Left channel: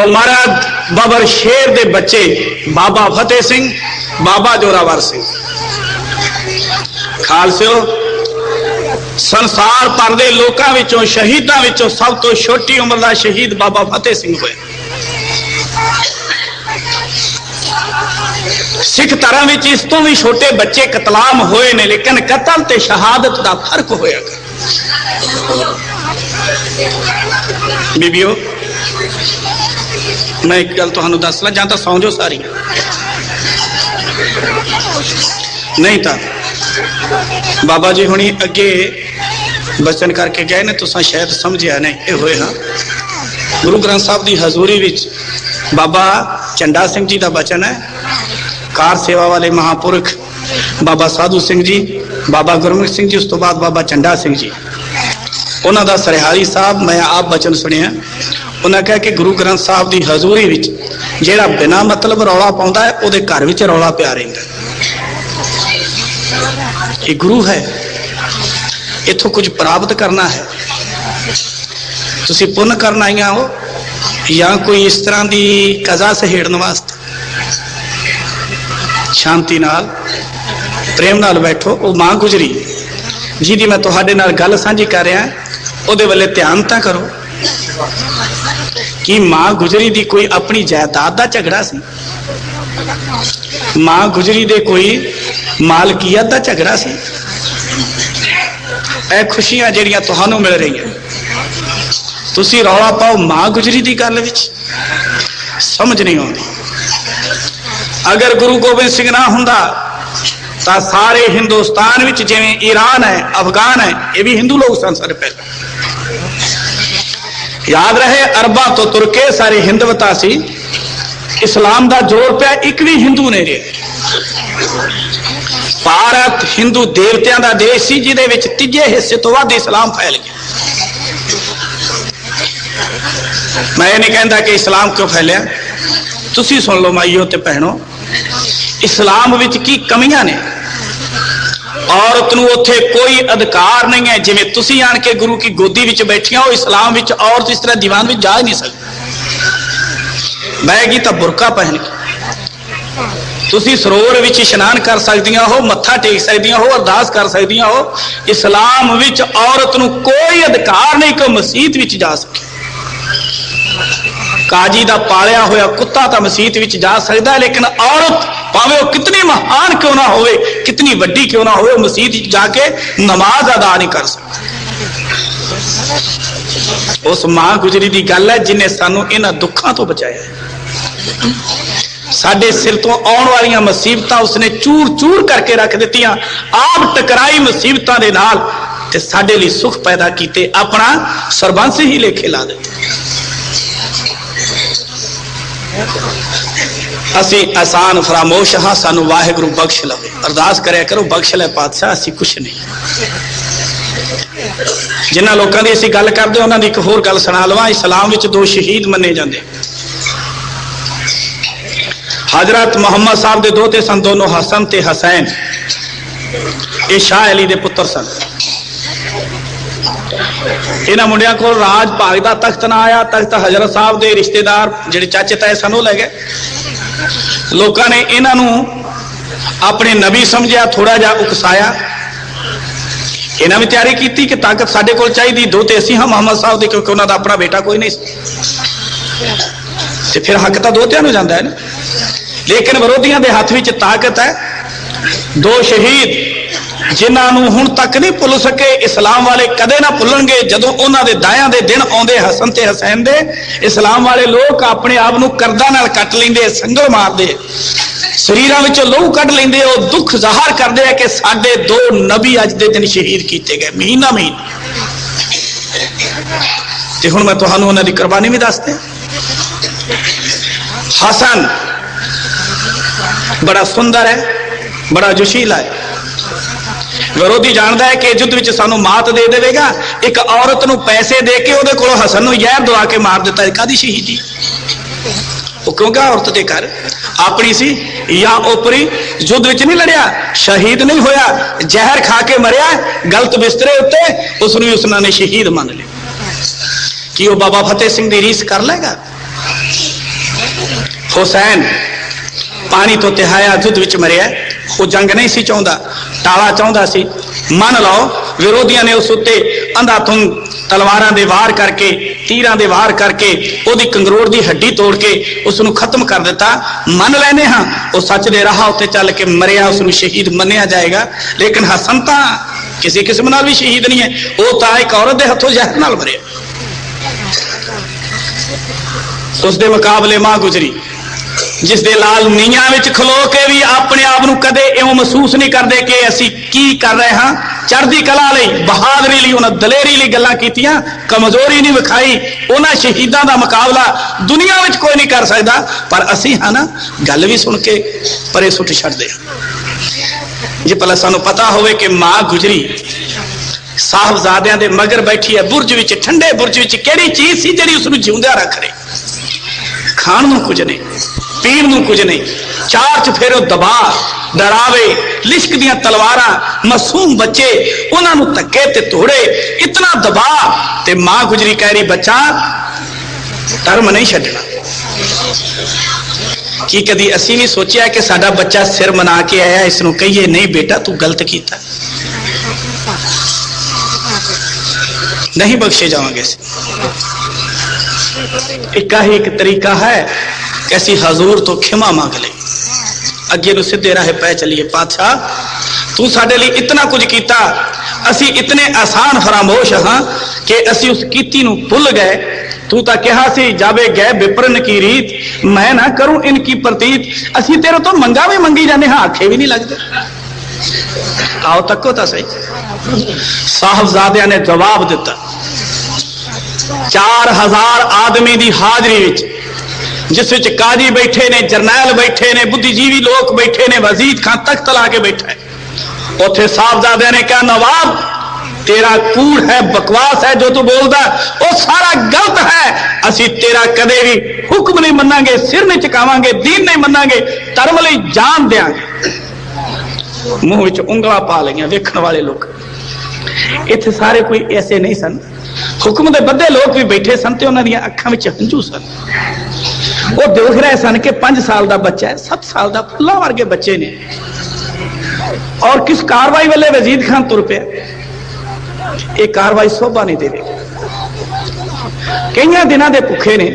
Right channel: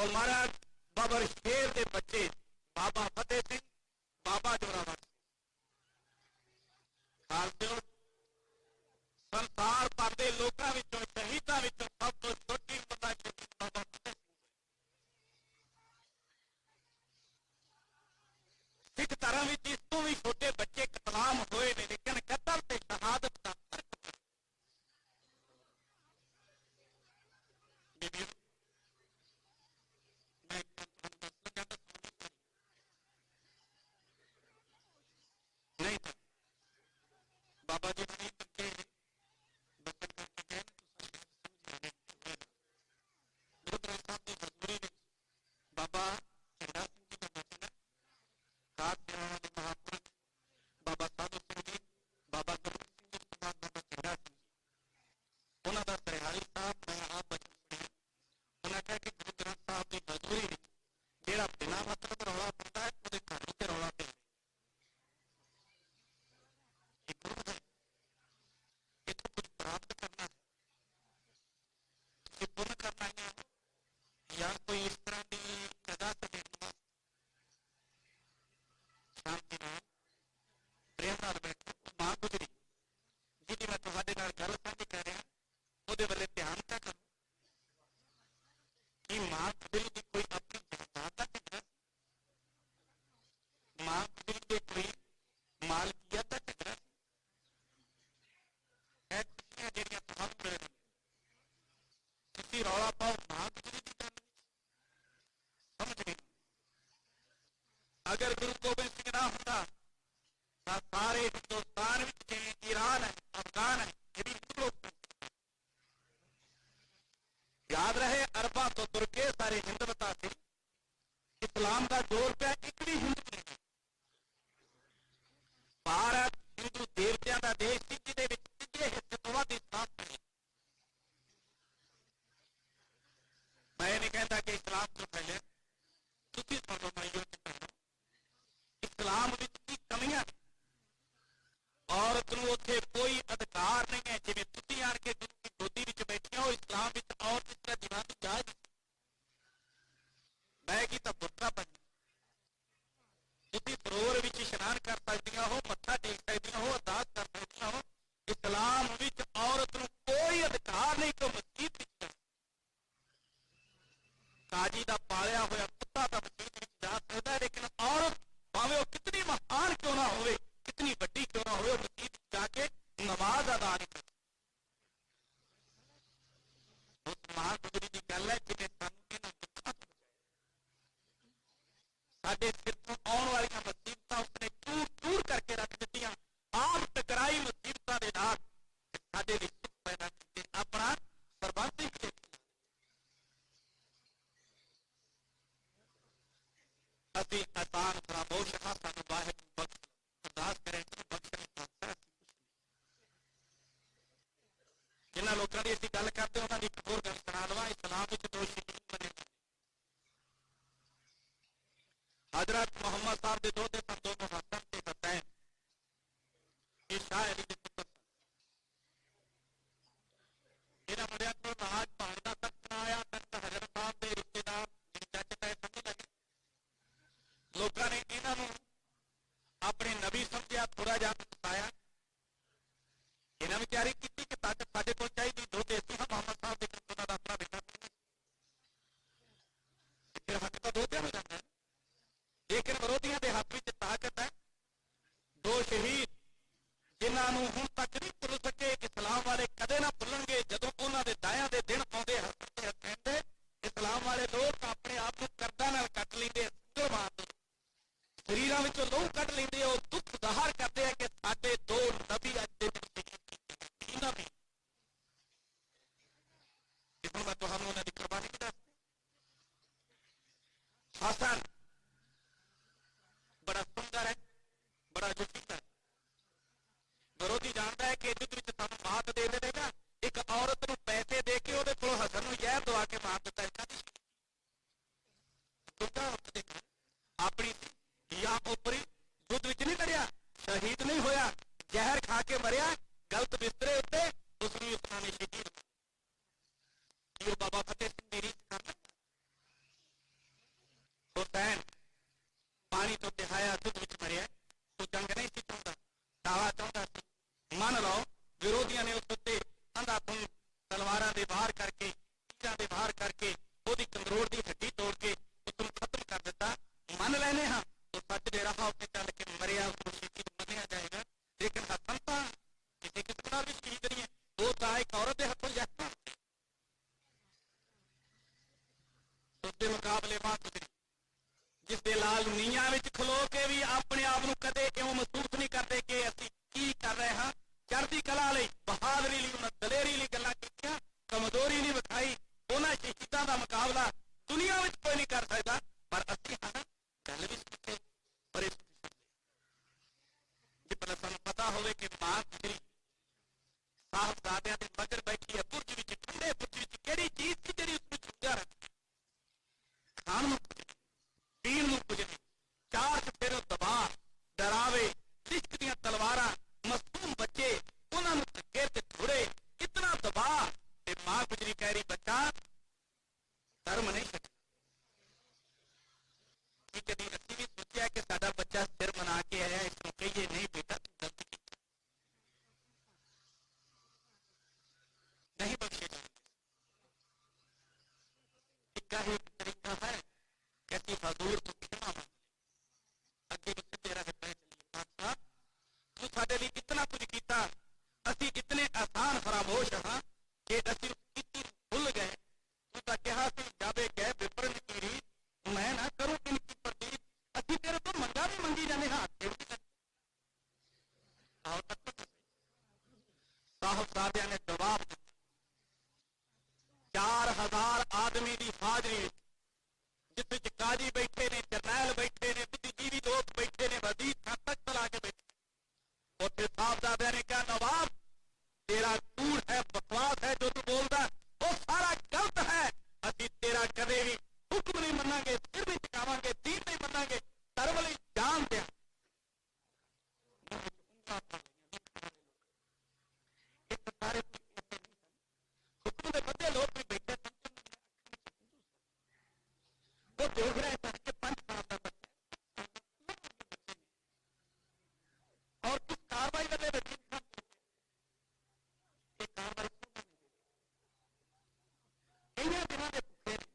और महाराज बाबर शेर दे बच्चे बाबा फतेह सिंह, बाबा जोरावर सिंह खालसिओ, संसार भर दे लोकां विचों शहीदां विचों सब तो छोटी उम्र का शहीद बाबा फतेह सिंह होया। सिख धर्म विच इस तो भी छोटे बच्चे कतलाम होए ने, लेकिन कतल ते शहादत का फर्क होया। बीबियो मैं एक गल तुहानू दस ला, जां तां सौ जाओ सारी, नहीं तो बाबा जी हुणी अगे बचन करके गए ने, तुसां शायद समझिया नहीं। ये होए हाँ गुरु ग्रंथ साहब की हजूरी विच बाबा झंडा सिंह जी का बचन है। कार सेवा वाले महापुरख बाबा साधु सिंह जी, बाबा गुरमुख सिंह जी, उस तो बाद बाबा झंडा सिंह जी, उन्हों का सरहारी साहब मैं आप बचन सुनिया। उन्हें कहा कि गुरु ग्रंथ साहब की हजूरी विच जेड़ा बिना मतलब रौला पाउंदा है उहदे घर विच रौला पिया रहिंदा। ये गुरु है, इथों कुछ प्राप्त करना है, तुसी पुण्य करना आईया हो या कोई इस तरह की कजा सहेड़न वास्ते। शांति नाल प्रेम नाल बैठो। वो मां गुजरी जिहदी मैं तुहाडे नाल गल सांझी कर रहा, उहदे वल्ले ध्यान तां करो कि मां गुजरी दी कोई अपनी जायदाद दा झगड़ा सी, मां गुजरी दे कोई मालकीयत दा झगड़ा सी। ए खुशियां जिहड़ियां तुहानू मिल रही तुसी रौला पाओ मां गुजरी दी गल विच, समझ नहीं आती। अगर गुरु गोबिंद सिंह ना हुंदा तां सारे हिंदुस्तान विच जिवें ईरान है, अफगान है, ये भी हिंदू लोग सन सारे पहले। याद रहे अरबा तो तुरके सारे हिंदवता सी, इस्लाम दा जोर पिया एक भी हिंदू नहीं रहे। भारत हिंदू देवतियां दा देश सी जिहदे विच तीजे हिस्से तो वध इस्लाम फैल गया। मैं ये नहीं कहता कि इस्लाम क्यों फैलिया, तुसी सुन लो माइयो ते भैणो, इस्लाम विच की कमियां ने। औरत नूं उत्थे कोई अधिकार नहीं है, जिवें तुसी आण के गुरु की गोदी विच बैठियां हो, इस्लाम विच औरत इस तरह दीवान विच जा ही नहीं सकती। बहगी तो बुरका पहन के तुसी सरोवर विच इशनान कर सकदियां हो, मत्था टेक सकदियां हो, अरदास कर सकदियां हो। इस्लाम विच औरत नूं कोई अधिकार नहीं कि मसीत विच जा सके। काजी दा पालिया होया कुत्ता तो मसीत विच जा सकता है, लेकिन औरत भावें वो कितनी महान क्यों ना होवे, कितनी वड्डी क्यों ना होवे, मसीत विच जाके नमाज अदा नहीं कर सकती। उस मां गुजरी दी गल है जिन्हें सानू इन्हां दुखों तो बचाया है। साडे सिर तो आउण वालियां मुसीबतां उसने चूर चूर करके रख दित्तियां, आप टकराई मुसीबतां दे नाल ते साडे लई सुख पैदा कीते, अपना सरबंस ही लेखे ला दिते। असी आसान फरामोश हाँ, सानू वाहिगुरू बख्श लवे। अरदास करया करो, बख्श ले पातशाह, असी कुछ नहीं। जिन्हां लोकां दी असी गल करदे उन्हां दी एक होर गल सुणा लवां। इस्लाम विच दो शहीद मन्ने जांदे। हजरत मुहम्मद साहब दे दोते सन, दोनों हसन ते हसैन। ये शाह अली दे पुत्र सन। इन्हां मुंडियां कोल राज भाग दा तख्त ना आया, तख्त हजरत साहब दे रिश्तेदार जिहड़े चाचे ताए सन वो लै गए। लोकां ने इन्हां नूं अपने नबी समझिया, थोड़ा जा उकसाया। इन्हां भी तैयारी की कि ताकत साडे कोल चाहिदी, दो ते असीं हां मुहम्मद साहब दे, क्योंकि उन्हां दा अपना बेटा कोई नहीं ते फिर हक तां दोतियां नूं जांदा है ना। लेकिन विरोधियों के हाथ में ताकत है। दो शहीद जिन्हां नूं हुण तक नहीं भुल सके, इस्लाम वाले कदे ना भुलणगे। जदों उन्हां दे दायां दे दिन आउंदे हसन ते हुसैन दे, इस्लाम वाले लोग अपने आप नूं करदा नाल कट लैंदे, संगल मारदे, शरीरां विचों लहू कढ लैंदे। वो दुख ज़ाहिर करदे हैं कि साडे दो नबी अज दे दिन शहीद कीते गए, महीना महीना। ते हुण मैं तुहानूं उन्हां दी कुर्बानी भी दसदे। हसन बड़ा सुंदर है, बड़ा जोशीला है। विरोधी जानता है कि युद्ध विच सानू मात दे देगा। एक औरत नूं पैसे दे के उहदे कोलों हसन नूं जहर दवा के मार दिता। कादी शहीदी? वो क्योंकि औरत दे घर अपनी सी या ओपरी, युद्ध विच नहीं लड़िया, शहीद नहीं होया, जहर खा के मरिया गलत बिस्तरे उत्ते, उसनूं उसने शहीद मान लिया। कि वो बाबा फतेह सिंह दी रीस कर लेगा? हुसैन पानी तो तिहाया युद्ध विच मरिया, वो जंग नहीं सी चाहता, टाला चाहता सी। मन लो विरोधियों ने उस उत्ते अंधाधुंध तलवारां दे वार करके, तीरां दे वार करके, ओदी कंगरोड़ दी हड्डी तोड़ के उसनू खत्म कर दिता। मन लैने हाँ वो सच दे राह उत्ते चल के मरिया, उसनू शहीद मन्निया जाएगा। लेकिन हसन तां किसी किस्म नाल भी शहीद नहीं है, वो तां एक औरत दे हथों जहर नाल मरिया। उसके मुकाबले मां गुजरी जिस दे लाल नीयां विच खलो के भी अपने आप नूं कदे इउं महसूस नहीं करते कि असी की कर रहे हाँ। चढ़दी कला लई, बहादरी लई, उन्हां दलेरी लई गल्लां कीतियां, कमजोरी नहीं विखाई। उन्हां शहीदां दा मुकाबला दुनिया विच कोई नहीं कर सकदा। पर असी हाँ ना गल भी सुन के परे सुट छड्डदे हां। जे भला सानूं पता होवे कि मां गुजरी साहबजादियां दे मगर बैठी है बुरज विच, ठंडे बुरज विच, किहड़ी चीज सी जिहड़ी उसनूं जिउंदा रख रही? खाण नूं कुछ नहीं, पीण नूं कुछ नहीं, चार चफेरो दबा, डरावे, लिश्क दियां तलवारां, मासूम बच्चे, उन्हां नूं धक्के ते तोड़े, इतना दबा ते मां गुजरी कह रही बच्चा धर्म नहीं छड्डना। की कदी असी नहीं सोचिया कि साडा बच्चा सिर मना के आया, इसनूं कहिए नहीं बेटा तू गलत कीता? नहीं बख्शे जाओगे। एक ही एक तरीका है कि ऐसी हजूर तो खिमा मांग ले, अगे नूं सीधे राह पै चलिए। पातशाह तू साडे लई इतना कुछ कीता, असी इतने आसान फरामोश हाँ कि असी उस कीती नूं भुल गए। तू तां कहा सी जावे गए विप्रन की रीत, मैं ना करूं इनकी प्रतीत। असी तेरे तो मंगा भी मंगी जाने हाँ, आखे भी नहीं लगते। आओ तको तो सही। साहबजादियां ने जवाब दिता। 4000 आदमी दी हाजरी विच, जिस विच काजी बैठे ने, जरनैल बैठे ने, बुद्धिजीवी लोग बैठे ने, वजीद खां तख्त ला के बैठा है। उथे साहबजादियां ने कहा नवाब तेरा कूड़ है, बकवास है जो तू बोलदा, वो सारा गलत है। असी तेरा कदे भी हुक्म नहीं मन्नांगे, सिर नहीं झुकावांगे, दीन नहीं मन्नांगे, धर्म लई जान देंगे। मुंह विच उंगला पा लिया वेखण वाले लोग। इत्थे सारे कोई ऐसे नहीं सन, हुक्म दे बद्दे लोग भी बैठे सन ते उन्हां दियां अखां विच हंझू सन। वो देख रहे सन कि 5 साल का बच्चा है, 7 साल का फुल्ला वर्गे बच्चे ने, और किस कार्रवाई वाले वजीद खान तुर पे ये कार्रवाई शोभा नहीं देगी। कई दिनों के भुखे ने,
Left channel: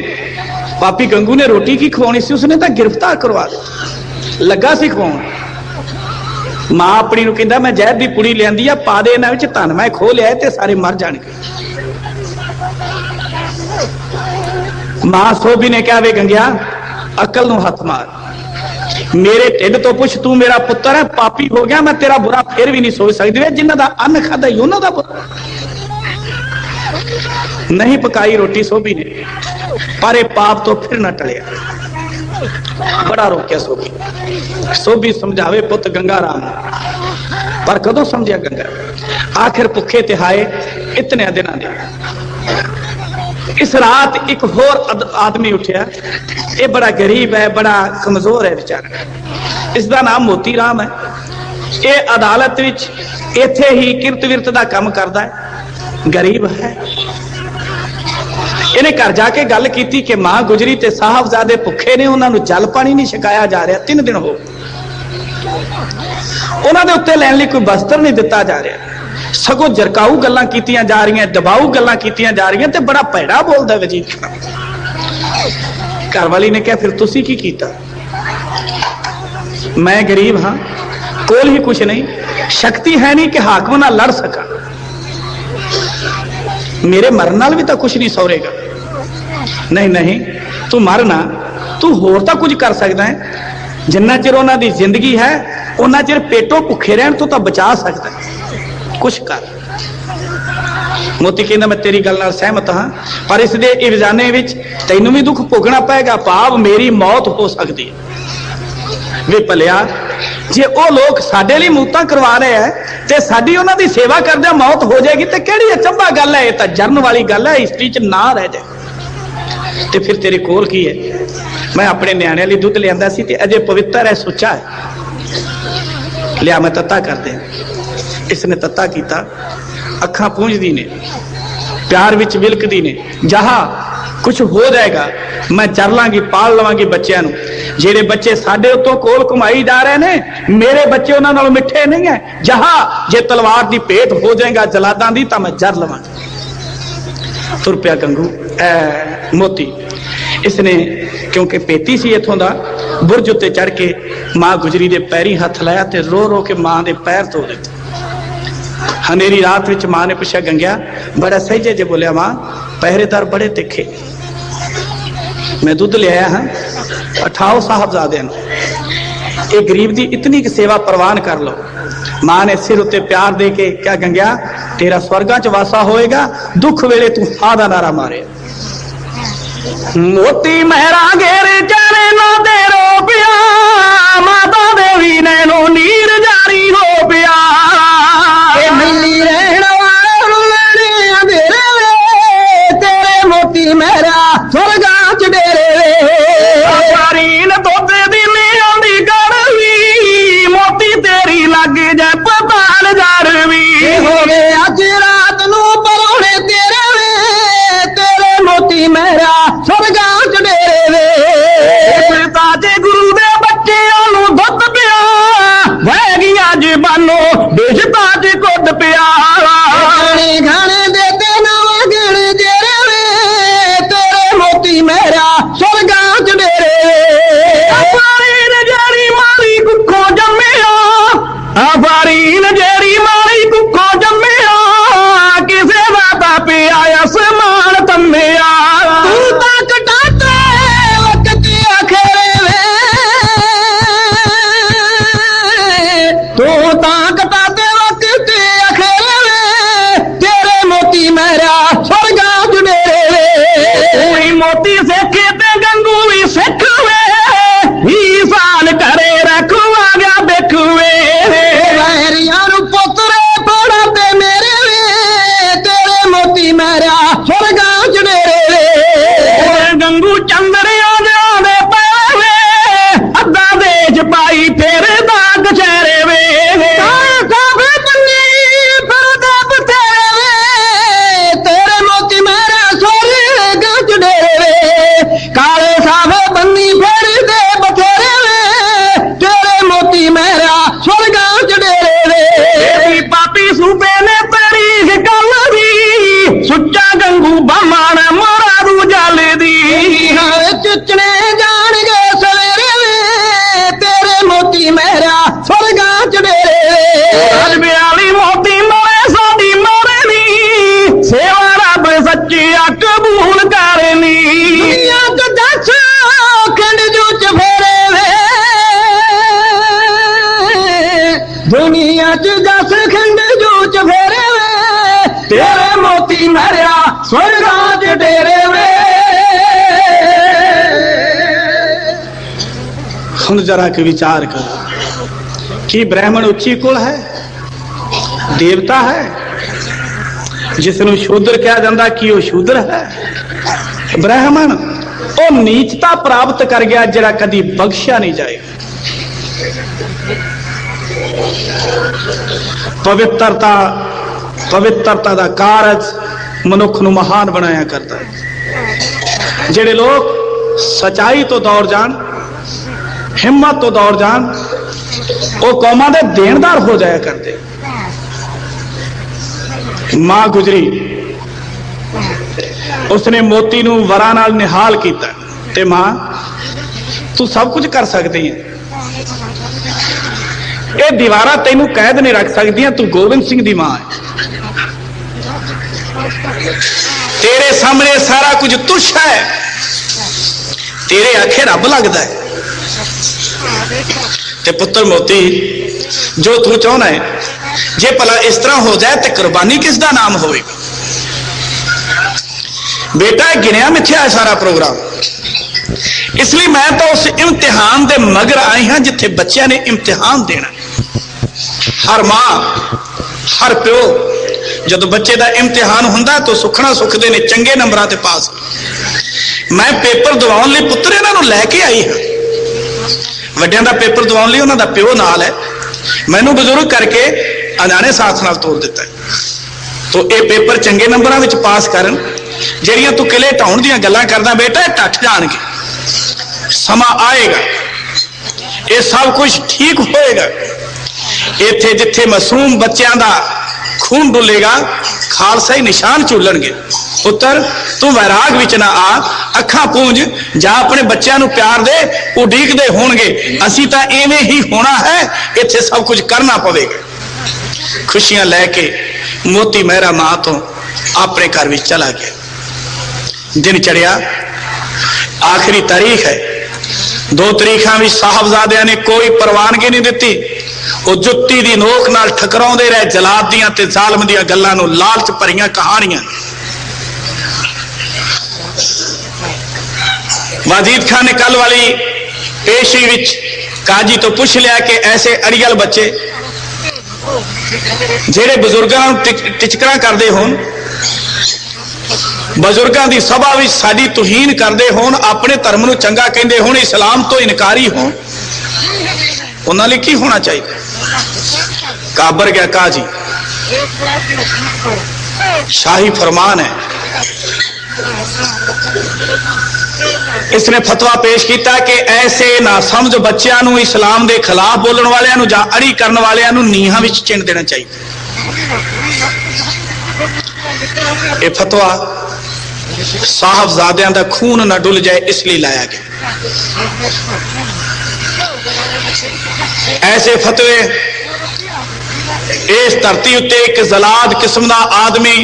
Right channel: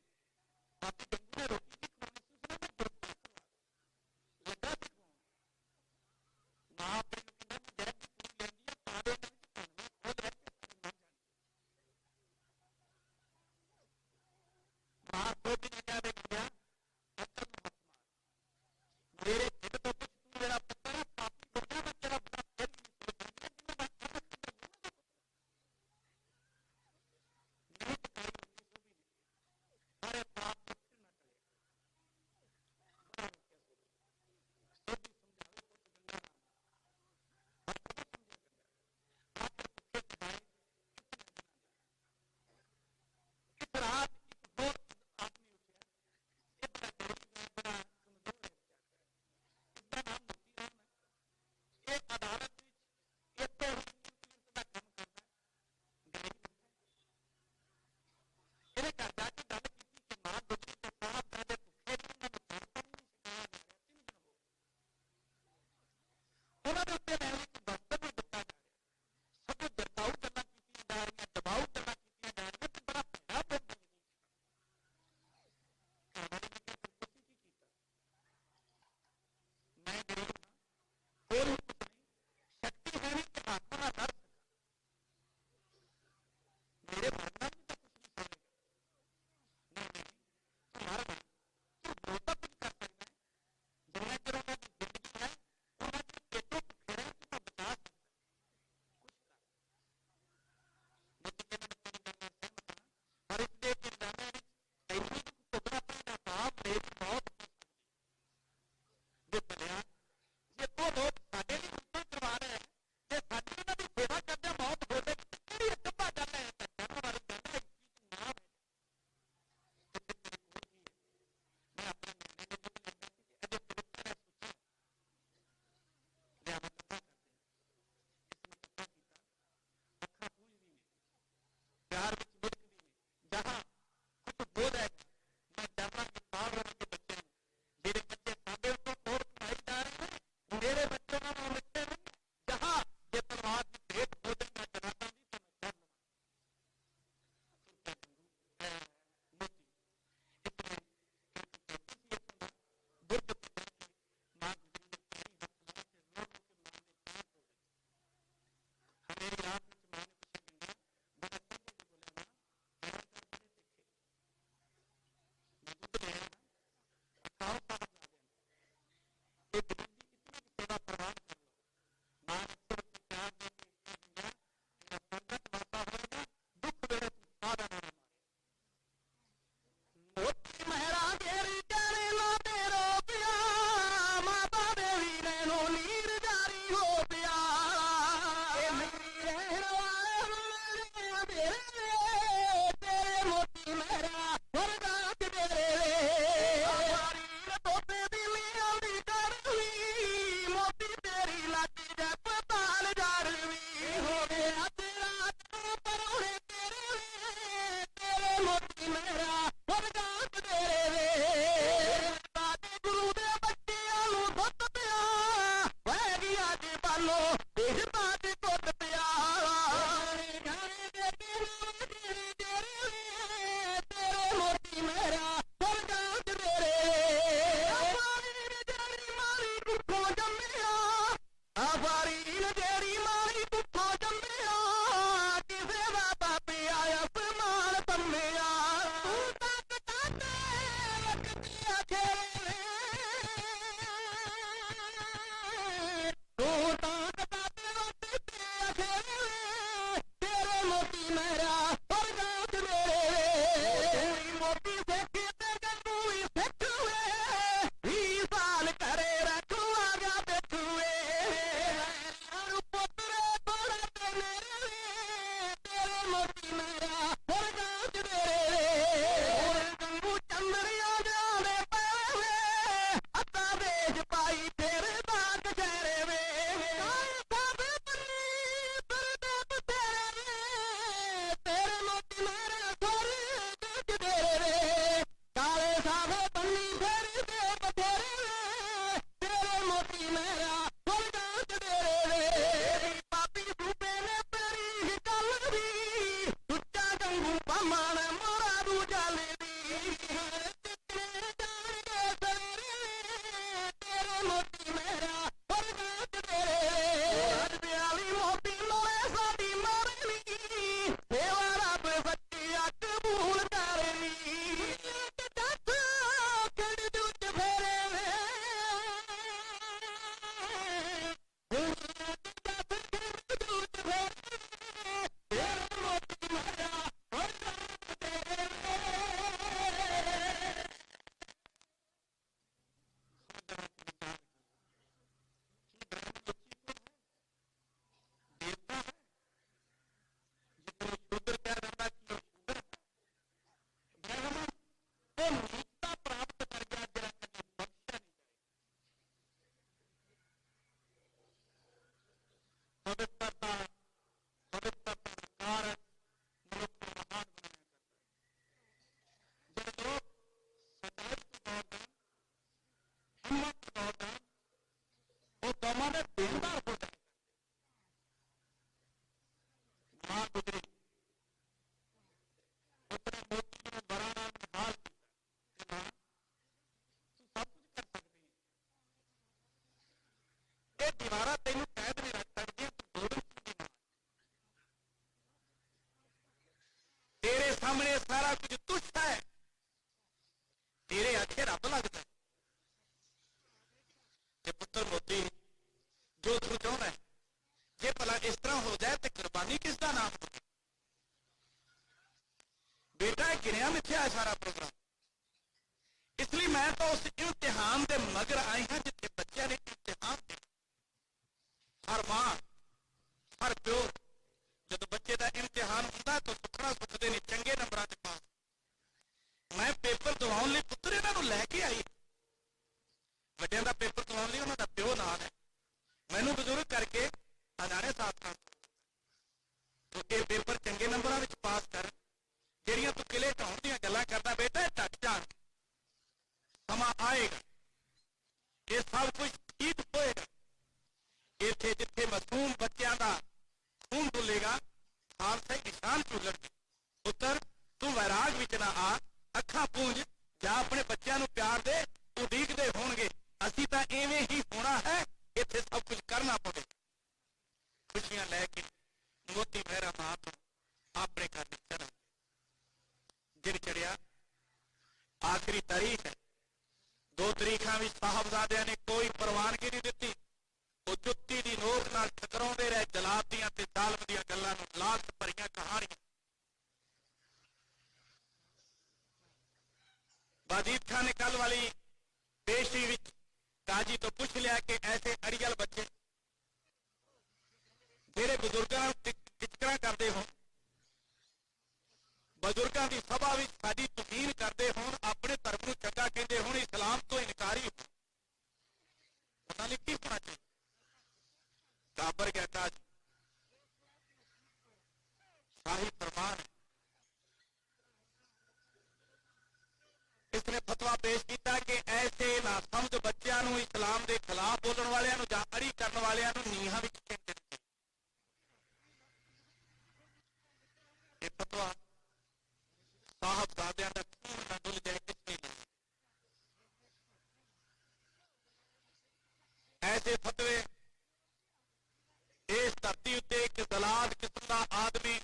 पापी गंगू ने रोटी की खवानी सी, उसने तो गिरफ्तार करवा दिया, लगा सी खवाउण। मां अपनी नूं कहंदा मैं जहर दी पुड़ी लियांदी आ, पा दे इन्हां विच धन मैं खो लिया ते सारे मर जाणगे। मां सोभी ने कहा वे गंगिया अकल नूं हथ मार, मेरे ढिड तो पुछ, तू मेरा पुत्र है, पापी हो गया, मैं तेरा बुरा फिर भी नहीं सोच सकती। जिन्हां दा अन्न खादा ही उन्हां दा बुरा। नहीं पकाई रोटी सोभी ने, पर पाप तो फिर न टलिया। बड़ा रोकिया सोभी। सोभी समझावे पुत गंगा राम, पर कदों समझिया गंगा? आखिर भुखे तिहाए इतने दिनों दे। इस रात एक होर आदमी उठिया, ये बड़ा गरीब है, बड़ा कमजोर है बेचारा, इसका नाम मोती राम है। ये अदालत विच इत्थे ही किरत विरत का काम करता है, गरीब है। इन्हें घर जाके गल की कि मां गुजरी ते साहबजादे भुखे ने, उन्होंने जल पानी नहीं छकाया जा रहा, 3 दिन हो उन्होंने उत्ते लैण लई कोई वस्त्र नहीं दिता जा रहा, सगों जरकाऊ गल्लां कीतियां जा रही, दबाऊ गल्लां कीतियां जा रही, ते बड़ा भैड़ा बोलदा वजीद खान। घर वाली ने कहा फिर तुसी की कीता? मैं गरीब हाँ, कोल ही कुछ नहीं, शक्ति है नहीं कि हाकम नाल लड़ सका, मेरे मरन नाल भी तो कुछ नहीं सौरेगा। नहीं नहीं तू मरना, तू होर तो कुछ कर सकता है, जिन्ना चिर उन्हां दी जिंदगी है उन्ना चिर पेटों भुखे रहन तो बचा सकता है, कुछ कर। मोती कहना मैं तेरी गल नाल सहमत हाँ, पर इस दे इवजाने विच तैनूं भी दुख भोगना पएगा, भाव मेरी मौत हो सकती है। वे भलिया जे वो लोग साडे लई मौतां करवा रहे हैं ते साडी उन्हां दी सेवा करदे मौत हो जाएगी ते किहड़ी अचंभा गल है, ये तां जरन वाली गल है, हिस्ट्री च ना रह जाए। ते फिर तेरे कोल की है? मैं अपने न्याणे लई दुध लियांदा सी ते अजे पवित्र है, सुच्चा है, लिया मैं तत्ता कर दे। इसने तत्ता कीता, अखां पूंजदी ने, प्यार विच विलकदी ने, जहा कुछ हो जाएगा, मैं चर लांगी, पाल लवांगी बच्चों नूं। ਜਿਹੜੇ ਬੱਚੇ ਸਾਡੇ ਉੱਤੋਂ ਕੋਲ ਘੁਮਾਈ ਜਾ ਰਹੇ ਨੇ, ਮੇਰੇ ਬੱਚੇ ਉਹਨਾਂ ਨਾਲੋਂ ਮਿੱਠੇ ਨਹੀਂ ਹੈ। ਜਹਾਂ ਜੇ ਤਲਵਾਰ ਦੀ ਭੇਟ ਹੋ ਜਾਏਗਾ ਜਲਾਦਾਂ ਦੀ ਤਾਂ ਮੈਂ ਜਰ ਲਵਾਂਗਾ। ਤੁਰ ਪਿਆ ਗੰਗੂ ਮੋਤੀ। ਇਸਨੇ ਕਿਉਂਕਿ ਪੇਤੀ ਸੀ ਇੱਥੋਂ ਦਾ, ਬੁਰਜ ਉੱਤੇ ਚੜ ਕੇ ਮਾਂ ਗੁਜਰੀ ਦੇ ਪੈਰੀ ਹੱਥ ਲਾਇਆ ਤੇ ਰੋ ਰੋ ਕੇ ਮਾਂ ਦੇ ਪੈਰ ਧੋ ਦਿੱਤੇ। ਹਨੇਰੀ ਰਾਤ ਵਿੱਚ ਮਾਂ ਨੇ ਪੁੱਛਿਆ, ਗੰਗਿਆ ਬੜਾ ਸਹਿਜੇ ਜੇ ਬੋਲਿਆ, ਮਾਂ ਪਹਿਰੇਦਾਰ ਬੜੇ ਤਿੱਖੇ, मैं दुध ले आया हाँ, उठाओ साहबजादे ये गरीब की इतनी की सेवा प्रवान कर लो। मां ने सिर उत्ते प्यार दे के क्या, गंगया तेरा स्वर्गां च वासा होएगा, दुख वेले तू हां दा नारा मारे। मोती मेहरा घेरे चारे ना दे रो पिया, माता देवी नैनो नीर जारी हो पिया। मिली रहना वाले अंधेरे तेरे मोती मेहरा स्वर्गां जरा के विचार करो कि ब्राह्मण उच्ची कुल है, देवता है, जिसनों शूद्र कहा जाता कि वह शूद्र है। ब्राह्मण वो नीचता प्राप्त कर गया जरा कदी बख्शिया नहीं जाएगा। पवित्रता का कारज मनुख नूं महान बनाया करता है। जेड़े लोग सच्चाई तो दौड़ जान, हिम्मत तो दौड़ जान, वो कौमां दे देनदार हो जाया करते। मां गुजरी उसने मोती नूं वरां नाल निहाल कीता ते मां तू सब कुछ कर सकती है, ये दीवारा तेनू कैद नहीं रख सकती, तू गोविंद सिंह दी मां है, तेरे सामने सारा कुछ तुच्छ है, तेरे आखे रब लगता है। ते पुत्र मोती जो तू चाहना है जे भला इस तरह हो जाए तो कुर्बानी किसका नाम होगा? बेटा गिनिया मिथ्या है सारा प्रोग्राम, इसलिए मैं तो उस इम्तिहान दे मगर आई हाँ जिथे बच्चों ने इम्तिहान देना। हर मां हर प्यो जो बच्चे का इम्तिहान होंदा तो सुखना सुखते ने चंगे नंबरां ते पास। मैं पेपर दवाउण लई पुत्र इन्हां नूं लैके आई हाँ, वड्डियां दा पेपर दवाउण लई उन्हां दा प्यो नाल है, मैनू बजुर्ग करके अजाने साथ नाल तोड़ दिता है। तो ये पेपर चंगे नंबरां विच पास करन ਜਿਹੜੀਆਂ ਤੂੰ किले ਢਾਉਣ ਦੀਆਂ ਗੱਲਾਂ ਕਰਦਾ बेटा ਢੱਠ ਜਾਣਗੇ। ਸਮਾਂ ਆਏਗਾ ਇਹ ਸਭ ਕੁਝ ठीक ਹੋਏਗਾ। ਇੱਥੇ ਜਿੱਥੇ ਮਾਸੂਮ ਬੱਚਿਆਂ ਦਾ खून डुलेगा खालसा ही निशान झूलणगे। पुत्र तू वैराग विच ना आ, अखां पूंज जा अपने बच्चों नूं प्यार दे, उडीकदे होणगे असीं तां इवें ही होना है, इत्थे सब कुछ करना पवेगा। खुशियां लैके मोती मेहरा मां तो अपने घर विच चला गया। दिन चढ़िया, आखिरी तारीख है। 2 तारीखां विच साहबजादियां ने कोई परवानगी नहीं दिती। वो जुत्ती दी नोक नाल ठकराउंदे रहे जलाद दियां ते जालम दियां गल्लां नूं, लालच भरियां कहानियां। वाजीद खान ने कल वाली पेशी विच काजी तो पूछ लिया कि ऐसे अड़ियल बच्चे जेड़े बुजुर्गां नूं टिचकरा करदे होण, बुजुर्गां दी सभा विच साडी तुहीन करदे होण, अपने धर्म नूं चंगा कहंदे होण, इस्लाम तो इनकारी होण, उन्हां लई की होना चाहिए? काबर गया काजी, शाही फरमान है। इसने फतवा पेश किया कि ऐसे ना समझ बच्चों नूं इस्लाम के खिलाफ बोलने वालियां नूं जां अड़ी करने वालियां नूं नीहां विच चिण देना चाहिए। यह फतवा साहबजादियां दा खून ना डुल जाए इसलिए लाया गया। ऐसे फतवे इस धरती उत्ते एक जलाद किस्म का आदमी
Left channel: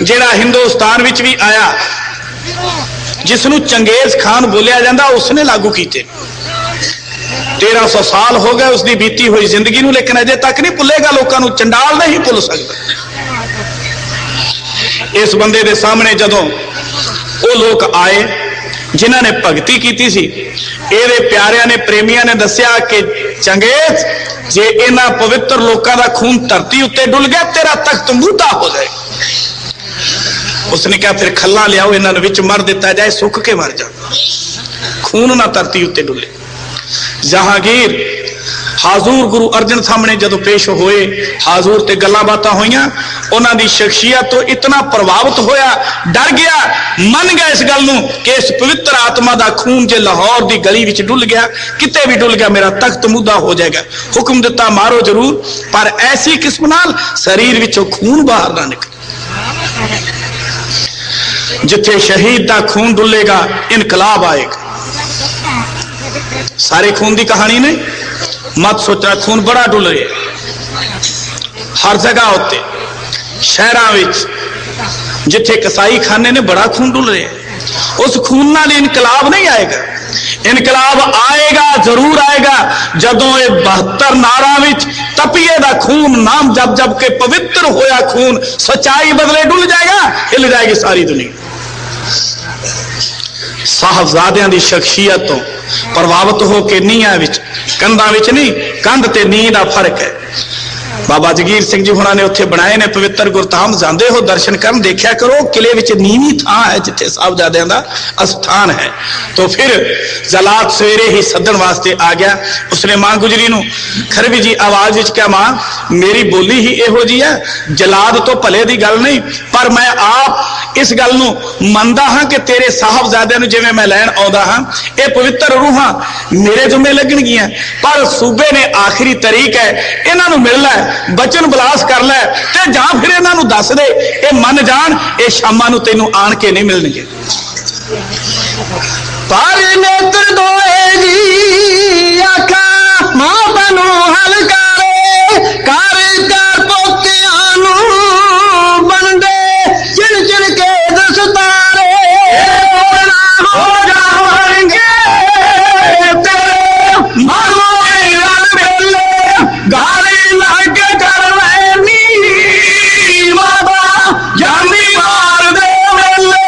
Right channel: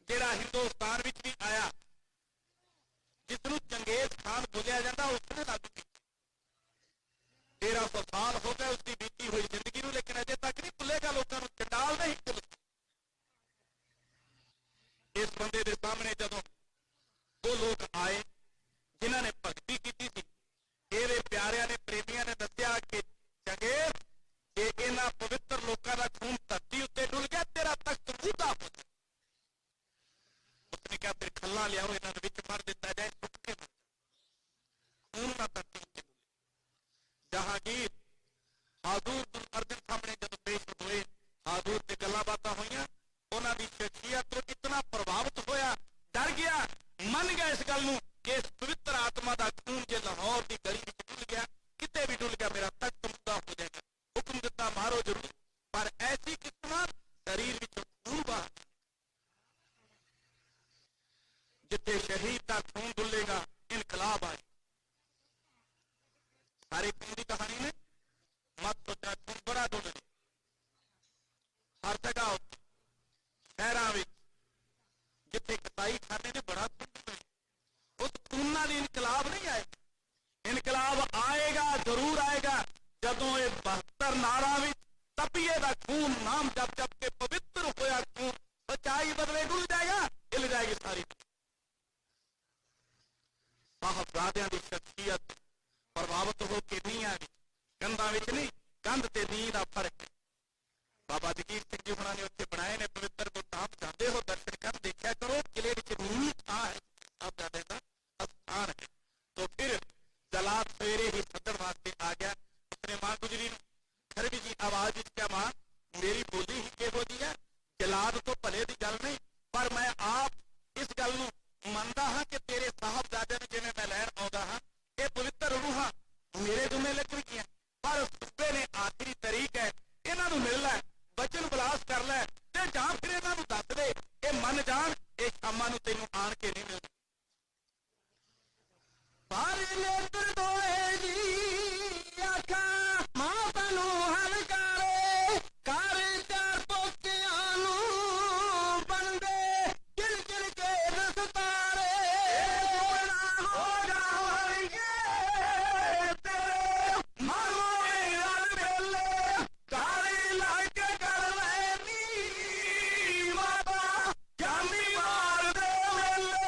जिहड़ा हिंदुस्तान विच भी आया, जिसनू चंगेज खान बोलिया जाता, उसने लागू किए। 1300 साल हो गए उसकी बीती हुई जिंदगी नू, लेकिन अजे तक नहीं भुलेगा। लोगों को चंडाल नहीं भुल सकता। इस बंदे के सामने जदों वो लोग आए जिन्हों ने भगती की सी, ਇਹਦੇ प्यारिया ने प्रेमिया ने दसिया कि चंगेज जे इन्हां पवित्र लोगों का खून धरती उत्ते डुल गया, तेरा तख्त मुद्दा हो जाए। उसने कहा फिर खल्ला लियाओ, इन्होंने विच मर दिता जाए, सुख के मर जा, खून ना धरती उत्ते डुले। जहांगीर हाजूर गुरु अर्जन सामने जदों पेश होए, हाजूर ते गल्लां बातां होईयां, उन्हां दी शख्सियत तो इतना प्रभावित होया, डर गया, मन गया इस गल नूं कि इस पवित्र आत्मा दा खून जे लाहौर दी गली विच डुल गया, किते भी डुल गया, मेरा तख्त मुद्दा हो जाएगा। हुक्म दिता मारो जरूर, पर ऐसी किस्म नाल शरीर विचों खून बाहर ना निकले। जिथे शहीद दा खून डुलेगा इनकलाब आएगा। सारे खून दी कहानी नहीं, मत सोचना खून बड़ा डुल रहा है हर जगह उत्ते, शहरां विच जिथे कसाई खाने ने बड़ा खून डुल रहा है। उस खून नाल इनकलाब नहीं आएगा। इनकलाब आएगा, जरूर आएगा, जदों ये 72 नारा विच तपीए दा खून नाम जप जप के पवित्र होया खून सच्चाई बदले डुल जाएगा, हिल जाएगी सारी दुनिया। साहबजादियां दी शख्सियत तो प्रभावित होकर नीहां विच, कंधां विच नहीं, कंध ते नींह दा फर्क है। बाबा जगीर सिंह जी हुणां ने उत्थे बनाए ने पवित्र गुरधाम, जांदे हो दर्शन करन, देखा करो किले विच नीवीं थां है जिथे साहबजादियां दा अस्थान है। तो फिर जलाद सवेरे ही सदन वास्ते आ गया। उसने मां गुजरी नूं खरवी जी आवाज विच कहा, मां मेरी बोली ही इहो जी है, जलाद तो भले दी गल नहीं, पर मैं आप इस गल नूं मनदा हां कि तेरे साहबजादियां नूं जिवें मैं लैण आउंदा हां, ये पवित्र रूहां मेरे जुम्मे लगणगीआं, पर सूबे ने आखिरी तरीक है, इन्हां नूं मिल लै, बचन बलास कर लै, ते जां फिर इन्हां नूं दस दे, ये मन जाण ये शामां नूं तैनूं आण के नहीं मिलणगे। पर नेत्र दोए जी आखा मां बनू हल करे, कर पोतियां नूं बनदे चिड़ चिड़ के दसतारे, हो जावणगे तेरे मारोए रल बेले, गाली लग कर लैनी बाबा जानी मार दे वेले।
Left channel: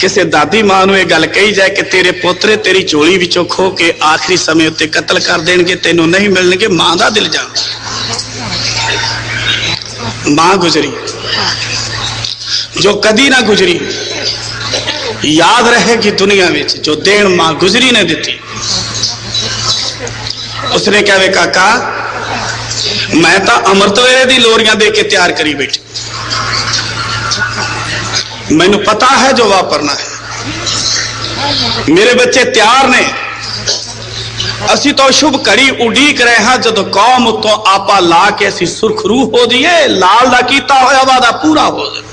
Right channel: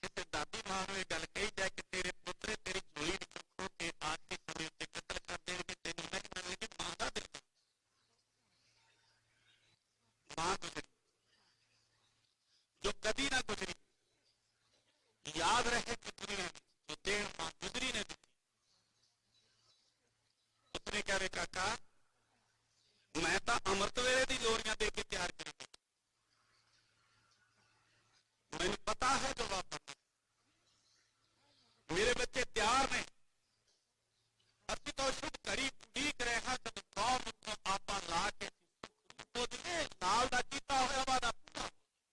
किसी दादी मां नूं यह गल कही जाए कि तेरे पोतरे तेरी झोली विचों खो के आखिरी समय उत्ते कतल कर देणगे, तैनूं नहीं मिलणगे, मां दा दिल जान। मां गुजरी जो कदी ना गुजरी, याद रहेगी दुनिया में जो देन मां गुजरी ने दी। उसने कहा वे काका मैं तो अमृत वेले दी लोरियां दे के तैयार करी बैठी, मैनू पता है जो वापरना है, मेरे बच्चे तैयार ने, असी तो शुभ घड़ी उड़ीक रहे हैं जदों कौम उतों आपा ला के असी सुरखरू हो जाइए, लाल दा कीता होया वादा पूरा हो जाए।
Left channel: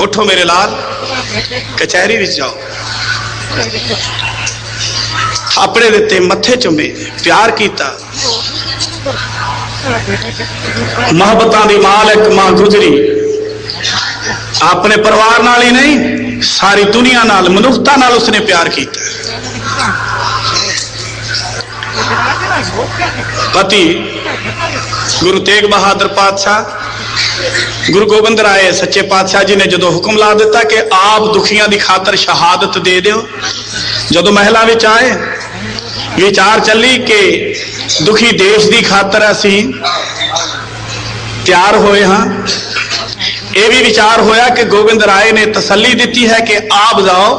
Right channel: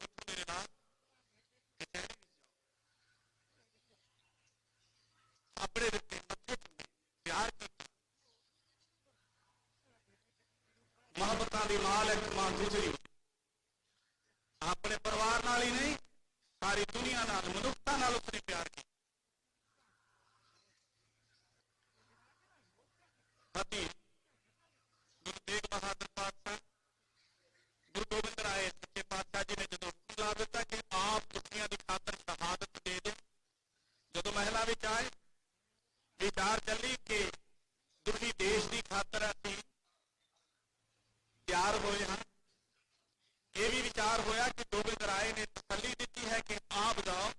उठो मेरे लाल, कचहरी विच जाओ, थापड़े दिते, मथे चुमे, प्यार कीता, मोहब्बतां दी मालिक मां गुजरी अपने परिवार नाल ही नहीं सारी दुनिया नाल, मनुखता नाल उसने प्यार किया। पति गुरु तेग बहादुर पातशाह, गुरु गोबिंद राय सच्चे पातशाह जी ने जो हुक्म ला दिता कि आप दुखियां की खातर शहादत दे दो, जो महिला विच आए विचार चली कि दुखी देश की खातर असी तैयार होए हाँ। यह भी विचार होया कि गोबिंद राय ने तसल्ली दी है कि आप जाओ,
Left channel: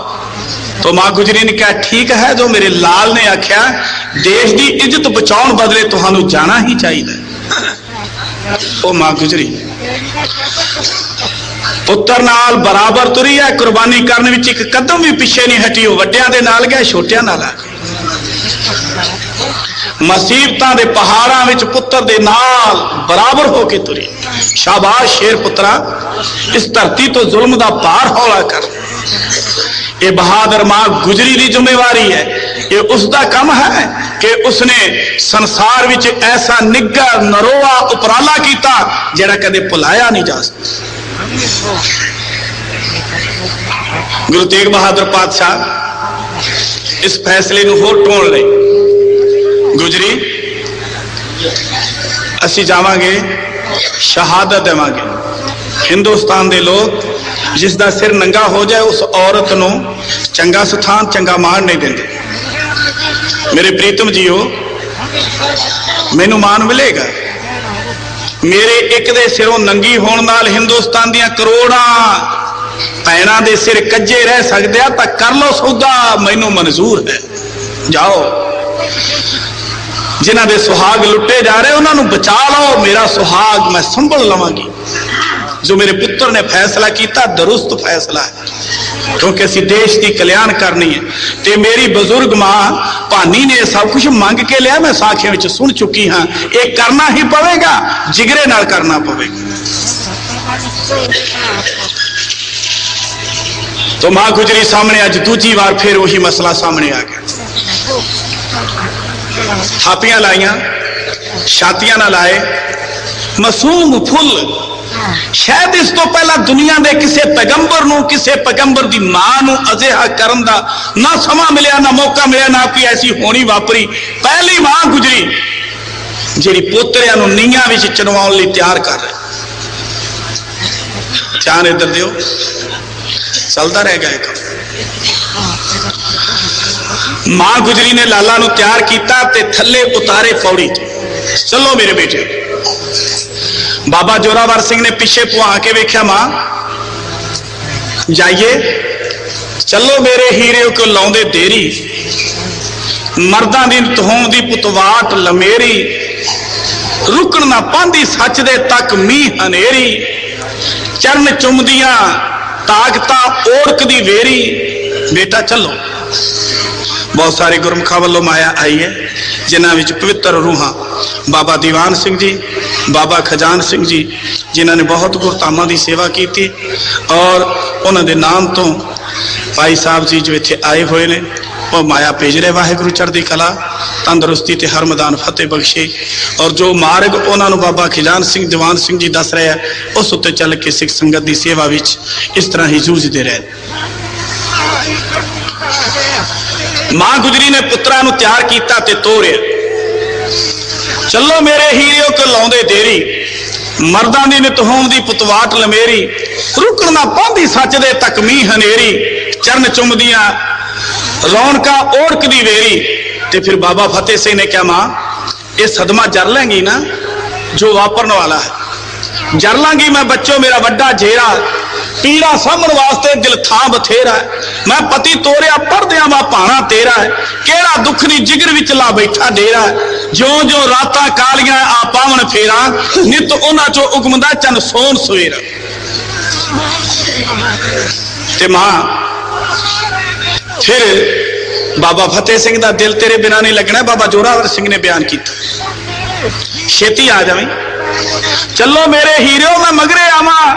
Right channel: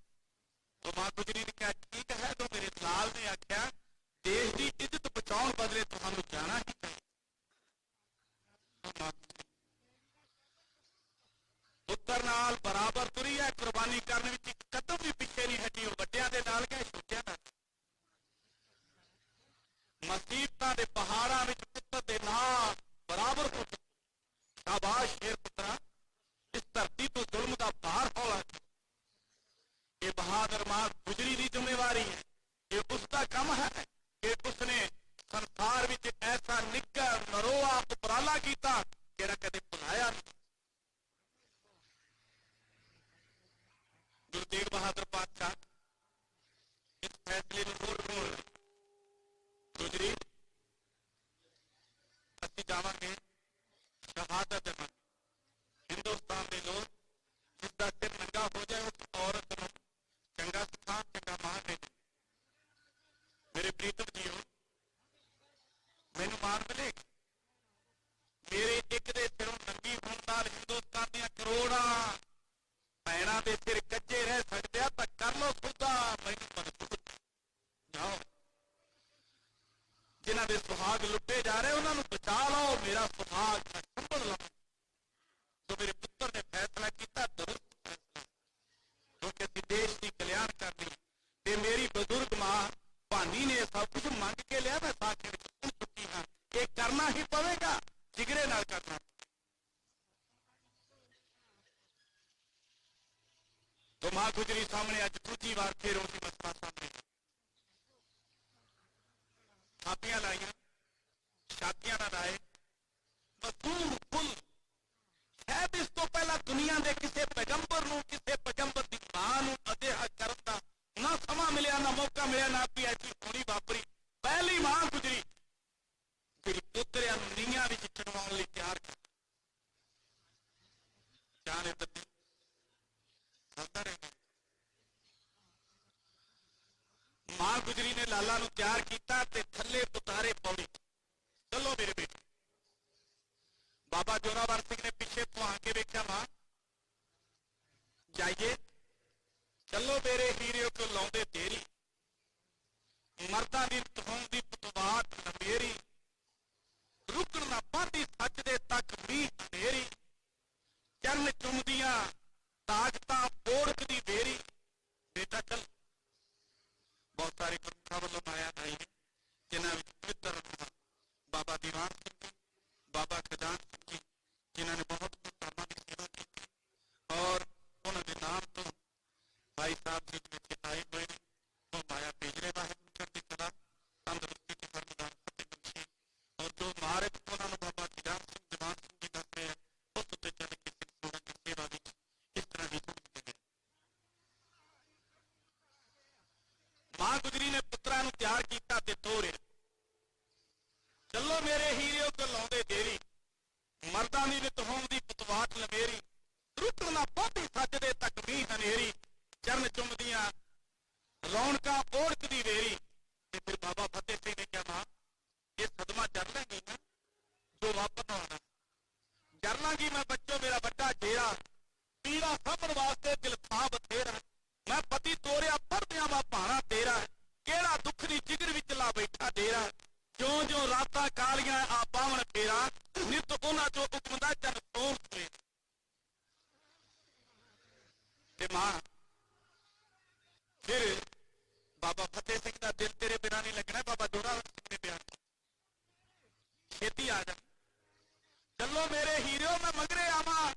तो मां गुजरी ने कहा ठीक है, जो मेरे लाल ने आख्या देश की इज्जत बचाने बदले तुहानू जाना ही चाहिए। ओ मां गुजरी पुत्र नाल बराबर तुरी है, कुर्बानी करने विच एक कदम भी पीछे नहीं हटी, वड्डियां दे नाल गया, छोटियां नाल आ गया। मुसीबतां दे पहाड़ां विच पुत्र दे नाल बराबर होके तुरी। शाबाश शेर पुत्रा, इस धरती तो जुल्म दा भार हौला कर। ये बहादुर मां गुजरी की जिम्मेवारी है, ये उसका काम है कि उसने संसार विच ऐसा निग्गर नरोआ उपराला किया जिहड़ा कदे भुलाया नहीं जा सकता। गुरु तेग बहादुर पातशाह इस फैसले नूं होर टोण लई गुजरी असी जावांगे, शहादत देवांगे। हिंदुस्तान दे लोग जिसका सिर नंगा हो जाए उस औरत नूं चंगा स्थान चंगा मान नहीं देंगे। मेरे प्रीतम जीओ, मैनू मान मिलेगा, मेरे एक दे सिरों नंगी होण नाल हिंदुस्तान दियां करोड़ां भैणां दे सिर कज्जे रह सकदे आ, तां कर लो सौदा, मैनू मंजूर है। जाओ, जिन्हां दे सुहाग लुटे जा रहे उन्होंने बचा लो, मेरा सुहाग मैं संभल लवांगी। जो मेरे पुत्र ने फैसला किया दुरुस्त फैसला है, क्योंकि असी देश की कल्याण करनी है। ते मेरी बुजुर्ग मां भानी ने सब कुछ मंग के लिया, मैं साखियां विच सुन चुकी हाँ, ये करना ही पवेगा, जिगरे नाल करना पवेगा। तो मां गुजरी सामने अज दूजी बार फिर वही मसला सामने आ गया। थापियां लाइया, छातियां ना लाए, मासूम फुल, शायद इस तो पहला दुनिया के किसी पैगंबर नूं, किसी पैगंबर की मां नूं अजिहा करन दा ना समा मिलिया, ना मौका मिलिया, ना कोई ऐसी होनी वापरी। पहली मां गुजरी जिहड़ी पोतरियां नूं नीहां विच चनवाउण लई तैयार कर रही। ध्यान इधर दिओ, चलता रह गया काम। मां गुजरी ने लाला नूं तैयार किया ते थल्ले उतारे पौड़ी। चलो मेरे बेटे। बाबा जोरावर सिंह ने पिछे पुआ के वेख्या, मां जाइए, चलो मेरे हीरे को लाउंदे देरी, मर्दां दी तहों दी पुतवाट लमेरी, रुकण ना पांदी सच दे तक मीह हनेरी, चरण चुमदियां ताकता ओढ़क दी वेरी। बेटा चलो। बहुत सारे गुरमुखा वालों माया आई है, जिन्हां विच पवित्र रूहां बाबा दीवान सिंह जी, बाबा खजान सिंह जी, जिन्हों ने बहुत गुरधामां की सेवा की, और उन्होंने नाम तो भाई साहब जी जो इत्थे आए हुए ने वो माया भेज रहे। वाहिगुरू चढ़दी कला, तंदुरुस्ती ते हर मैदान फतेह बख्शे। और जो मार्ग उन्होंने बाबा खजान सिंह दीवान सिंह जी दस रहे हैं, उस उत्ते चल के सिख संगत की सेवा विच इस तरह ही जूझते रहे। मां गुजरी ने पुत्रा नूं तैयार किया ते तोरिया। चलो मेरे हीरे को लाउंदे देरी, ਮਰਦਾਂ ਦੀ ਨਿਤ ਹੋਂਦੀ ਪੁਤਵਾਟ ਲਮੇਰੀ, ਰੁਕਣ ਨਾ ਪਾਉਂਦੀ ਸੱਚ ਦੇ ਤੱਕ ਮੀਂਹ ਹਨੇਰੀ, ਚਰਨ ਚੁੰਮਦੀਆਂ ਰੌਣਕਾਂ ओढ़कदी वेरी। ਤੇ ਫਿਰ ਬਾਬਾ ਫਤਿਹ ਸਿੰਘ ਨੇ ਕਿਹਾ, ਮਾਂ ਇਹ ਸਦਮਾ ਜਰ ਲੈਂਗੀ ਨਾ ਜੋ ਵਾਪਰਨ ਵਾਲਾ ਹੈ। ਜਰ ਲਾਂਗੀ ਮੈਂ ਬੱਚੋ ਮੇਰਾ ਵੱਡਾ ਜੇਰਾ, ਪੀੜਾ ਸਾਂਭਣ ਵਾਸਤੇ ਦਿਲ ਥਾਂ ਬਥੇਰਾ। ਮੈਂ ਪਤੀ ਤੋਰਿਆ ਪਰਦਿਆਂ ਵਾ ਭਾਣਾ ਤੇਰਾ, ਕਿਹੜਾ ਦੁੱਖ ਦੀ ਜਿਗਰ ਵਿੱਚ ਲਾ ਬੈਠਾ ਡੇਰਾ। ਜਿਉਂ ਜਿਉਂ ਰਾਤਾਂ ਕਾਲੀਆਂ ਆ ਪਾਵਣ ਫੇਰਾ, ਨਿਤ ਉਹਨਾਂ ਚੋਂ ਉਗਮਦਾ ਚੰਨ ਸੋਨ ਸਵੇਰਾ। ਤੇ ਮਾਂ ਫਿਰ ਬਾਬਾ ਫਤਿਹ ਸਿੰਘ ਦਾ ਦਿਲ ਤੇਰੇ ਬਿਨਾਂ ਨਹੀਂ ਲੱਗਣਾ। ਬਾਬਾ ਜੋਰਾਵਰ ਸਿੰਘ ਨੇ ਬਿਆਨ ਕੀਤਾ, ਛੇਤੀ ਆ ਜਾਵੇਂ, ਚੱਲੋ ਮੇਰੇ ਹੀਰਿਓ ਮੈਂ ਮਗਰੇ ਆਵਾਂ।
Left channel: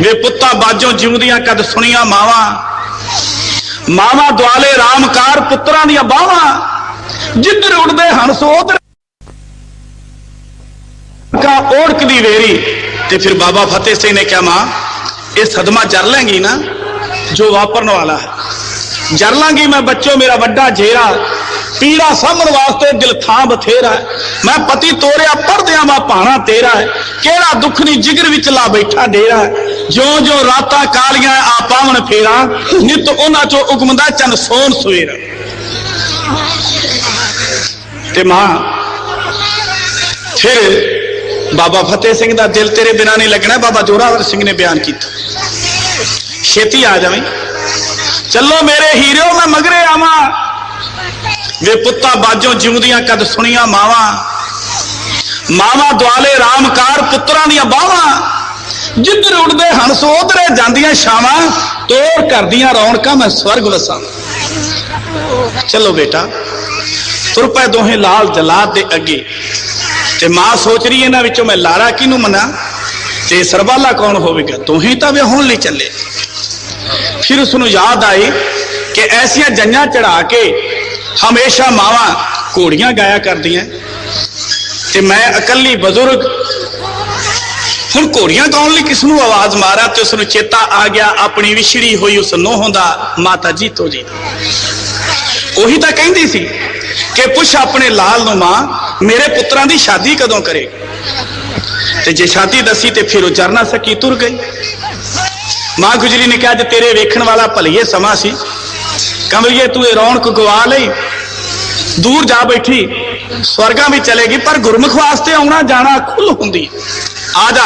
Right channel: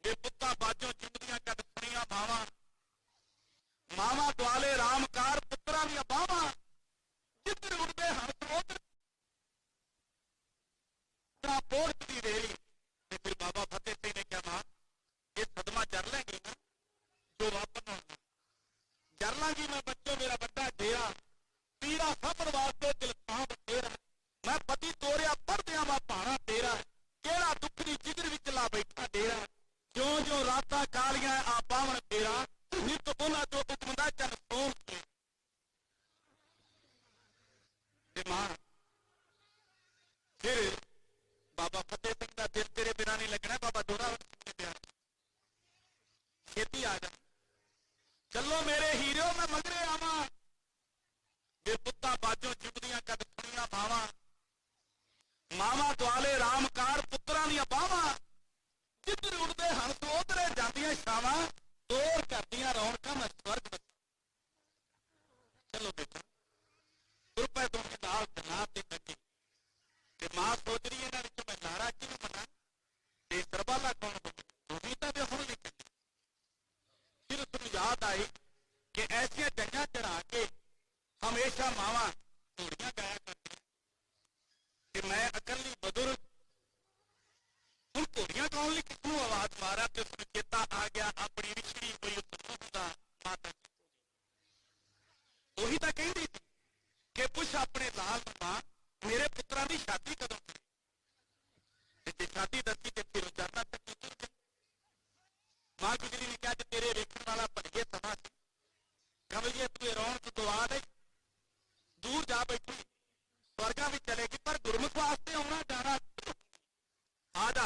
ਵੇ ਪੁੱਤਾਂ ਬਾਜੋਂ ਜਿਉਂਦੀਆਂ ਕਦ ਸੁਣੀਆਂ ਮਾਵਾਂ, ਮਾਵਾਂ ਦੁਆਲੇ ਰਾਮਕਾਰ ਪੁੱਤਰਾਂ ਦੀਆਂ ਬਾਹਾਂ। ਜਿੱਧਰ ਉੱਡਦੇ ਹੰਸ ਉਧਰ ਕਾ ओढ़कदी वेरी। ਤੇ ਫਿਰ ਬਾਬਾ ਫਤਿਹ ਸਿੰਘ ਨੇ ਕਿਹਾ, ਮਾਂ ਇਹ ਸਦਮਾ ਜਰ ਲੈਂਗੀ ਨਾ ਜੋ ਵਾਪਰਨ ਵਾਲਾ ਹੈ। ਜਰ ਲਾਂਗੀ ਮੈਂ ਬੱਚੋ ਮੇਰਾ ਵੱਡਾ ਜੇਰਾ, ਪੀੜਾ ਸਾਂਭਣ ਵਾਸਤੇ ਦਿਲ ਥਾਂ ਬਥੇਰਾ। ਮੈਂ ਪਤੀ ਤੋਰਿਆ ਪਰਦਿਆਂ ਵਾ ਭਾਣਾ ਤੇਰਾ, ਕਿਹੜਾ ਦੁੱਖ ਦੀ ਜਿਗਰ ਵਿੱਚ ਲਾ ਬੈਠਾ ਡੇਰਾ। ਜਿਉਂ ਜਿਉਂ ਰਾਤਾਂ ਕਾਲੀਆਂ ਆ ਪਾਵਣ ਫੇਰਾ, ਨਿਤ ਉਹਨਾਂ ਚੋਂ ਉਗਮਦਾ ਚੰਨ ਸੋਨ ਸਵੇਰਾ। ਤੇ ਮਾਂ ਫਿਰ ਬਾਬਾ ਫਤਿਹ ਸਿੰਘ ਦਾ ਦਿਲ ਤੇਰੇ ਬਿਨਾਂ ਨਹੀਂ ਲੱਗਣਾ। ਬਾਬਾ ਜੋਰਾਵਰ ਸਿੰਘ ਨੇ ਬਿਆਨ ਕੀਤਾ, ਛੇਤੀ ਆ ਜਾਵੇਂ, ਚੱਲੋ ਮੇਰੇ ਹੀਰਿਓ ਮੈਂ ਮਗਰੇ ਆਵਾਂ। ਵੇ ਪੁੱਤਾਂ ਬਾਜੋਂ ਜਿਉਂਦੀਆਂ ਕਦ ਸੁਣੀਆਂ ਮਾਵਾਂ, ਮਾਵਾਂ ਦੁਆਲੇ ਰਾਮਕਾਰ ਪੁੱਤਰਾਂ ਦੀਆਂ ਬਾਹਾਂ। ਜਿੱਧਰ ਉੱਡਦੇ ਹੰਸ ਉਧਰੇ ਜਾਂਦੀਆਂ ਛਾਵਾਂ, ਤੋਰ ਕਰਦੀਆਂ ਰੌਣਕਾਂ ਮੈਂ ਸਵਰਗ ਵਸਾਂ। ਚਲੋ ਬੇਟਾ ਤੁਰ ਪਏ ਦੋਹੇ ਲਾਲ ਜਲਾਦ ਦੇ ਅੱਗੇ। ਤੇ ਮਾਂ ਸੋਚ ਰਹੀ ਇਹਨਾਂ ਵਿੱਚੋਂ ਮੈਂ ਲਾਰਾ ਕਿਹਨੂੰ ਮਨਾ ਤੇ ਸਰਬਾਲਾ ਕੌਣ ਹੋਵੇਗਾ। ਦੋਹੇ ਤਾਂ ਵਿਆਹੁਣ ਲਈ ਚੱਲੇ। ਫਿਰ ਉਸਨੂੰ ਯਾਦ ਆਈ ਕਿ ਐਸੀਆਂ ਜੰਜਾਂ ਚੜਾ ਕੇ ਹਮੇਸ਼ਾ ਮਾਵਾਂ ਘੋੜੀਆਂ ਗਾਇਆ ਕਰਦੀਆਂ, ਤੇ ਮੈਂ ਇਕੱਲੀ ਬਜ਼ੁਰਗ ਹੁਣ ਘੋੜੀਆਂ ਗਾਉਣ ਲਈ ਕਿਸ ਨੂੰ ਆਵਾਜ਼ ਮਾਰਾਂ। ਤੇ ਉਸਨੂੰ ਚੇਤਾ ਆ ਗਿਆ ਆਪਣੀ ਵਿਛੜੀ ਹੋਈ ਉਸ ਨੂੰਹ ਦਾ, ਮਾਤਾ ਜੀਤੋ ਜੀ। ਉਹੀ ਤਾਂ ਕਹਿੰਦੀ ਸੀ ਕਿ ਪੁੱਛ ਆਪਣੇ ਲਾਲ ਨੂੰ, ਮਾਂ ਮੇਰੇ ਪੁੱਤਰਾਂ ਦੀ ਸ਼ਾਦੀ ਕਦੋਂ ਕਰੇ। ਤੇ ਜੇ ਸ਼ਾਦੀ ਦੱਸੀ ਤੇ ਫਿਰ ਉਹ ਜਰ ਨਾ ਸਕੀ, ਤੁਰ ਗਈ। ਮਾਂ ਗੁਜਰੀ ਨੇ ਕਿਹਾ, ਅੱਜ ਤੇਰੇ ਵੇਖਣ ਵਾਲਾ ਭਲੀਏ ਸਮਾਂ ਸੀ, ਕਮਲੀਏ ਤੂੰ ਇਹ ਰੌਣਕ ਗਵਾ ਲਈ, ਦੂਰ ਜਾ ਬੈਠੀ, ਸਵਰਗਾਂ ਵੀ ਚਲੇਗੀ ਪਰ ਗੁਰਮੁਖ ਵਾਸਤੇ ਆਉਣਾ ਜਾਣਾ ਖੁੱਲ ਹੁੰਦੀ। ਆ ਜਾ,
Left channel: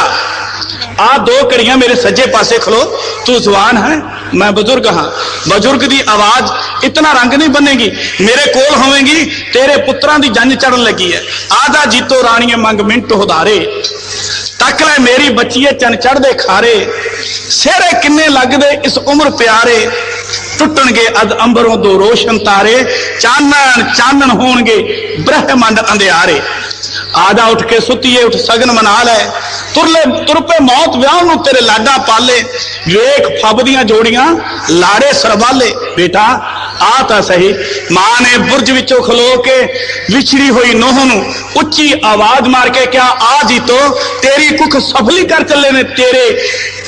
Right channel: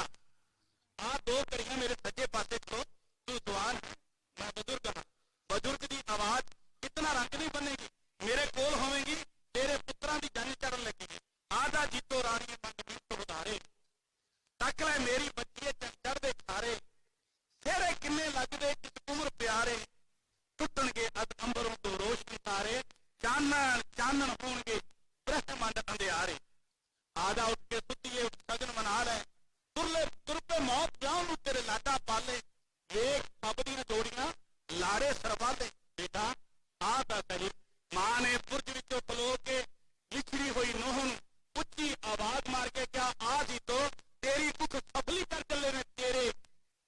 ਆ ਦੋ ਘੜੀਆਂ ਮੇਰੇ ਸੱਜੇ ਪਾਸੇ ਖਲੋ। ਤੂੰ ਜਵਾਨ ਹੈ, ਮੈਂ ਬਜ਼ੁਰਗ ਹਾਂ। ਬਜ਼ੁਰਗ ਦੀ ਆਵਾਜ਼ ਇਤਨਾ ਰੰਗ ਨਹੀਂ ਬਣੇਗੀ, ਮੇਰੇ ਕੋਲ ਹੋਵੇਗੀ। ਤੇਰੇ ਪੁੱਤਰਾਂ ਦੀ ਜੰਜ ਚੜਨ ਲੱਗੀ ਹੈ। ਆ ਜਾ ਜੀਤੋ ਰਾਣੀਏ ਮੰਗ ਮਿੰਟ ਹੁਦਾਰੇ, ਤੱਕ ਲੈ ਮੇਰੀ ਬੱਚੀਏ ਚੰਨ ਚੜਦੇ ਖਾਰੇ। ਸਿਹਰੇ ਕਿੰਨੇ ਲੱਗਦੇ ਇਸ ਉਮਰ ਪਿਆਰੇ, ਟੁੱਟਣਗੇ ਅਦ ਅੰਬਰੋਂ ਦੋ ਰੋਸ਼ਨ ਤਾਰੇ। ਚਾਨਣ ਚਾਨਣ ਹੋਣਗੇ ਬ੍ਰਹਮੰਡ ਅੰਧਿਆਰੇ। ਆ ਜਾ ਉੱਠ ਕੇ ਸੁੱਤੀਏ, ਉੱਠ ਸਗਨ ਮਨਾ ਲੈ। ਤੁਰ ਪੇ ਮੌਤ ਵਿਆਹ ਨੂੰ ਤੇਰੇ ਲਾਡਾ ਪਾਲੇ। ਵੇਖ ਫੱਬਦੀਆਂ ਜੋੜੀਆਂ ਲਾੜੇ ਸਰਬਾਲੇ। ਬੇਟਾ ਆ ਤਾਂ ਸਹੀ। ਮਾਂ ਨੇ ਬੁਰਜ ਵਿੱਚੋਂ ਖਲੋ ਕੇ ਵਿਛੜੀ ਹੋਈ ਨੂੰਹ ਨੂੰ ਉੱਚੀ ਆਵਾਜ਼ ਮਾਰ ਕੇ ਕਿਹਾ, ਆ ਜੀਤੋ ਤੇਰੀ ਕੁੱਖ ਸਫਲੀ ਕਰ ਚੱਲੇ ਨੇ ਤੇਰੇ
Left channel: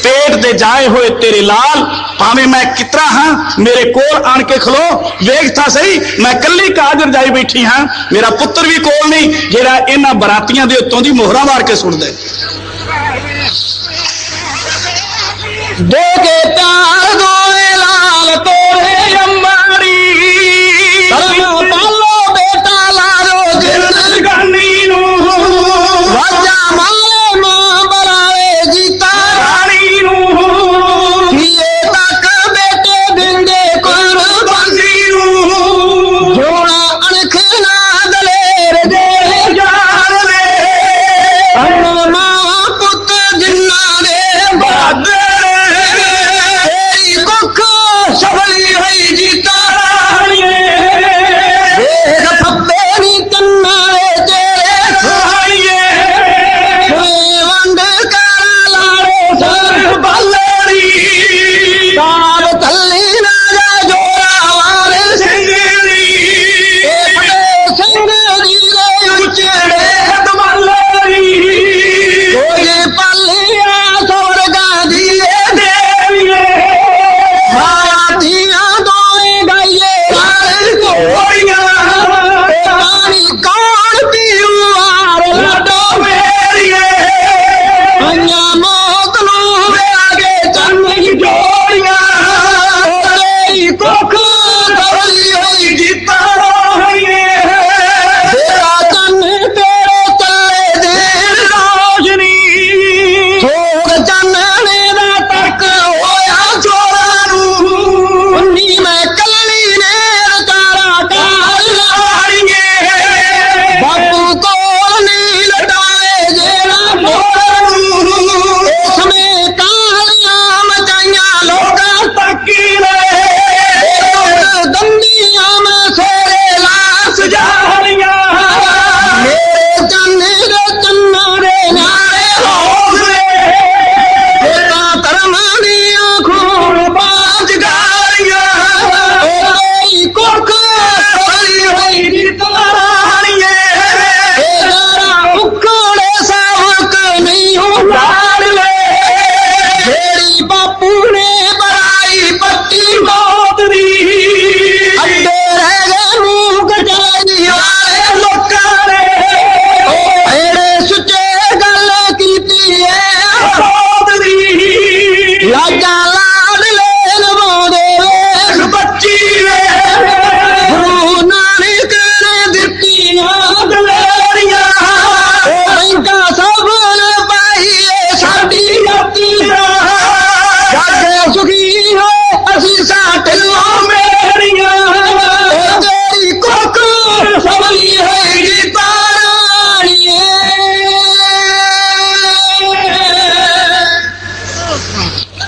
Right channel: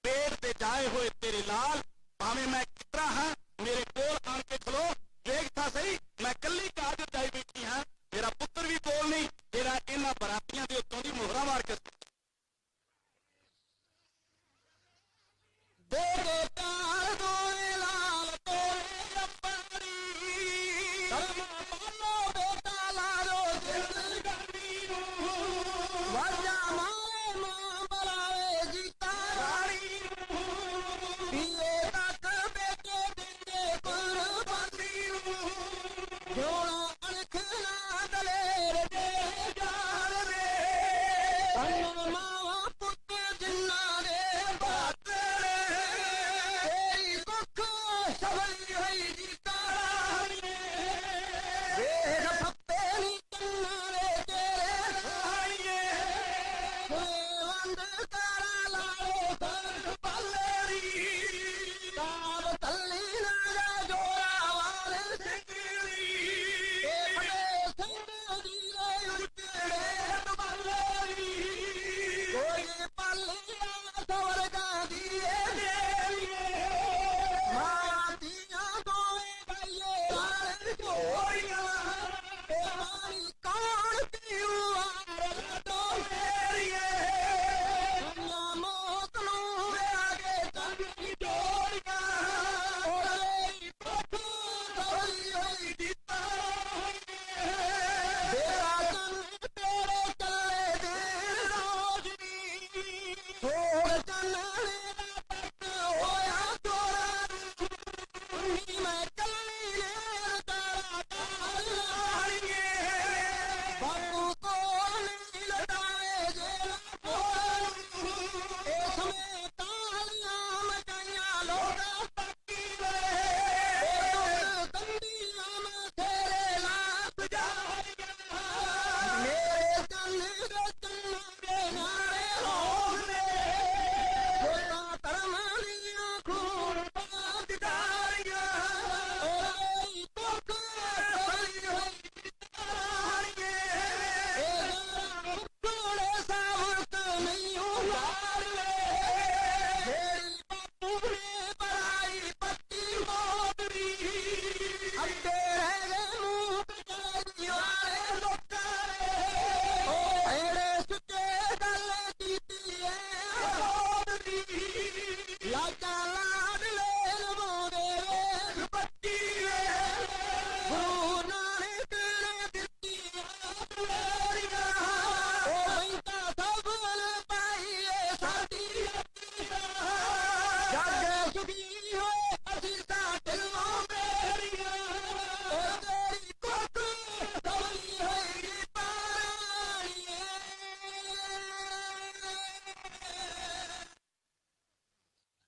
पेट दे जाए हुए तेरे लाल। भावे मैं कितना हाँ, मेरे कोल आन के खलो, वेख था सही मैं कली काजर जाई बैठी हाँ। मेरा पुत्र भी कोल नहीं जेड़ा इन्हां बरातियां दे उत्तों दी मोहरा मार के सुट दे। दो के तार दोए लाल तोरे अंबारी, पालो बेटा लारो जिंदगानी नू, वाजा माले मां बरावे जीता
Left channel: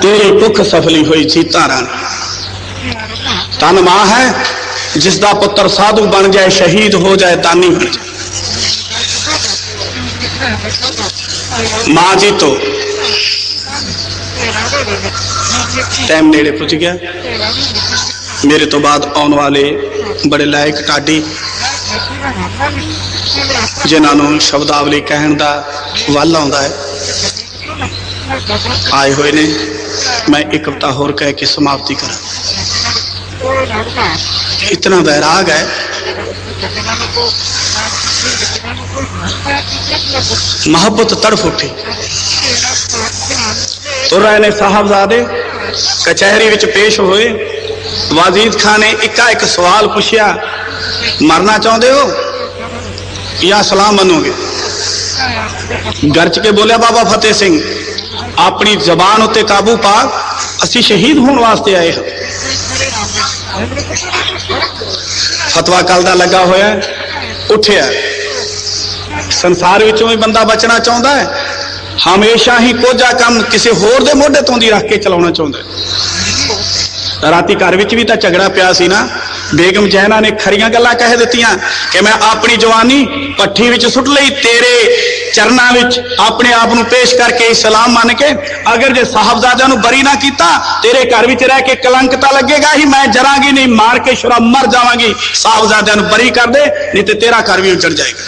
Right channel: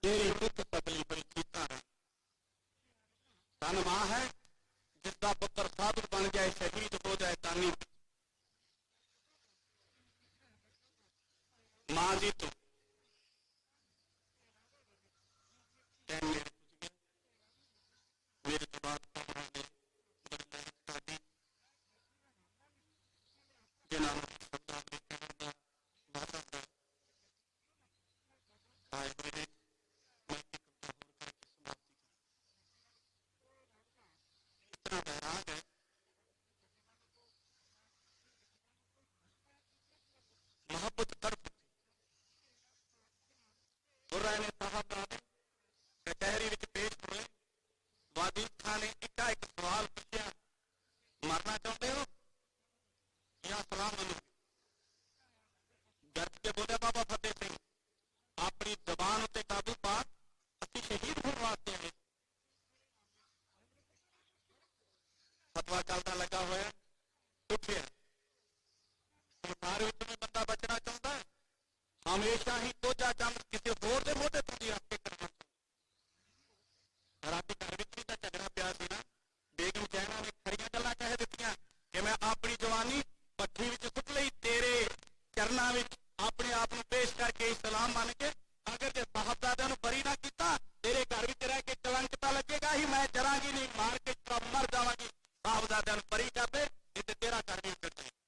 तेरी भुख सफली हुई जीता रानी। तन मां है जिसका पुत्र साधु बन जाए, शहीद हो जाए, दानी बन जाए। मां जी तो टाइम नेड़े पुज गया। मेरे तो बाद आने वाले बड़े लायक ढाडी जिन्होंने शब्दावली कहन का वल आता है आए हुए ने। मैं एक कविता होर कह के समाप्ति करा। इतना वैराग है, मोहब्बत तड़फ उठी। तो रहे ने साहबजादे कचहरी विच पेश होए। वाजीद खान ने एका एक सवाल पूछया, मरना चाहते हो या सलाम मनोगे? गर्ज के बोलिया, बाबा फतेह सिंह अपनी जबान उत्ते काबू पा, असी शहीद होने वास्ते आए हैं। फतवा कल दा लगा होया, उठिया। संसार विचों भी बंदा बचना चाहता है, हमेशा ही कोझा काम किसी होर दे मोढे तो दी रख के चलाना चाहता है। राती घर विच भी तो झगड़ा पिया सी ना। बेगम जैना ने खरियां गल्लां कह दित्तियां कि मैं अपनी जवानी पट्ठी विच सुट लई, तेरे चरना विच अपने आप नूं पेश करके इस्लाम मान के, अगर जे साहबजादा नूं बरी ना कीता तेरे घर विच रह के कलंक तां लगेगा ही, मैं जरांगी नहीं, मार के शुरा मर जावांगी। साहबजादा नूं बरी कर दे, नहीं ते तेरा घर भी उजड़ जाएगा।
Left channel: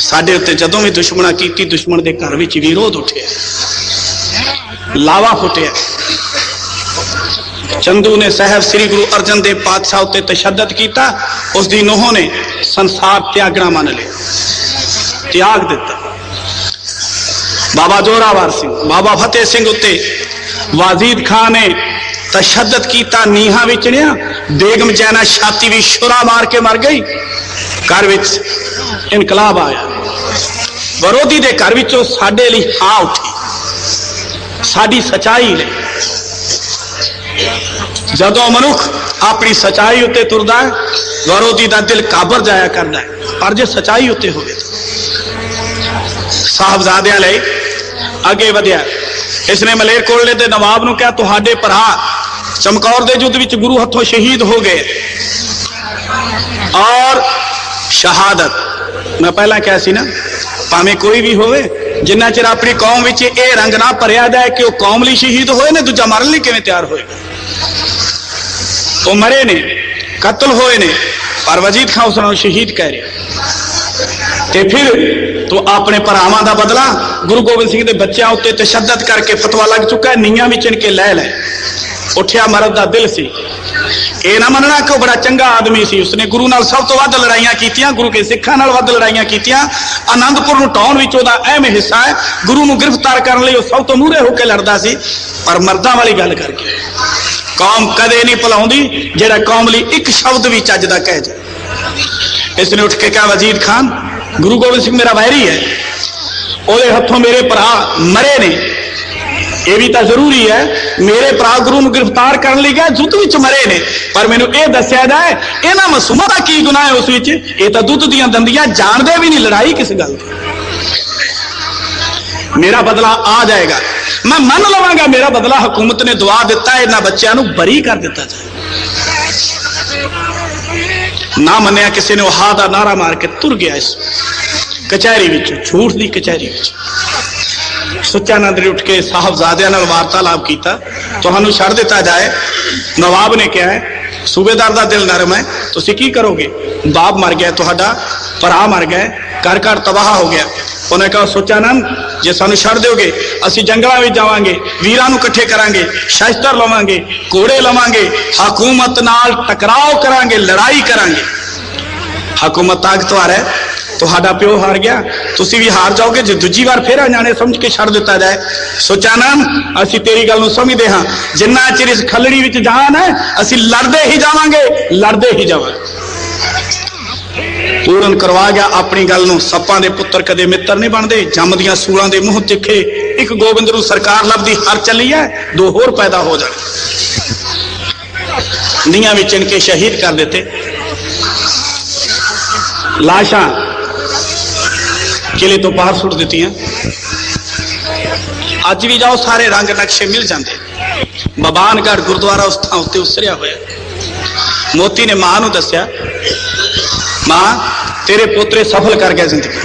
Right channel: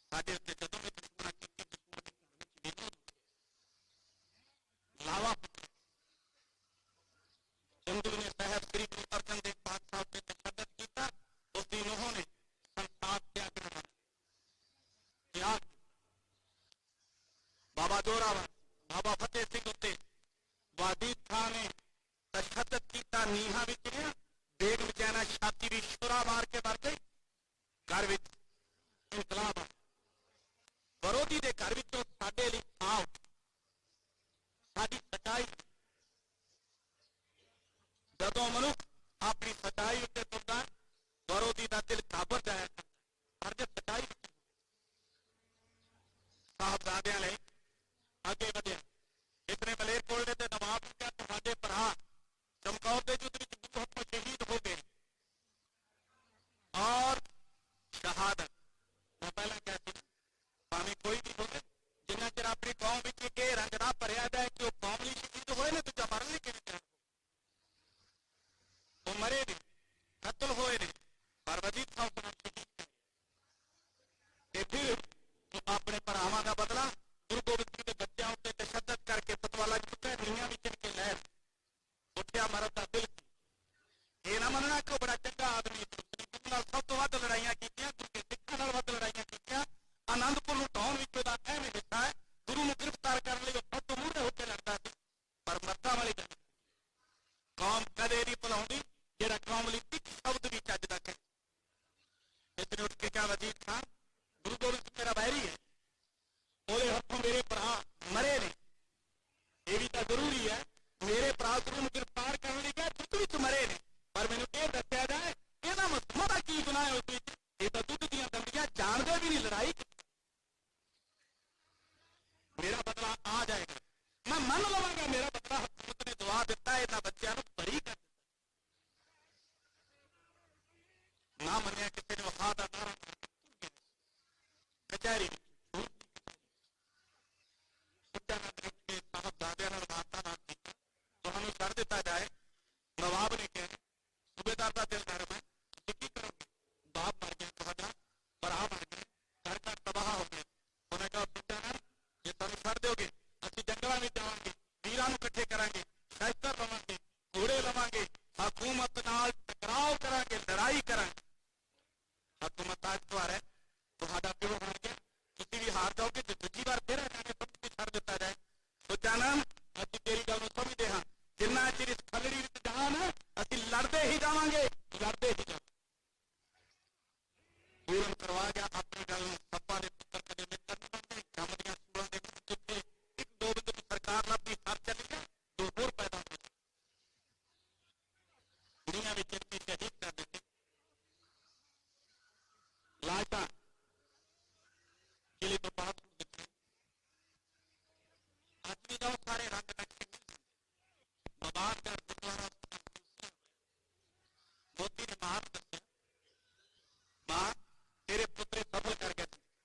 साडे उत्ते जदों भी दुश्मना कीती, दुश्मन दे घर विच विरोध उठिया, लावा फुटिया। चंदू ने साहब श्री गुरु अर्जन देव पातशाह उत्ते तशद्दद किया, उसकी नूह ने संसार त्यागना मान लिया, त्याग दिता। बाबा जोरावर सिंह, बाबा फतेह सिंह उत्ते वाजीद खान ने तशद्दद किया, नीहा विचड़िया। बेगम जैना छाती भी शुरा मार के मर गई। घर विच इनकलाब आया, विरोधी दे घर विचों साडे लई हां उठी, साडी सच्चाई ने। जदों मनुख अपनी सच्चाई उत्ते तुरदा है, विरोधी दा दिल काबर जाया करदा है। पर जे सच्चाई उत्ते होवे तो साहबजादियां लई अगे वधिया। इसने मलेरकोटले दे नवाब नूं कहा, तुहाडे भरा चमकौर दे युद्ध विच गुरु हथों शहीद हो गए और शहादत मैं पहला कहा सी ना, भावें कोई भी होवे, जिन्ना चिर अपनी कौम विच ये रंग ना भरिया जाए कि वह कौम लई शहीद होए ने, दूजा मरन लई किवें तैयार होएगा। वो मरे ने, कतल होए ने, पर वजीद खान उस शहीद कह रहा। ते फिर तो अपने भरावां दा बदला गुरु गोबिंद सिंह दे बच्चों उत्ते तशद्दद करके फतवा लग चुका है, नीयां विच इनके लै लै। उठिया मरद दा दिल सी, ये ना मनना कि वह बड़ा चंगा आदमी सी। उसने गुरु नाल सब तो वध लड़ाइयां कीतियां, गुरु के सिखां नाल वध लड़ाइयां कीतियां। आनंदपुर नूं ढाउण विच उहदा अहम हिस्सा है। गुरु नूं गिरफ्तार करन लई सब तो मूहरे होकर लड़दा सी। पर मर्दां वाली गल करके कौम कदे नहीं भुलाउंदी जिहड़ा कौम लई एक शब्द भी चज दा कह जाए। इसने उठ के कहा, वजीद खान गुरु गोबिंद सिंह मेरा वैरी है, ਉਹਦੇ हथों मेरे भरा मरे ने, यह भी तो जरूरी है। मेरे भरा गुरु नूं गिरफ्तार करने लई गए, युद्ध विच मरे ने, पर मैनूं यह दस्सिया जाए इन्हां मासूमां दा की गुनाह है उस विच? ये तो दुध दीयां दंदियां, जानदे भी नहीं लड़ाई किस गल दी। मेरा बदला आ जाएगा, मैं मन लवांगा मेरा बदला। हुकूमत ने दुआ दिता है, इन्हां बच्चों नूं बरी कर दिता जाए। ना मन्निया, किसी ने हा दा नारा मार के तुर गया इस कचहरी विच, झूठ दी कचहरी विच। सुच्चानंद ने उठ के साहबजादियां नाल वार्तालाप कीता, तुहानूं छड़ दिता जाए। नवाब ने कहा है, सूबेदार दा दिल नरम है, तुसीं की करोगे? बाप मर गया, तुहाडा भरा मर गए, घर घर तबाह हो गया। उन्हें कहा, सुच्चानंद जे सानूं छड़ दोगे असीं जंगलां विच जावांगे, वीरां नूं इकट्ठे करांगे, शस्त्र लवांगे, घोड़े लवांगे, हुकूमत नाल टकराव करांगे, लड़ाई करांगे। हुकूमत ताकतवर है, तुहाडा प्यो हार गया, तुसीं भी हार जाओगे जे दूजी बार फिर अजाने समझ के छड़ दिता जाए। सुचानंद असीं तेरी गल नूं समझदे हां, जिन्ना चिर इस खलड़ी विच जान है असीं लड़दे ही जावांगे, लड़दे ही जावांगे। पूरन करवा गया अपनी गल नूं। सप्पां दे पुत्तर कदे मित्र नहीं बनते, जमदियां सूरां दे मूंह तिखे। एक गोबिंद नूं सरकार लभदी हर चली है, दो होर पैदा हो जाने। नीयां विच इनके शहीद कर देते। लाशां किले तो पार सुट दित्तियां। अज भी जाओ सारे रंग नक्शे मिल जाते। बबानगढ़ गुरुद्वारा उस थां उत्ते उसरिया होया। मोती ने मां नूं दस्सिया, मां तेरे पोतरे सफल कर गया जिंदगी।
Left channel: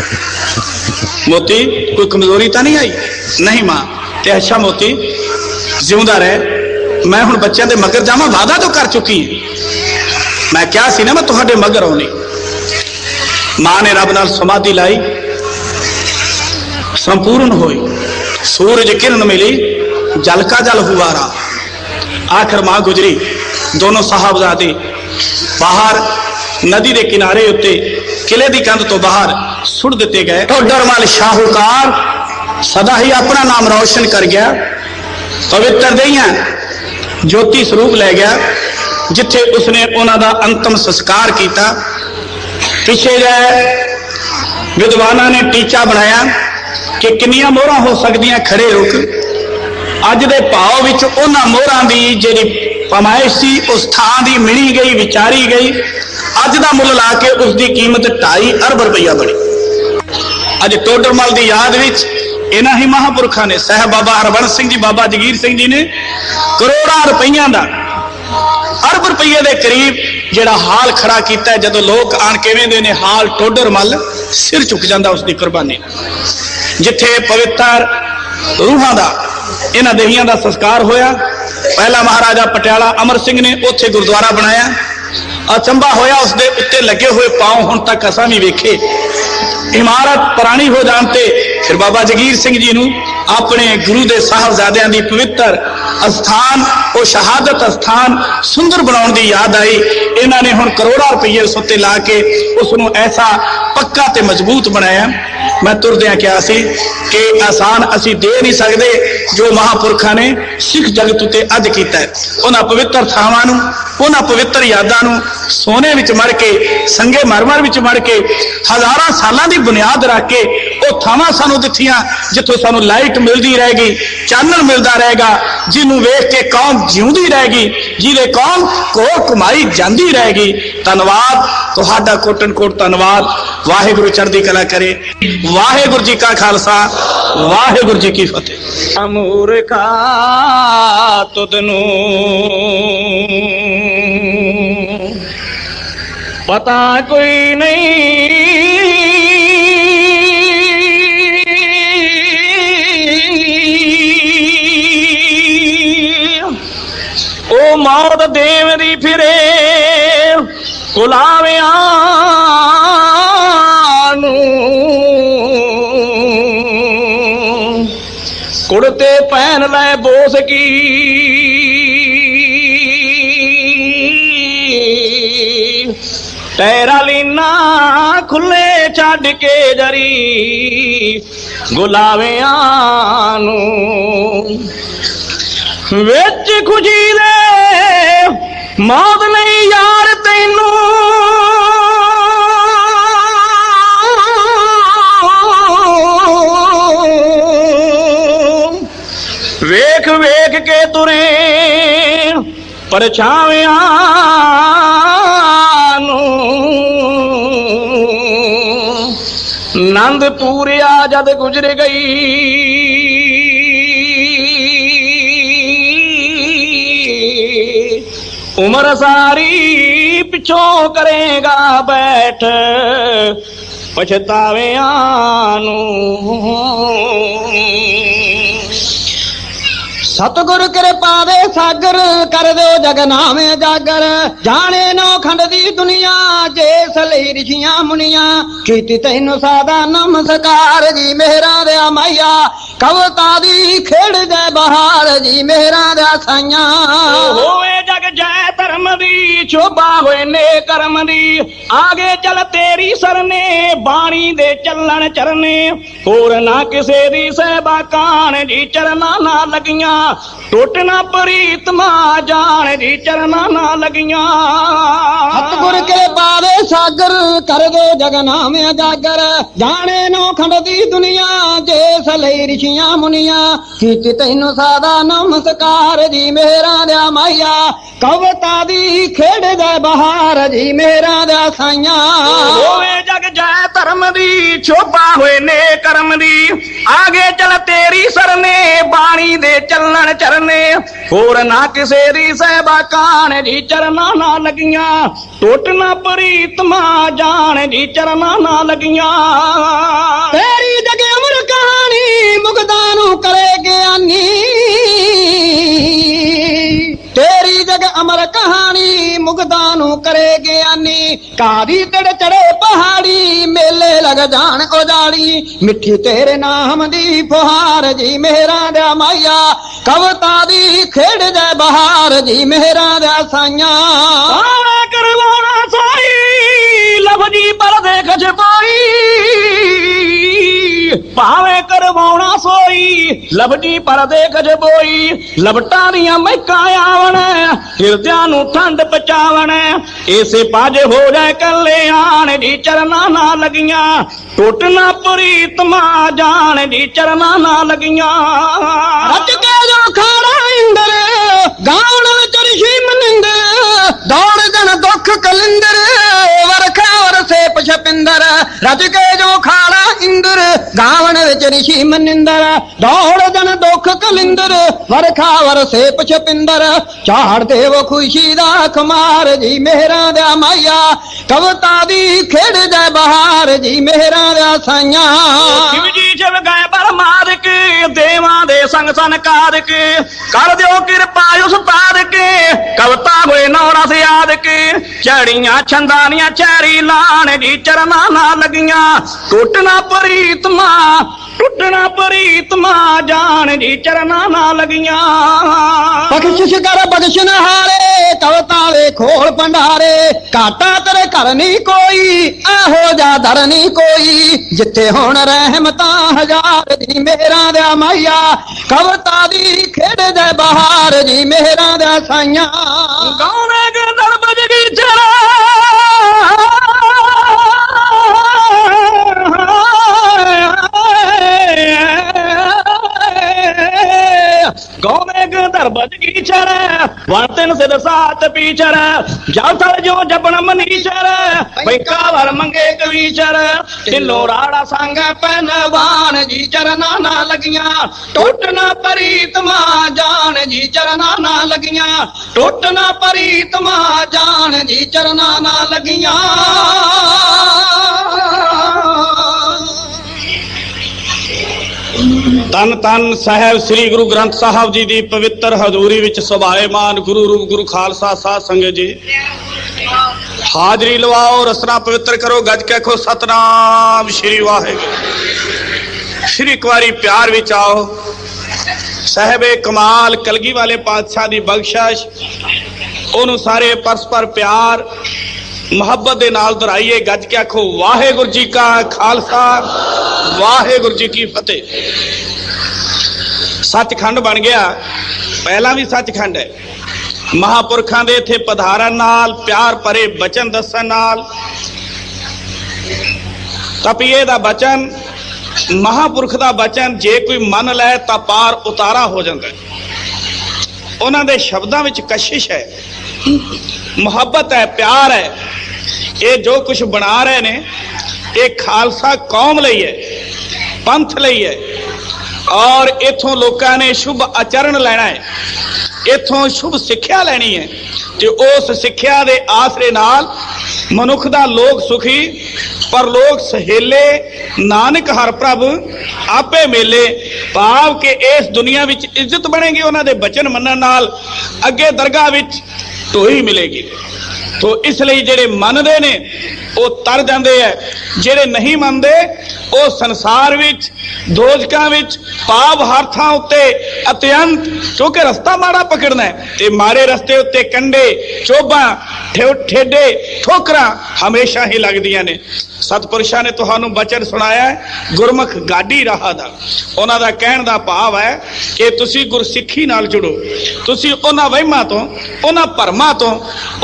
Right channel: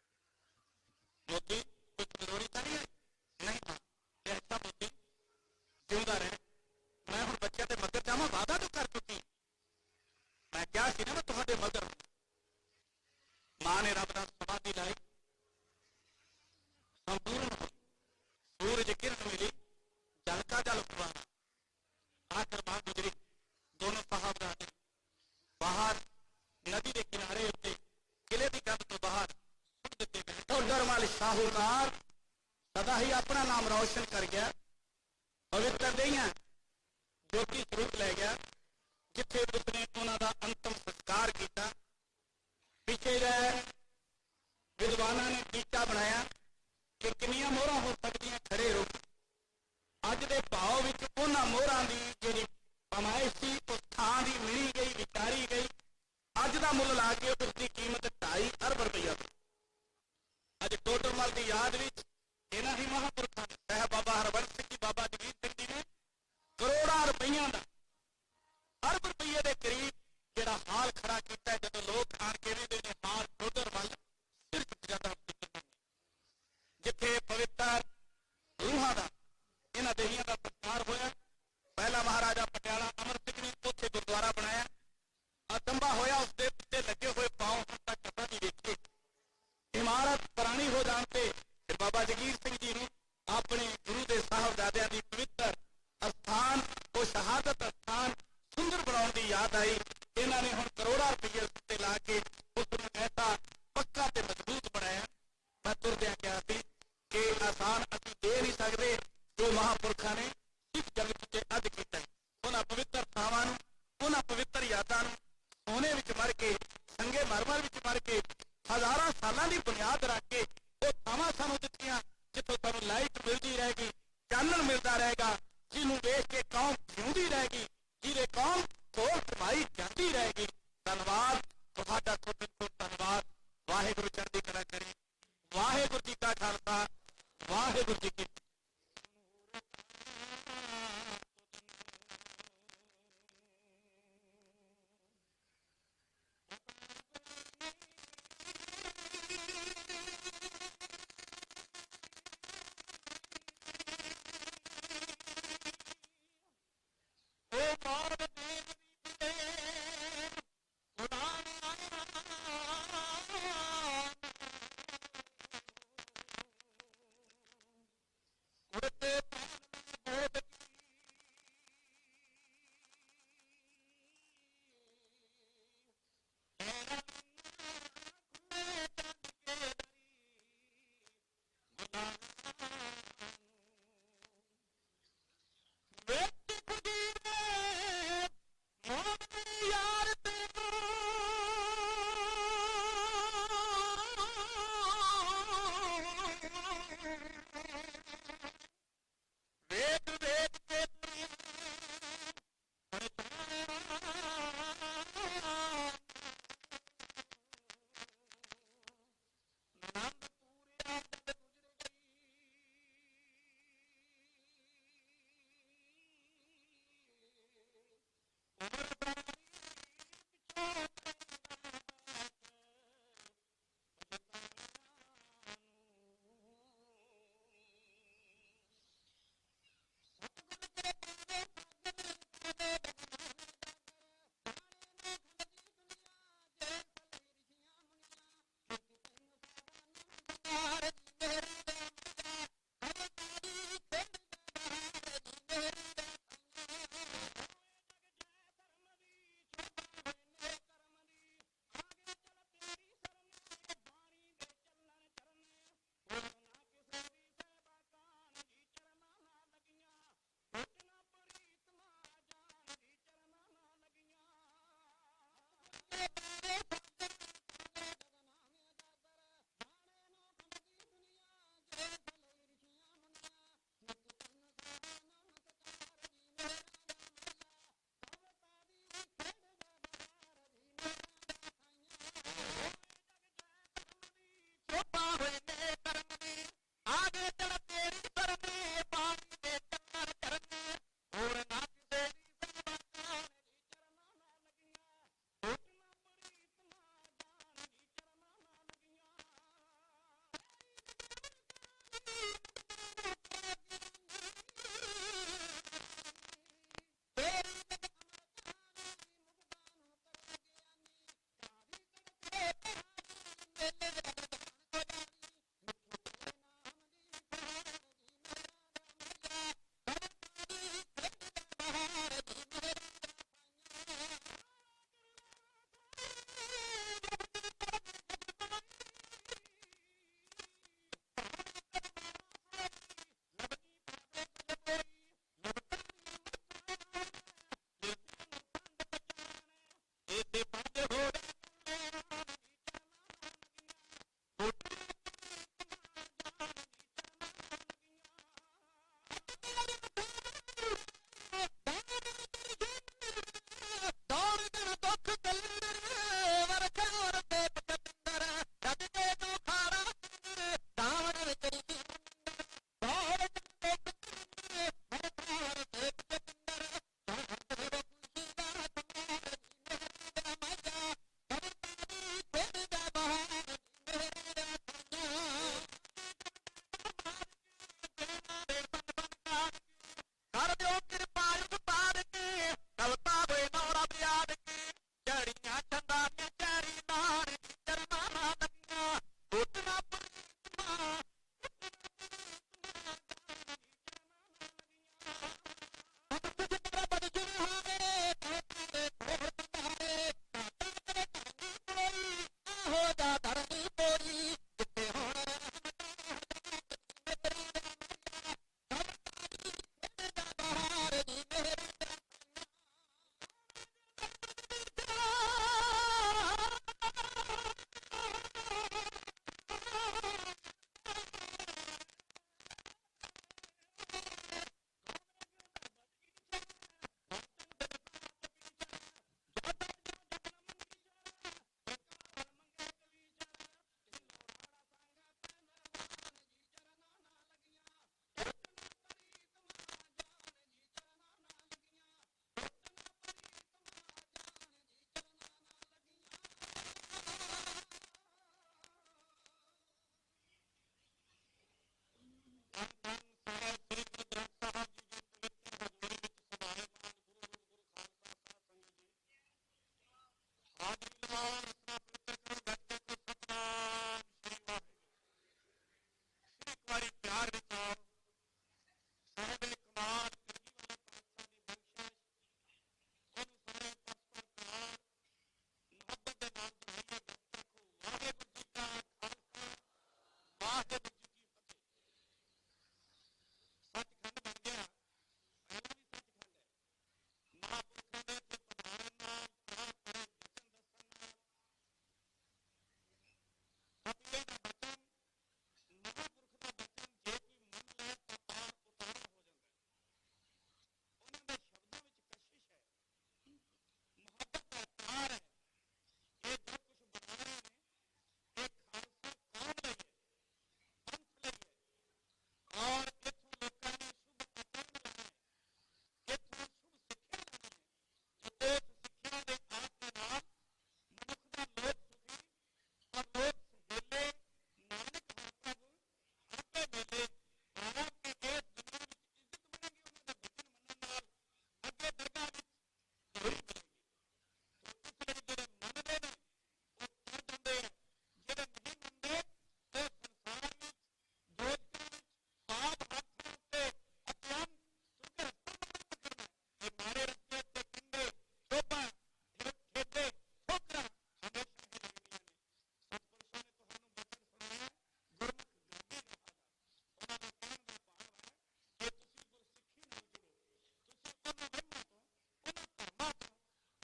मोती कोई कमजोरी तो नहीं आई? नहीं मां। ते अच्छा मोती जिउंदा रह, मैं हुण बच्चों के मगर जावां, वादा तो कर चुकी है। मैं क्या सी ना मैं तुहाडे मगर आउणी। मां ने रब नाल समाधि लाई, संपूर्ण होई, सूरज किरण मिली, जल का जल हुआ रहा। आखिर मां गुजरी। दोनों साहबजादे बाहर नदी के किनारे उत्ते किले की कंध तो बाहर सुट दिते गए। टोडरमल शाहूकार सदा ही अपना नाम रोशन कर गया, पवित्र दहिया ज्योति स्वरूप लै गया, जिथे उसने उन्हों का अंतिम संस्कार किया। पिछे जाए विद्वाना ने टीचा बनाया कि किन्नियां मोहरां हो सकदियां, खड़े रुक। अज दे भाव विच उन्हां मोहरां दी जिहड़ी पमाइश सी उस थां दी मिणी गई, विचारी गई। अज दा मुल ला के उसकी कीमत 2.5 अरब रुपया बनी। अज टोडरमल की याद विच इन्हां ही महापुरखा ने, साहब बाबा हरबंस सिंह जी, बाबा जगीर सिंह जी ने करोड़ां रुपइयां दा, अरब रुपये के करीब जिहड़ा हाल खड़ा किया। जदों लोग आण के वेंदे ने हाल टोडरमल, सिर झुक जांदा उसकी कुर्बानी। जिथे पवित्र रूहां दा इन्हां देहियां दा संस्कार होया। पहला महाराजा पटियाला अमर सिंह ने उत्थे गुरुद्वारा बनाया। अचंबा होया उसदे उत्ते लगे हुए पांव हुण तक असां भी वेखे। इमारत पुरानी हो जानते फिर बाबा जगीर सिंह जी नूं अपने गुरु दे साहबजादियां दी पवित्र अस्थान, वो शहादत अस्थान सुंदर बनाउण दी याद आई। इन्हां ने हुण करोड़ां रुपये उस उत्ते ला के उसनूं ऐसा पक्का ते मजबूत बनाया। मैं तुरदियां कहा सी कि आसान असीं दे नहीं सकते जो महापुरखा ने सिख जगत उत्ते अज कीता है। उन्हां पवित्र थावां नूं, उन्हां पवित्र यादां नूं सोने विच मड़ के, संगे मरमर विच मड़ के, हज़ारां सालां दी बुनियाद रख के वो थावां सानूं दित्तियां जिथों सानूं लाइट मिलती रहेगी, चानण मिलता रहेगा, जिन्हों वेख के कौम जिउंदी रहेगी, जिहदे कौम कोल कमाई जांदी रहेगी। धन्नवाद तुहाडा, कोटन कोट धन्नवाद। वाहिगुरू चढ़दी कला करे। वाहिगुरू जी का खालसा, वाहिगुरू जी की फतेह। मूर्खा तुदनू पता कोई नहीं, ओ मौत देवदी फिरे कुलावियां कुड़ते पहन लै बोस की, तेरा लीना खुले छड़ के जरी गुलावियां नूं विच खुशी दे मौत नहीं यार तैनू, वेख वेख के तुरे परछावियां नूं, नंदपुरिया जद गुजर गई उम्र सारी पिछों करेगा बैठ पछतावियां नूं। सतगुर कृपा दे सागर कर दो जगनामे जागर, जाने नौ खंड दी दुनिया जेस लई ऋषियां मुनिया, कीती तैनू सादा नमस्कार जी मेहरा दे मैया, कवता दी खेड़ जय बहार जी मेहरा दे साइयां, होवे जग जय धर्म दी शोभा होए ने कर्म दी, आगे चल तेरी सरने बाणी दे चलन चरने, होर ना किसे दी सहबा कान जी चरना ना लगियां, टोटना प्रीतमा जान जी चरना ना लगियां। सतगुर के पावे सागर कर दो जगनामे जागर, जाने नौ खंड दी दुनिया जेस लई ऋषियां मुनिया, कीती तैनू सादा नमस्कार जी मेहरा दे मैया, कवता दी खेड़ दे बहार जी मेहरा दे साइयां, होवे जग जय धर्म दी शोभा होए ने कर्म दी आगे चल तेरी सरने बाणी दे चलण चरने होर ना किसे दी सहबा कान जी चरना ना लगियां टुट ना प्रीतमा जान जी चरना ना लगियां तेरी जग अमर कहानी मुगदानू करे ज्ञानी तेरी जग अमर कहानी मुगदानू करे ज्ञानी कादी तड़ चढ़े पहाड़ी मेले लग जान उजाड़ी मिठी तेरे नाम दी फुहार जी मेहरा दे माया कविता दी खेड़ जाए बहार जी मेहरा दे साइया करवाना साई लभजी पर देख जपाई भावे करवाना सोई लभजी पर देख जबोई लभटा दियां महका आवन हिरदियां नू ठंड पचावन ऐसे पाज हो जाए कले आन जी चरना ना लगियां टुट ना प्रीतमा जान जी चरना ना लगियां रच के जो खाड़ा इंदर गावण विच ऋषि मनिंदर दौड़ जन दुख कलिंदर वरखा वरसे पछपिंदर रच के जो खाड़ा इंदर गावण विच ऋषि मनिंदर दौड़ जन दुख कलिंदर वरखा वरसे पछपिंदर चाड़ देव खुशी दा खमार जी मेहरा दा माया कविता दी खेड़ जाए बहार जी मेहरा दा साइया शिव जी जब गए पर मारक देवां दे संग सनकारक कर दियो कृपा उस तारक कविता होए नौरा से याद के चढ़ियां छंदानियां चैरी लान जी चरना ना लगियां टुटना प्रीतमा टुटना प्रीतमा जान जी चरना ना लगियां बख्शिश कर बख्शन हारे कविता वे खोल भंडारे घाटा तेरे घर नहीं कोई एहो जा दर नहीं कोई जिथे हुण रहमता हजार जी मेहरा दे माया कविता दी खेड़ जाए बहार जी मेहरा दे साइया गौने के दर बज गई चरा गौने के दर बज गई चरा वर्तन सिर सात पीचर जल थल जो जपन मनीचर बैकावर मंगे कवीचर ढिलो राड़ा संग पहनवान जी चरना ना लगियां टुटना प्रीतमा जान जी चरना ना लगियां टुटना प्रीतमा जान जी चरना ना लगियां ਤਨ ਤਨ ਸਾਹਿਬ ਸ੍ਰੀ ਗੁਰੂ ਗ੍ਰੰਥ ਸਾਹਿਬ ਜੀ ਦੀ ਪਵਿੱਤਰ ਹਜ਼ੂਰੀ ਵਿੱਚ ਸੁਭਾਏਮਾਨ ਗੁਰੂ ਰੂਪ ਗੁਰੂ ਖਾਲਸਾ ਸਾਧ ਸੰਗਤ ਜੀ ਹਾਜ਼ਰੀ ਲਵਾਓ ਰਸਨਾ ਪਵਿੱਤਰ ਕਰੋ ਗੱਜ ਕੇ ਆਖੋ ਸਤਨਾਮ ਸ੍ਰੀ ਵਾਹਿਗੁਰੂ ਸ੍ਰੀ ਇੱਕ ਵਾਰੀ ਪਿਆਰ ਵਿੱਚ ਆਓ ਸਾਹਿਬੇ ਕਮਾਲ ਕਲਗੀ ਵਾਲੇ ਪਾਤਸ਼ਾਹ ਦੀ ਬਖਸ਼ਿਸ਼ ਉਹਨੂੰ ਸਾਰੇ ਪਰਸਪਰ ਪਿਆਰ ਮੁਹੱਬਤ ਦੇ ਨਾਲ ਦੁਹਰਾਈਏ ਗੱਜ ਕੇ ਆਖੋ ਵਾਹਿਗੁਰੂ ਜੀ ਕਾ ਖਾਲਸਾ ਵਾਹਿਗੁਰੂ ਜੀ ਕੀ ਫਤਿਹ ਸੱਚਖੰਡ ਬਣ ਗਿਆ ਪਹਿਲਾਂ ਵੀ ਸੱਚਖੰਡ ਹੈ ਮਹਾਪੁਰਖਾਂ ਦੇ ਇੱਥੇ ਪਧਾਰਨ ਨਾਲ ਪਿਆਰ ਭਰੇ ਬਚਨ ਦੱਸਣ ਨਾਲ ਤਪੀਏ ਦਾ ਬਚਨ ਮਹਾਪੁਰਖ ਦਾ ਬਚਨ ਜੇ ਕੋਈ ਮੰਨ ਲੈ ਤਾਂ ਪਾਰ ਉਤਾਰਾ ਹੋ ਜਾਂਦਾ ਉਹਨਾਂ ਦੇ ਸ਼ਬਦਾਂ ਵਿੱਚ ਕਸ਼ਿਸ਼ ਹੈ ਮੁਹੱਬਤ ਹੈ ਪਿਆਰ ਹੈ ਇਹ ਜੋ ਕੁਝ ਬਣਾ ਰਹੇ ਨੇ ਇਹ ਖਾਲਸਾ ਕੌਮ ਲਈ ਹੈ ਪੰਥ ਲਈ ਹੈ ਔਰ ਇਥੋਂ ਲੋਕਾਂ ਨੇ ਸ਼ੁਭ ਆਚਰਣ ਲੈਣਾ ਹੈ ਇਥੋਂ ਸ਼ੁਭ ਸਿੱਖਿਆ ਲੈਣੀ ਹੈ ਤੇ ਉਸ ਸਿੱਖਿਆ ਦੇ ਆਸਰੇ ਨਾਲ ਮਨੁੱਖ ਦਾ ਲੋਕ ਸੁਖੀ ਪਰਲੋਕ ਸਹੇਲੇ ਨਾਨਕ ਹਰ ਪ੍ਰਭ ਆਪੇ ਮੇਲੇ ਭਾਵ ਕਿ ਇਸ ਦੁਨੀਆ ਵਿੱਚ ਇੱਜ਼ਤ ਬਣੇਗੀ ਉਹਨਾਂ ਦੇ ਬਚਨ ਮੰਨਣ ਨਾਲ ਅੱਗੇ ਦਰਗਾਹ ਵਿੱਚ ਢੋਈ ਮਿਲੇਗੀ ਤੋ ਇਸ ਲਈ ਜਿਹੜੇ ਮੰਨਦੇ ਨੇ ਉਹ ਤਰ ਜਾਂਦੇ ਐ ਜਿਹੜੇ ਨਹੀਂ ਮੰਨਦੇ ਉਹ ਸੰਸਾਰ ਵਿੱਚ ਦੋਜਕਾਂ ਵਿੱਚ ਪਾਪ ਹਰ ਥਾਂ ਉੱਤੇ ਅਤਿਅੰਤ ਕਿਉਂਕਿ ਰਸਤਾ ਮਾੜਾ ਪਕੜਨਾ ਹੈ ਤੇ ਮਾੜੇ ਰਸਤੇ ਉੱਤੇ ਕੰਡੇ ਚੋਬਾਂ ਠੇਡੇ ਠੋਕਰਾਂ ਹਮੇਸ਼ਾ ਹੀ ਲੱਗਦੀਆਂ ਨੇ ਸਤਿਪੁਰਸ਼ਾਂ ਨੇ ਤੁਹਾਨੂੰ ਬਚਨ ਸੁਣਾਇਆ ਹੈ ਗੁਰਮੁਖ ਗਾਡੀ ਰਾਹ ਦਾ ਉਹਨਾਂ ਦਾ ਕਹਿਣ ਦਾ ਭਾਵ ਹੈ ਕਿ ਤੁਸੀਂ ਗੁਰਸਿੱਖੀ ਨਾਲ ਜੁੜੋ ਤੁਸੀਂ ਉਹਨਾਂ ਵਹਿਮਾਂ ਤੋਂ ਉਹਨਾਂ ਭਰਮਾਂ ਤੋਂ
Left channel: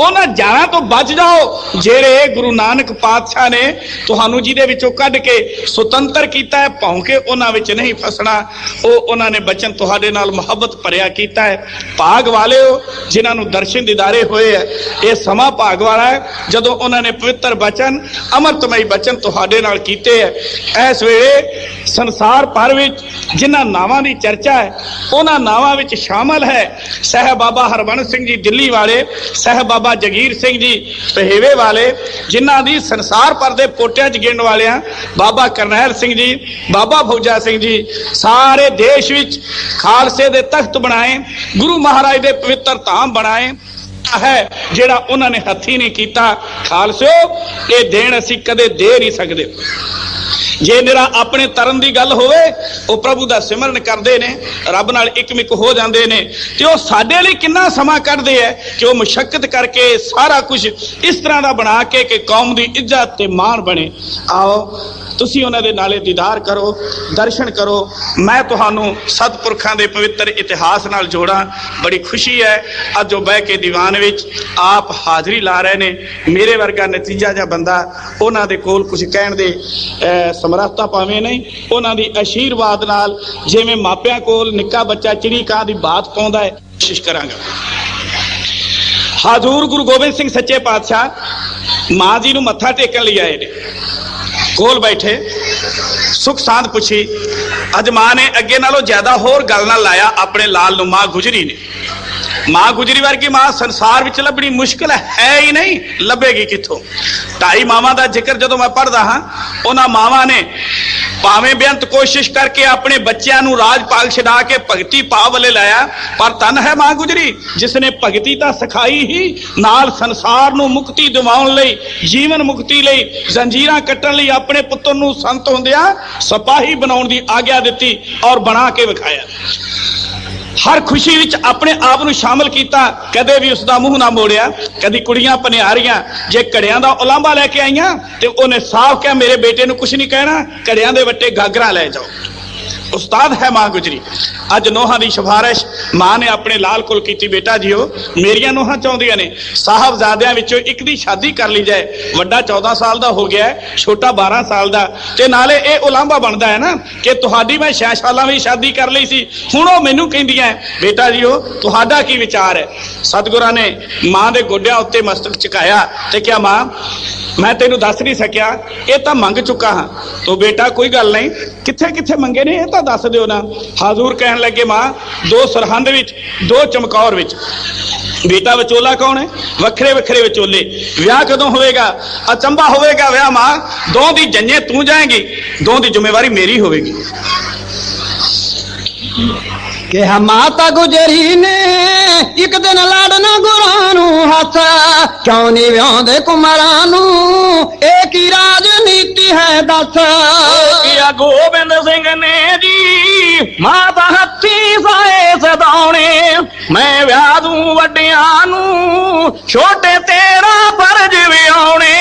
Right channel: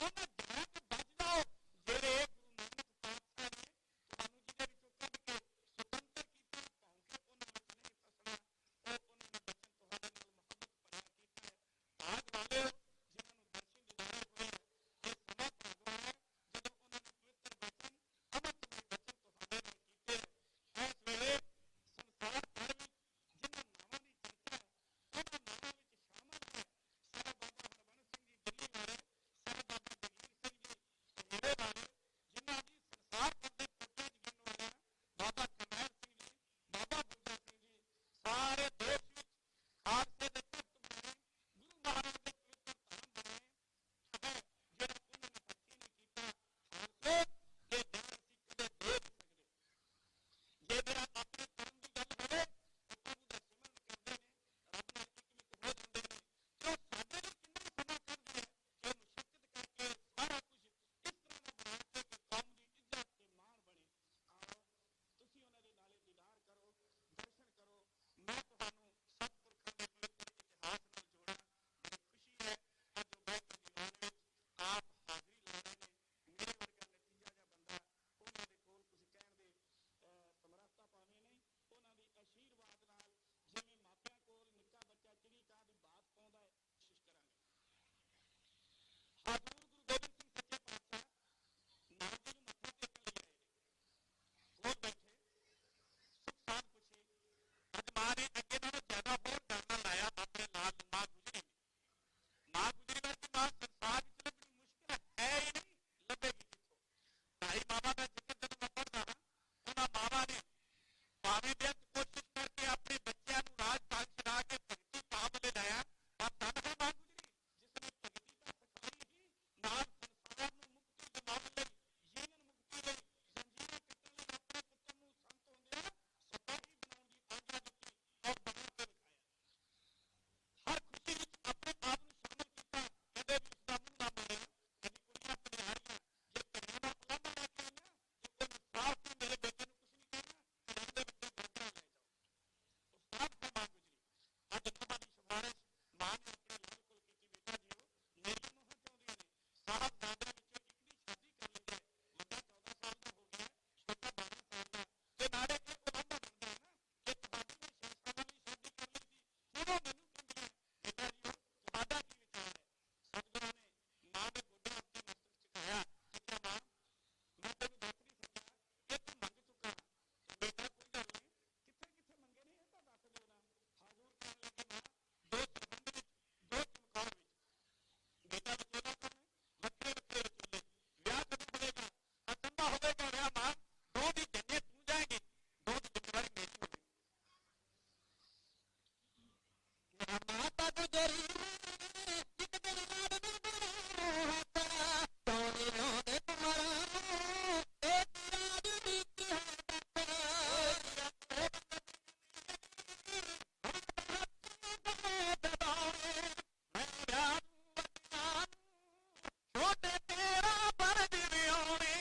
ਉਹਨਾਂ ਜਾਲਾਂ ਤੋਂ ਬਚ ਜਾਓ ਜਿਹੜੇ ਗੁਰੂ ਨਾਨਕ ਪਾਤਸ਼ਾਹ ਨੇ ਤੁਹਾਨੂੰ ਜਿਹਦੇ ਵਿੱਚੋਂ ਕੱਢ ਕੇ ਸੁਤੰਤਰ ਕੀਤਾ ਹੈ ਭੌਂਕੇ ਉਹਨਾਂ ਵਿੱਚ ਨਹੀਂ ਫਸਣਾ ਉਹ ਉਹਨਾਂ ਨੇ ਬਚਨ ਤੁਹਾਡੇ ਨਾਲ ਮੁਹੱਬਤ ਭਰਿਆ ਕੀਤਾ ਹੈ ਭਾਗ ਵਾਲਿਓ ਜਿਨ੍ਹਾਂ ਨੂੰ ਦਰਸ਼ਨ ਦਿਦਾਰੇ ਹੋਏ ਹੈ ਇਹ ਸਮਾਂ ਭਾਗ ਵਾਲਾ ਹੈ ਜਦੋਂ ਉਹਨਾਂ ਨੇ ਪਵਿੱਤਰ ਬਚਨ ਅੰਮ੍ਰਿਤਮਈ ਬਚਨ ਤੁਹਾਡੇ ਨਾਲ ਕੀਤੇ ਹੈ। ਇਸ ਵੇਲੇ ਸੰਸਾਰ ਭਰ ਵਿੱਚ ਜਿਨ੍ਹਾਂ ਨਾਵਾਂ ਦੀ ਚਰਚਾ ਹੈ ਉਹਨਾਂ ਨਾਵਾਂ ਵਿੱਚ ਸ਼ਾਮਲ ਹੈ ਸਾਹਿਬ ਬਾਬਾ ਹਰਬੰਸ ਸਿੰਘ ਜੀ ਦਿੱਲੀ ਵਾਲੇ, ਸਾਹਿਬ ਬਾਬਾ ਜਗੀਰ ਸਿੰਘ ਜੀ ਪਹੇਵੇ ਵਾਲੇ, ਜਿਨ੍ਹਾਂ ਦੀ ਸੰਸਾਰ ਭਰ ਦੇ ਪੋਟਿਆਂ 'ਚ ਗਿਣਨ ਵਾਲਿਆਂ ਬਾਬਾ ਕਰਨੈਲ ਸਿੰਘ ਜੀ, ਬਾਬਾ ਫੌਜਾ ਸਿੰਘ ਜੀ, ਸਾਰੇ ਦੇਸ਼ ਵਿੱਚ ਖਾਲਸੇ ਦੇ ਤਖਤ ਬਣਾਏ, ਗੁਰੂ ਮਹਾਰਾਜ ਦੇ ਪਵਿੱਤਰ ਧਾਮ ਬਣਾਏ ਹੈ ਜਿਹੜਾ ਉਹਨਾਂ ਨੇ ਹੱਥੀ ਨਹੀਂ ਕੀਤਾ। ਖਾਲਸਿਓ, ਇਹ ਦੇਣ ਅਸੀਂ ਕਦੇ ਦੇ ਨਹੀਂ ਸਕਦੇ। ਜੇ ਨਿਰਾ ਆਪਣੇ ਤਰਨ ਦੀ ਗੱਲ ਹੋਵੇ, ਉਹ ਪ੍ਰਭੂ ਦਾ ਸਿਮਰਨ ਕਰਦੇ ਨੇ, ਰੱਬ ਨਾਲ ਇਕਮਿਕ ਹੋ ਜਾਂਦੇ ਨੇ, ਤੇ ਉਹ ਸਾਡੇ ਲਈ ਕਿੰਨਾ ਸਮਾਂ ਕੱਢਦੇ ਹੈ ਕਿ ਉਹ ਮੁਸ਼ੱਕਤ ਕਰਕੇ ਸਾਰਾ ਕੁਝ ਇਸ ਤਰ੍ਹਾਂ ਦਾ ਬਣਾ ਕੇ ਕਿ ਕੌਮ ਦੀ ਇੱਜ਼ਤ ਤੇ ਮਾਣ ਬਣੇ। ਆਓ ਤੁਸੀਂ ਉਹਨਾਂ ਦੇ ਨਾਲੇ ਦੀਦਾਰ ਕਰੋ, ਦਰਸ਼ਨ ਕਰੋ। ਮੈਂ ਤੁਹਾਨੂੰ ਸਤਿਪੁਰਖਾਂ ਦੇ ਪਵਿੱਤਰ ਇਤਿਹਾਸ ਨਾਲ ਜੋੜਾਂ। ਬੜੀ ਖੁਸ਼ੀ ਹੈ ਅੱਜ ਉਹ ਬਹਿ ਕੇ ਦੀਵਾਨ ਵਿੱਚ ਆਪ ਹਾਜ਼ਰੀ ਲਾ ਰਹੇ ਨੇ। ਮੇਰੇ ਵਰਗਾ ਨਤੀਜਾ ਜਿਹਾ ਬੰਦਾ ਉਹਨਾਂ ਦੇ ਕੋਲ ਕੁਝ ਕਹਿਣ ਦੇ ਸਮਰੱਥਾ ਭਾਵੇਂ ਨਹੀਂ, ਉਹਨਾਂ ਦੀ ਆਸ਼ੀਰਵਾਦ ਨਾਲ ਜਿਵੇਂ ਮਾਪਿਆਂ ਕੋਲ ਨਿੱਕਾ ਬੱਚਾ ਚਿੜੀ ਕਾਂ ਦੀ ਬਾਤ ਪਾਉਂਦਾ ਹੈ, ਕੋਸ਼ਿਸ਼ ਕਰਾਂਗਾ। ਹਜ਼ੂਰ ਗੁਰੂ ਗੋਬਿੰਦ ਸਿੰਘ ਸੱਚੇ ਪਾਤਸ਼ਾਹ ਮਾਂ ਜੀ ਨੂੰ ਮੱਥਾ ਟੇਕਣ ਲਈ ਆਏ ਨੇ। ਕੋਲ ਬੈਠੇ ਸੁਖ ਸਾਂਦ ਪੁੱਛੀ। ਅੱਜ ਮਾਂ ਨੇ ਅੱਗੇ ਨਾਲੋਂ ਜ਼ਿਆਦਾ ਹੋਰ ਗੱਲ ਨਾਲ ਲਾਇਆ ਆਪਣੇ ਲਾਲ ਨੂੰ। ਮਾਂ ਗੁਜਰੀ ਨੇ, ਮਾਂ ਗੁਜਰੀ ਵਰਗੀ ਮਾਂ ਸੰਸਾਰ ਵਿੱਚ ਲੱਭਣੀ ਮੁਸ਼ਕਿਲ ਹੈ ਹੀ ਨਹੀਂ, ਲੱਭੇਗੀ ਕਿੱਥੋਂ। 2.5 ਮਾਵਾਂ ਦਾ ਜ਼ਿਕਰ ਜਦੋਂ ਮੈਂ ਪੜ੍ਹਦਾ ਹਾਂ, ਉਹਨਾਂ ਮਾਵਾਂ ਨੇ ਭਾਵੇਂ ਬੇਅੰਤ ਕੋਸ਼ਿਸ਼ ਕਰਕੇ ਆਪਣੇ ਬੱਚਿਆਂ ਨੂੰ ਰਾਜ ਪਾਲ ਛਡਾ ਕੇ ਭਗਤੀ ਭਾਵ ਵੱਲੇ ਲਾਇਆ, ਪਰ ਧੰਨ ਹੈ ਮਾਂ ਗੁਜਰੀ ਜਿਸ ਨੇ ਭਗਤੀ ਤਾਂ ਸਿਖਾਈ ਹੀ, ਨਾਲ ਸੰਸਾਰ ਨੂੰ ਮੁਕਤੀ ਦਿਵਾਉਣ ਲਈ, ਜੀਵਨ ਮੁਕਤੀ ਲਈ, ਜ਼ੰਜੀਰਾਂ ਕੱਟਣ ਲਈ ਆਪਣੇ ਪੁੱਤਰ ਨੂੰ ਸੰਤ ਹੁੰਦਿਆਂ ਸਿਪਾਹੀ ਬਣਾਉਣ ਦੀ ਆਗਿਆ ਦਿੱਤੀ ਔਰ ਬਣਾ ਕੇ ਵਿਖਾਇਆ। ਹਰ ਖੁਸ਼ੀ ਵਿੱਚ ਆਪਣੇ ਆਪ ਨੂੰ ਸ਼ਾਮਲ ਕੀਤਾ, ਕਦੇ ਵੀ ਉਸ ਦਾ ਮੂੰਹ ਨਾ ਮੋੜਿਆ। ਕਦੀ ਕੁੜੀਆਂ ਭਨਿਆਰੀਆਂ ਜੇ ਘੜਿਆਂ ਦਾ ਉਲਾਂਭਾ ਲੈ ਕੇ ਆਈਆਂ ਤੇ ਉਹਨੇ ਸਾਫ਼ ਕਿਹਾ ਮੇਰੇ ਬੇਟੇ ਨੂੰ ਕੁਝ ਨਹੀਂ ਕਹਿਣਾ, ਘੜਿਆਂ ਦੇ ਵੱਟੇ ਗਾਗਰਾਂ ਲੈ ਜਾਓ। ਉਸਤਾਦ ਹੈ ਮਾਂ ਗੁਜਰੀ। ਅੱਜ ਨੋਹਾਂ ਦੀ ਸਿਫਾਰਿਸ਼ ਮਾਂ ਨੇ ਆਪਣੇ ਲਾਲ ਕੋਲ ਕੀਤੀ। ਬੇਟਾ ਜੀਓ, ਮੇਰੀਆਂ ਨੋਹਾਂ ਚਾਹੁੰਦੀਆਂ ਨੇ ਸਾਹਿਬਜ਼ਾਦਿਆਂ ਵਿੱਚੋਂ ਇੱਕ ਦੀ ਸ਼ਾਦੀ ਕਰ ਲਈ ਜਾਏ। ਵੱਡਾ 14 ਸਾਲ ਦਾ ਹੋ ਗਿਆ, ਛੋਟਾ 12 ਸਾਲ ਦਾ, ਤੇ ਨਾਲੇ ਇਹ ਉਲਾਂਭਾ ਬਣਦਾ ਹੈ ਨਾ ਕਿ ਤੁਹਾਡੀ ਮੈਂ 6 ਸਾਲਾਂ ਵਿੱਚ ਸ਼ਾਦੀ ਕਰ ਲਈ ਸੀ, ਹੁਣ ਉਹ ਮੈਨੂੰ ਕਹਿੰਦੀਆਂ ਬੇਟਾ ਜੀਓ ਤੁਹਾਡਾ ਕੀ ਵਿਚਾਰ ਹੈ। ਸਤਿਗੁਰਾਂ ਨੇ ਮਾਂ ਦੇ ਗੋਡਿਆਂ ਉੱਤੇ ਮਸਤਕ ਝੁਕਾਇਆ ਤੇ ਕਿਹਾ ਮਾਂ ਮੈਂ ਤੈਨੂੰ ਦੱਸ ਨਹੀਂ ਸਕਿਆ, ਇਹ ਤਾਂ ਮੰਗ ਚੁੱਕਾ ਹਾਂ। ਤੋ ਬੇਟਾ ਕੋਈ ਗੱਲ ਨਹੀਂ, ਕਿੱਥੇ ਕਿੱਥੇ ਮੰਗੇ ਨੇ ਇਹ ਤਾਂ ਦੱਸ ਦਿਓ ਨਾ। ਹਾਜ਼ੂਰ ਕਹਿਣ ਲੱਗੇ ਮਾਂ 2 ਸਰਹੰਦ ਵਿੱਚ 2 ਚਮਕੌਰ ਵਿੱਚ। ਬੇਟਾ ਵਿਚੋਲਾ ਕੌਣ ਹੈ? ਵੱਖਰੇ ਵੱਖਰੇ ਵਿਚੋਲੇ। ਵਿਆਹ ਕਦੋਂ ਹੋਵੇਗਾ? ਅਚੰਭਾ ਹੋਵੇਗਾ ਵਿਆਹ ਮਾਂ। 2 ਦੀ ਜੰਨੇ ਤੂੰ ਜਾਏਂਗੀ, 2 ਦੀ ਜ਼ਿੰਮੇਵਾਰੀ ਮੇਰੀ ਹੋਵੇਗੀ। ਕਿਹਾ ਮਾਤਾ ਗੁਜਰੀ ਨੇ ਇੱਕ ਦਿਨ ਲਾੜਨਾ ਗੁਰਾਂ ਨੂੰ ਹੱਥ, ਕਿਉਂ ਨਹੀਂ ਵਿਆਉਂਦੇ ਕੁਮਾਰਾਂ ਨੂੰ, ਇਹ ਕੀ ਰਾਜਨੀਤੀ ਹੈ ਦੱਸ। ਕਿਹਾ ਗੋਬਿੰਦ ਸਿੰਘ ਨੇ ਜੀ ਮਾਤਾ ਹੱਥੀ ਸਾਏ ਸਦਾਉਣੇ, ਮੈਂ ਵਿਆਹ ਦੂੰ ਵੱਡਿਆਂ ਨੂੰ, ਛੋਟੇ ਤੇਰਾ ਫਰਜ਼ ਵਿਆਉਣੇ।